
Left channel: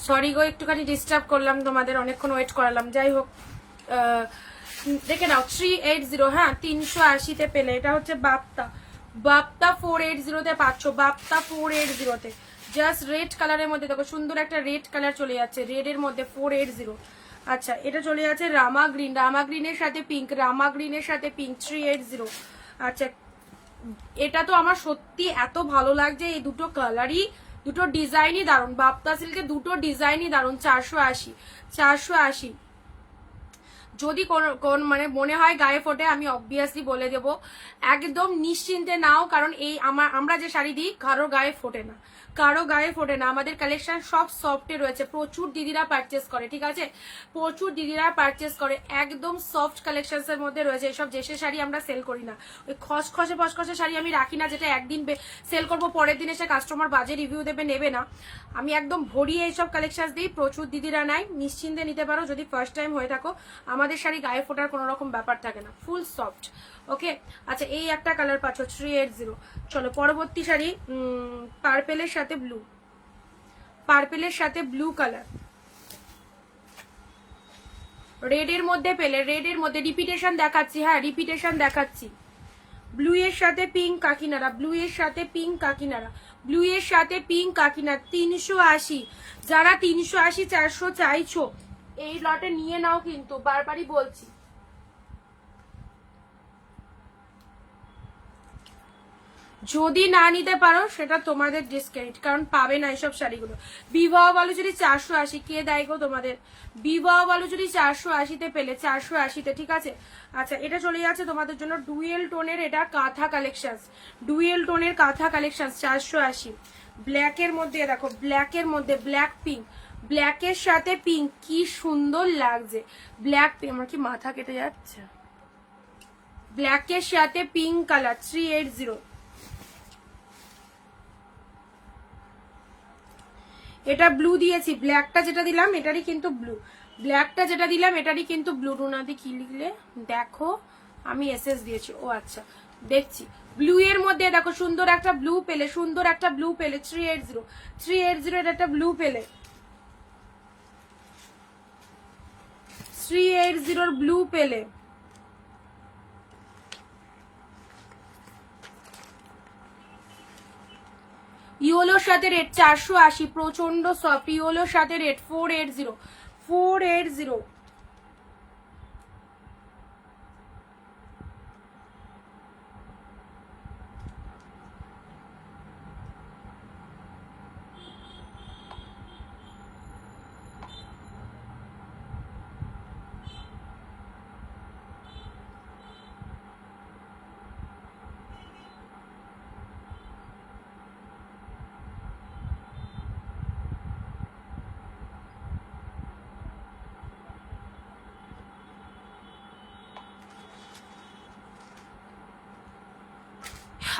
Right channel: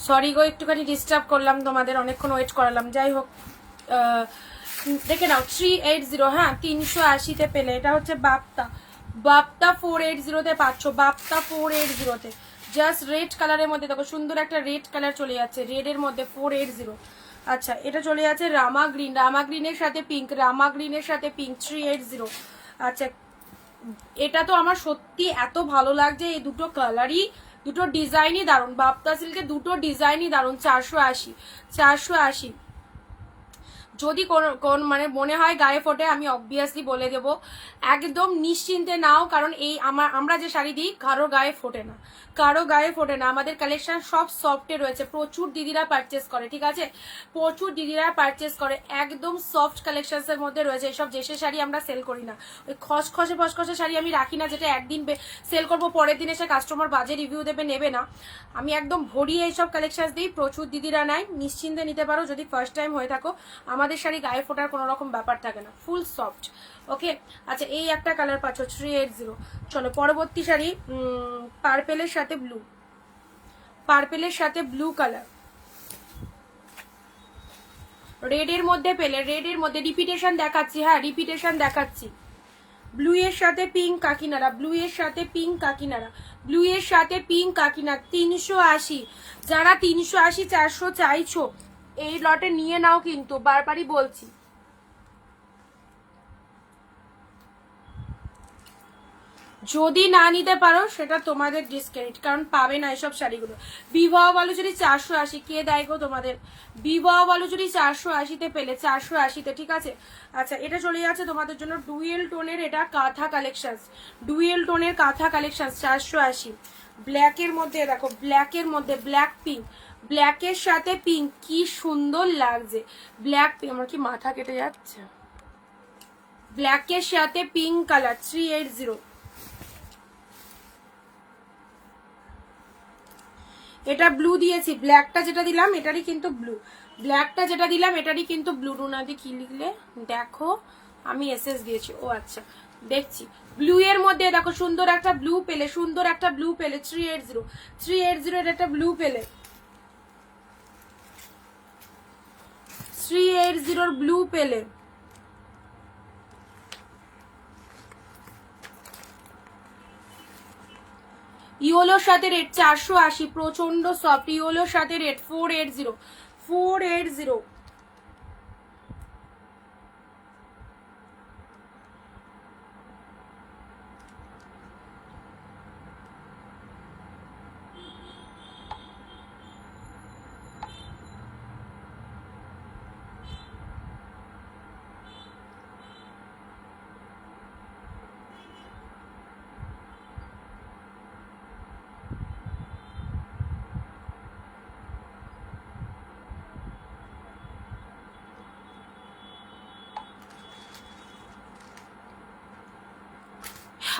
সরি গো, একটুখানি ডিস্টার্ব করলাম, তোমাদের অনেকক্ষণ ওয়েট করালাম। যাই হোক, দেখে নাও 380, হ্যাঁ 380-তে পেলে। এটা হচ্ছে বাপ্তা, বাপ্তা 480-তে পাচ্ছ, বাপ্তা 480-তে। জাস্ট রেড কালারের মধ্যে দেখো, সুন্দর একটা রেড কালার চলে যাচ্ছে, রেডের মধ্যে 480। আচ্ছা, এটা চলে যাচ্ছে রামা গ্রিন, রামা গ্রিনের সাথে পিঙ্ক, রামা গ্রিনের সাথে পিঙ্ক 380। আচ্ছা, এটা তো আমার সত্যি এত ভালো লাগছে, এই দুটো কালারই, দুটো ডিজাইনই দারুণ। বাপ্তা সিল্কের দুটো ডিজাইনই দারুণ। 480, 480। যদি কোন মানে মনে হয় গায়ে ফোটে, আমি অবভিয়াসলি বলে দেবো, একদম নিশ্চিন্তে নাও, কারণ এই আমরা যে শাড়ি দিই কারো গায়ে ফোটে না, কারো গায়ে ফোটে না। আমাদের কালেকশন সব সফটে রয়েছে, প্রচুর দিদিরা পারচেস করে, ঠিক আছে, প্রচুর দিদিরা পারচেস করে, একদম সফট কালেকশনস এর মধ্যে রয়েছে। এসব জেসে শাড়ি আমরা সেল করি না, ওই খসখসে ফসখসে শাড়ি আমি রাখি না, যেটা একদিন সেল করবো, পরের দিন এসে কাস্টমার বাজে রিভিউ দেবে, নেবে না। আমি একদম ভরিয়ে এইসব কালেকশন দিই, প্রচুর দিদিরা নাই, নিশ্চিন্তে নিতে পারো। যদি ফার্স্ট টাইম হয়ে থাকো, আমাদের শাড়ি গায়ে ফোটার কোনো রকম ব্যাপার থাকে না, ফুল সফট। ওকে, আচ্ছা, এই একটা কালার পাচ্ছ 380। চলো পরবর্তী শাড়ি, পার্পেলের সাথে ব্লু, পার্পেলের সাথে ব্লু কালার, রেডের মধ্যে পেলে, রেডের মধ্যে রিপিটেশন দেখাচ্ছি, হ্যাঁ রিপিটেশন দেখাচ্ছি। ব্লু এর সাথে পিঙ্ক কাকিনারা, ব্লু এর সাথে পিঙ্ক কাকিনারা, ব্লু এর সাথে পিঙ্ক কাকিনারা 380। যারা 380 400 চাইছো, এই লটে নিয়ে নাও, কিন্তু বারবারই বলছি। যদি না নিতে পারো সেটা তোমাদের ডিসক্রেডিট, কারণ পাবে না এসব শাড়িগুলো। বিবাহ বালুচুরি 480, কে দেয় গো তোমাদের? বিবাহ বালুচুরি 480-তে পেলে, 480-তে, ঠিক আছে। আচ্ছা, এটা চলে যাচ্ছে তোমাদের জন্য ডুয়েল টোনের, এটা কাঁথা কালেকশন, ডুয়েল টোনের কাঁথা কালেকশন 480। ব্ল্যাকের মধ্যে দেখো, ব্ল্যাকের মধ্যে ব্ল্যাক পিঙ্ক, ব্ল্যাকের সাথে পিঙ্ক, কি সুন্দর লাগছে। ব্ল্যাক পিঙ্ক, আমার কি মাথা কেটে যাচ্ছে। ব্ল্যাকের সাথে পিঙ্ক কালার 380। এটা ব্লু দিয়েছি, ব্ল্যাকটা যেটা দিলাম এটারই কিন্তু ব্লু, ব্ল্যাকটা যেটা দিলাম এটারই কিন্তু ব্লু। রুনাদি কি লিখলে দেখো, আমি এসএস দিয়েছি, ও আচ্ছা দেখছি। ব্লু এর মধ্যে দেখো, সুন্দর একটা ব্লু পেলে, সুন্দর একটা ব্লু পেলে 380, 380 এর একটা ব্লু পেলে, 380 এর ব্লু পেলে। ইয়োলোর সাথে রেট 480, প্রচন্ড সফট। ইয়োলোর সাথে রেট 480, 480।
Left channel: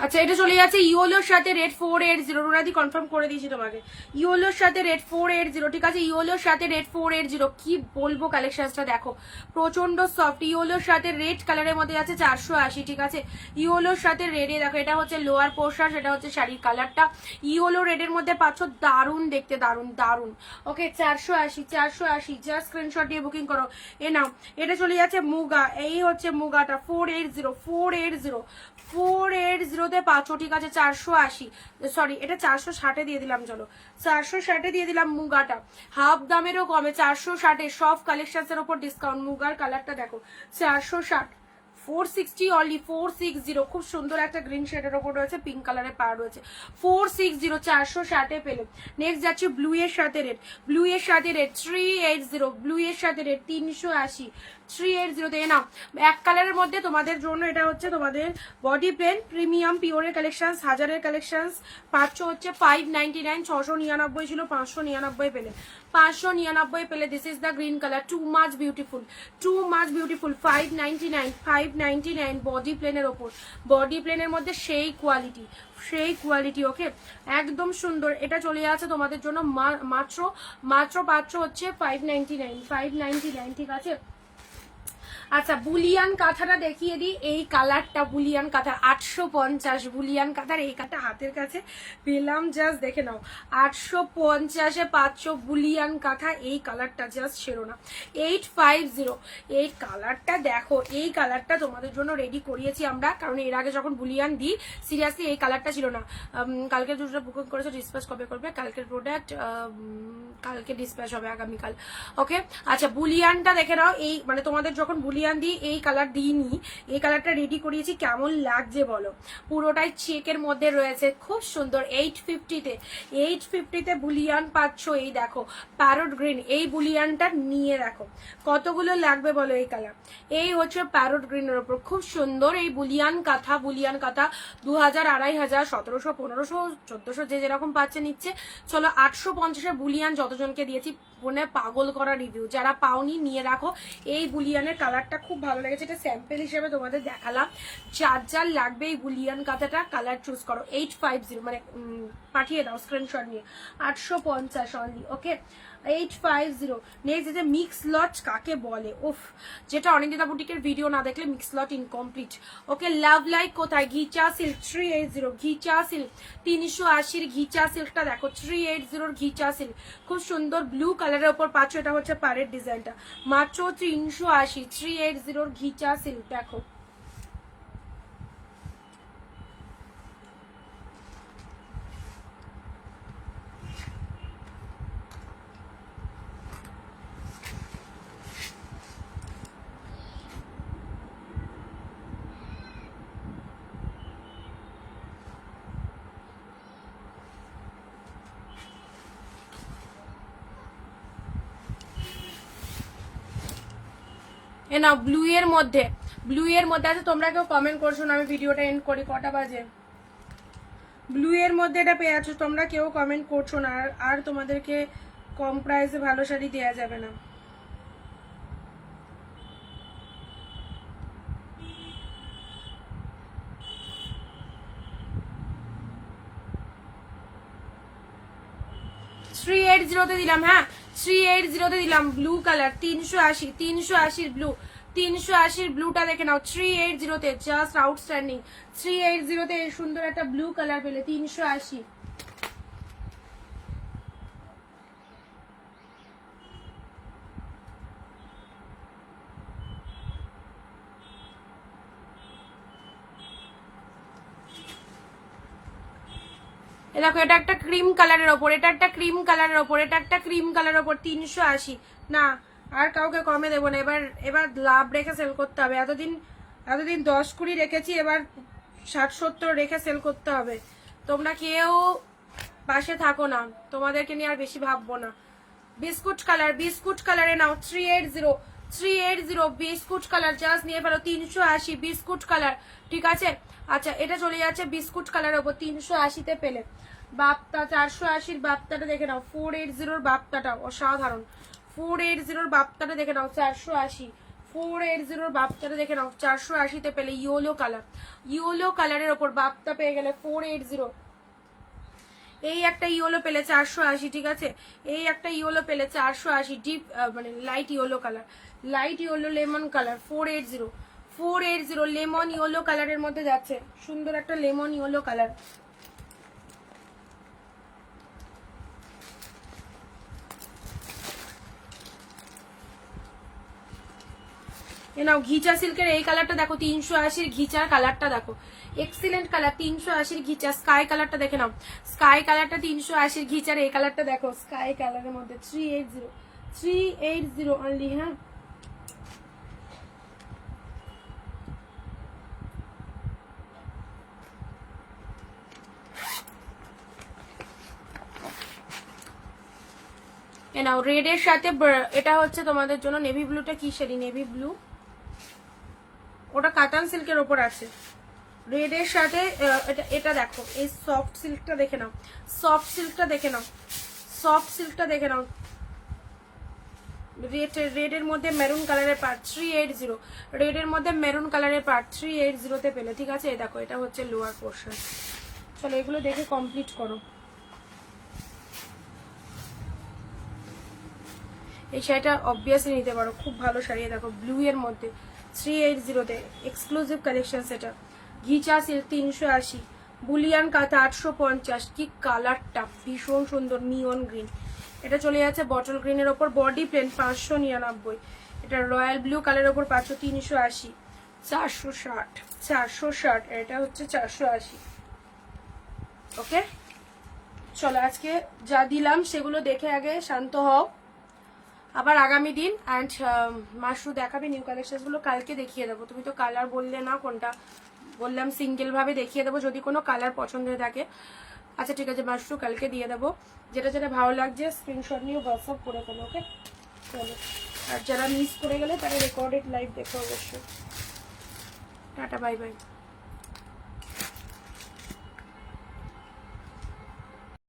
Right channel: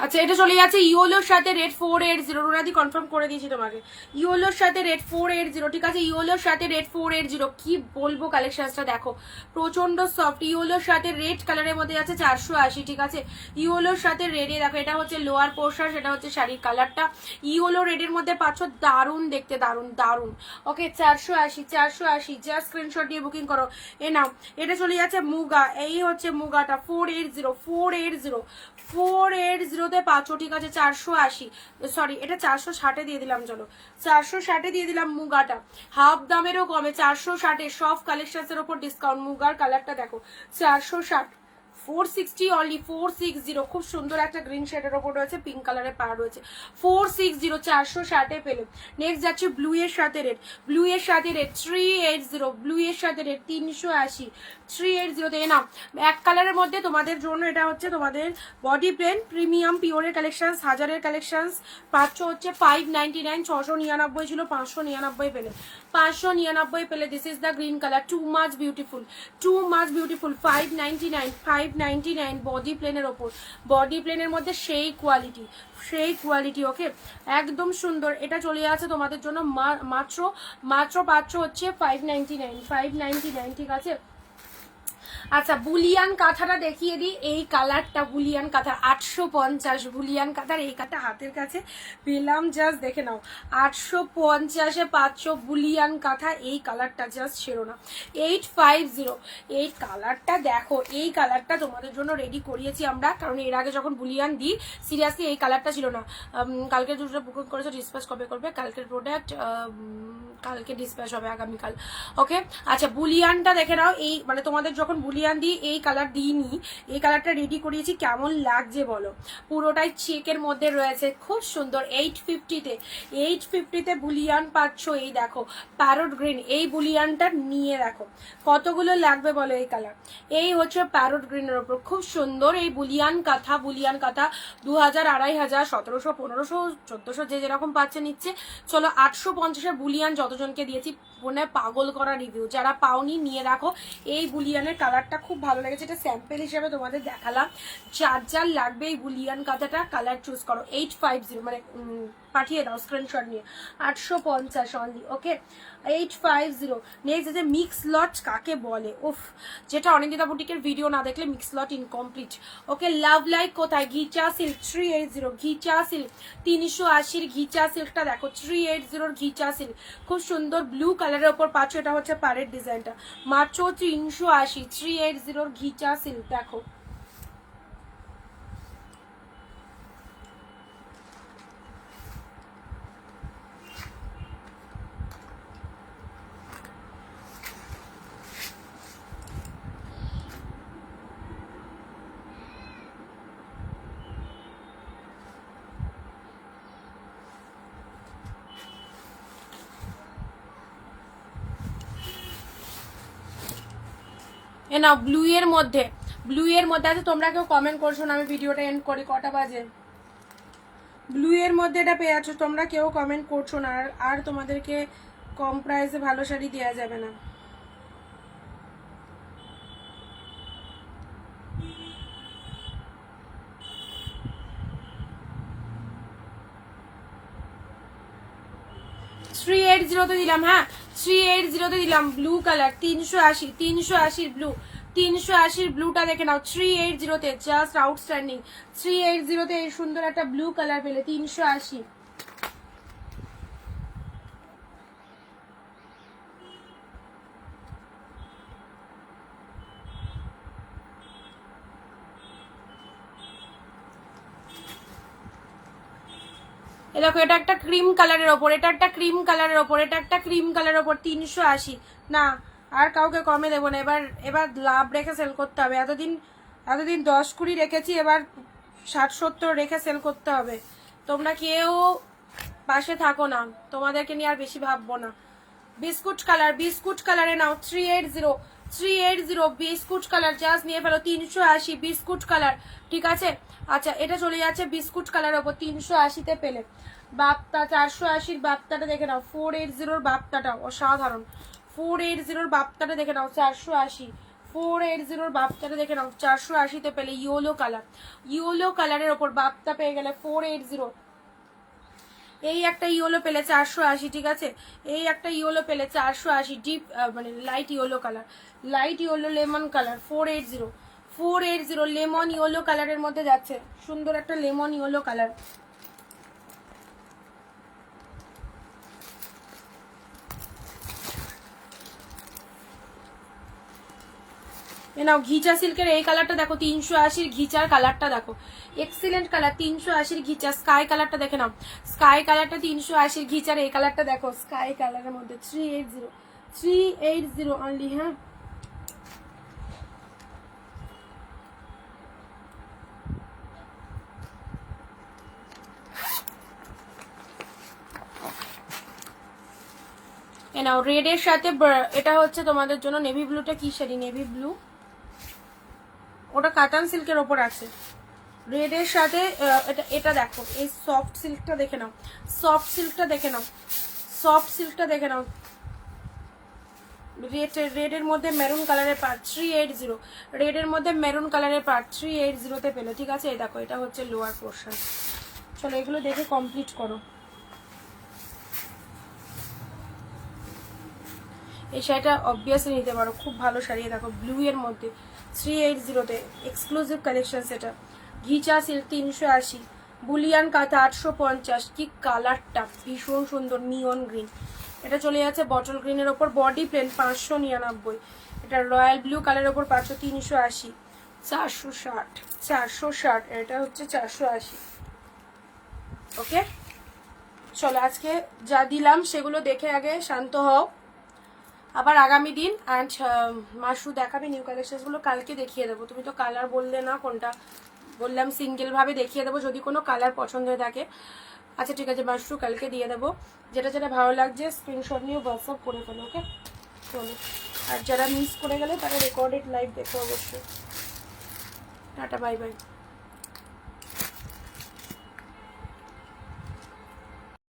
আচ্ছা, এটা চলে যাচ্ছে ইয়োলোর সাথে রেট 480। রুনাদি কনফার্ম করে দিয়েছি তোমাকে, ইয়োলোর সাথে রেট 480, ঠিক আছে, ইয়োলোর সাথে রেট 480। কি বলবো, কালেকশনসটা দেখো, প্রচন্ড সফট। ইয়োলোর সাথে রেড কালারের মধ্যে আছে 480, ঠিক আছে। ইয়োলোর সাথে রেডে দেখো, এটা হচ্ছে লোয়ার পোর্শন, সেটা হচ্ছে শাড়ির কালারটা। ইয়োলো রেডের মধ্যে পাচ্ছ, দারুণ দেখতে, দারুণ দারুণ। ওকে, 480, 480, জাস্ট স্ক্রিনশট দিয়ে বুকিং করো। এ নাও, এটা চলে যাচ্ছে মুগা, এই হচ্ছে মুগাটা 480, 480, 480-তে পাচ্ছ, ঠিক আছে। 480, সরি এটা 460-এ দিয়ে দিলাম, চলো 460-এ দিয়ে দিলাম মুগাটা, হাফ দামেরও কমে 460-এ সব কালেকশনস এর উপর ডিসকাউন্ট। মুগার কালারটা দেখো, 460, 460 অনলি, 460। খুব সুন্দর একটা গ্রিন শেডের ওপর রয়েছে, পিঙ্ক কালারের পাড় রয়েছে, 460, 460-এ পেলো। নেক্সট যাচ্ছি ব্লু এর সাথে রেট, ব্লু এর সাথে রেট 380, ব্লু এর সাথে রেট 380, 380-তে। না, এক কালারের মধ্যে তোমাদের জন্য এটা হচ্ছে তোমাদের বডি প্লেন প্রিমিয়াম পিওরের কালেকশন, হাজারের কালেকশন পাচ্ছ হচ্ছে 599, 699 ছিল, 599 পেলে, 599 পেলে। This is the green colour, too much beautiful, too much beautiful. 599, 599 body প্লেনের ওপর, বডি প্লেনের মধ্যে সেই কোয়ালিটি, সেই কোয়ালিটি। ওকে, একদম সুন্দর। এটা চলে যাচ্ছে তোমাদের জন্য মাত্র মাত্র পাচ্ছ হচ্ছে 599, 599, ঠিক আছে। আচ্ছা বুলিয়ান কাঁথাটা দেখিয়ে দিই, এই কালারটা বুলিয়ান কাঁথা 850, বুলিয়ান কাঁথার এই কাঁথা হাতের কাছে পেলাম, জাস্ট দেখে নাও 850-এ 500 বুলিয়ান কাঁথা, এই কালারটা জাস্ট ছেড়ো না। 850, এই কালারটা দেখো, এই কালারটা তোমাদের জন্য রেডি করিয়েছি আমরা, কারণ এর আগে যখন বুলিয়ান দিই সিরিয়াসলি এই কালারটা ছিল না। কালকে দুটো বুকিং করেছো, ডিসপ্যাচ কবে করবে? কালকের প্রোডাক্ট কালকে ডিসপ্যাচ হবে, আগামীকাল। ওকে আচ্ছা বুলিয়ানটা দেখে নাও, এই মানে তোমাদের যখন বুলিয়ান দিই এই কালার দিইনি, এই কালারটা রেডি করিয়েছি, কেমন লাগছে বলো? পুরোটাই চেকের মধ্যে রয়েছে, খুব সুন্দর। 850-তে বুলিয়ান পাচ্ছ। এই দেখো প্যারট গ্রিন, এই বুলিয়ানটা নিয়ে দেখো কতগুলো লাগবে বলো এই কালার। এই হচ্ছে প্যারট গ্রিনের ওপর খুব সুন্দর এই বুলিয়ান কাঁথা। বুলিয়ান কাঁথা 2000, 2500, 1700, 1500, 1400 যে যেরকম পাচ্ছে নিচ্ছে। চলো 850-এ বুলিয়ান যতজনকে দিয়েছি মনে পাগল করা রিভিউ, যারা পাওনি নিয়ে রাখো। এই বুলিয়ানের কালারটা খুব ভালো লেগেছে, এটা স্যাম্পল হিসেবে তোমাদের দেখালাম। যার যার লাগবে এই বুলিয়ান কাঁথাটা কালার চুজ করো। 850 মানে পাঠিয়ে দাও স্ক্রিনশট নিয়ে। 850 অনলি। ওকে 850। নেক্সট যে মিক্স লট কাকে বলে, উফ, যেটা অনিন্দিতা বুটিকের ভিডিও না দেখলে মিক্স লট ইনকমপ্লিট। ওকে লাভ লাইক কোথায়? ঘিচা সিল্ক 380, ঘিচা সিল্ক 380-র ঘিচা সিল্কটা দেখো, 380-র ঘিচা সিল্ক খুব সুন্দর ব্লু কালারের ওপর পাচ্ছ। এটা হচ্ছে পাড়ের ডিজাইনটা, মাত্র 380, 380-র ঘিচা সিল্ক দেখো। এ না ব্লু এর মধ্যে, ব্লু এর মধ্যে আছে। তোমরা কেউ কমেন্ট করছো না, আমি ভিডিওটা এন্ড করি, কটা বাজে? ব্লু এর মধ্যে এটা পেয়ে আছো, তোমরা কেউ কমেন্ট করছো না। আর তোমাদেরকে কম প্রাইসে ভালো শাড়ি দেওয়া যাবে না। থ্রি 380-তে দিলাম, হ্যাঁ 380-তে দিলাম ব্লু কালার 380, 380 ব্লু, 380-র ব্লুটা দেখে নাও 380-তে, জাস্ট আউটস্ট্যান্ডিং। 380-তে এই সুন্দর একটা ব্লু কালার পেলে 380। দেখো এটা একটা ক্রিম কালারের ওপর, এটা একটা ক্রিম কালারের ওপর, এটা একটা ক্রিম কালারের ওপর 380। না আর কাউকে কমে দেবো না, এবার এবার লাভ রেখে সেল করতে হবে। এতদিন 10-20 রেখেছি, এবার 60-70 রেখে সেল করতে হবে। তোমরা কেউ পাশে থাকো না, তোমাদেরকে নিয়ে আর বেশি ভাববো না। বিস্কুট কালার, বিস্কুট কালারে নাও 380, 380 বিস্কুট কালার জাস্ট নিয়ে ফেলো 380 বিস্কুট কালার, ঠিক আছে। আচ্ছা এটা চলে যাচ্ছে বিস্কুট কালার ওপর 380-তে পেলে। বাপ্তা 480-র বাপ্তাটা দেখে নাও, 480-র বাপ্তাটা অসাধারণ। 480-র বাপ্তাটা দেখে নাও 480, 480-র বাপ্তাটা দেখে নাও 480-তে পেলে। ইয়েলো কালার, ইয়েলো কালারের ওপর বাপ্তা পেয়ে গেলে 480। এই একটা ইয়েলো পেলে 480, ঠিক আছে। এই একটা ইয়েলো পেলে 480, ডিপ মানে light yellow colour, light yellow lemon colour 480, 480 lemon yellow কালারের মধ্যে যাচ্ছে, সুন্দর একটা লেমন ইয়েলো কালার। এ নাও ঘিচা সিল্কের এই কালারটা দেখো, 380-র ঘিচার কালারটা দেখো, এক্সিলেন্ট কালার। 380-র ঘিচা স্কাই কালারটা দেখে নাও, স্কাই কালারটা 380-র ঘিচার এই কালারটা দেখো, স্কাই কালারের মধ্যে 380, 380 অনলি। হ্যাঁ এ নাও রেড এর সাথে, এটা হচ্ছে তোমাদের জন্য নেভি ব্লুটা কি শাড়ি, নেভি ব্লু, ওটা কাতান সিল্কের ওপর আছে। রেড এর সাথে এটা, এটা দেখো এই সফট সিল্কটা দেখে নাও, সফট সিল্কটা দেখে নাও, সফট সিল্কটা দেখে নাও। রেড এর মধ্যে মেরুন কালারের পার্ট 380, রেড এর মধ্যে মেরুন কালারের পার্ট 380-তে পেলে, ঠিক আছে। এই দেখো এটা হচ্ছে লোয়ার পোর্শন। চলো এগুলো দেখে কমপ্লিট করো। এই শাড়িটা অবভিয়াসলি নিতে পারো, খুব ভালো শাড়ি। দেখো ব্লু এর মধ্যে 380-তে এক্সক্লুসিভ কালেকশন। এটা ঘিচা সিল্ক 380, বুলিয়ান কাঁথা 850। কি কালারটা ভীষণ সুন্দর, নিয়ন গ্রিন। এটা চলে যাচ্ছে বটল গ্রিনের ওপর, বডি প্লেন 599। এটা রয়্যাল ব্লু কালারের ওপর 380, 460। এটা হচ্ছে 480। ওকে, চলো আজকে যা দিলাম সেগুলো দেখে আগে শান্ত হও, আবার আগামী দিন। অ্যান্ড মাশরু দেখাবে নিউ কালেকশনগুলো, কালকে দেখিয়ে দেবো। তুমি তো কালার বললে না কোনটা, বললাম সিঙ্গেল ভাবে দেখিয়ে দেবো যদি কোনো কালার পছন্দ থাকে। আচ্ছা ঠিক আছে মাশরু, কালকে দিয়ে দেবো। যেটা যেটা ভালো লাগছে স্ক্রিনশট নিয়ে হোয়াটসঅ্যাপ করে ফেলো। ওকে চলো, আর যারা মিস করে গেলে তারা রেকর্ডেড লাইভ দেখো অবশ্যই। Tata, bye bye.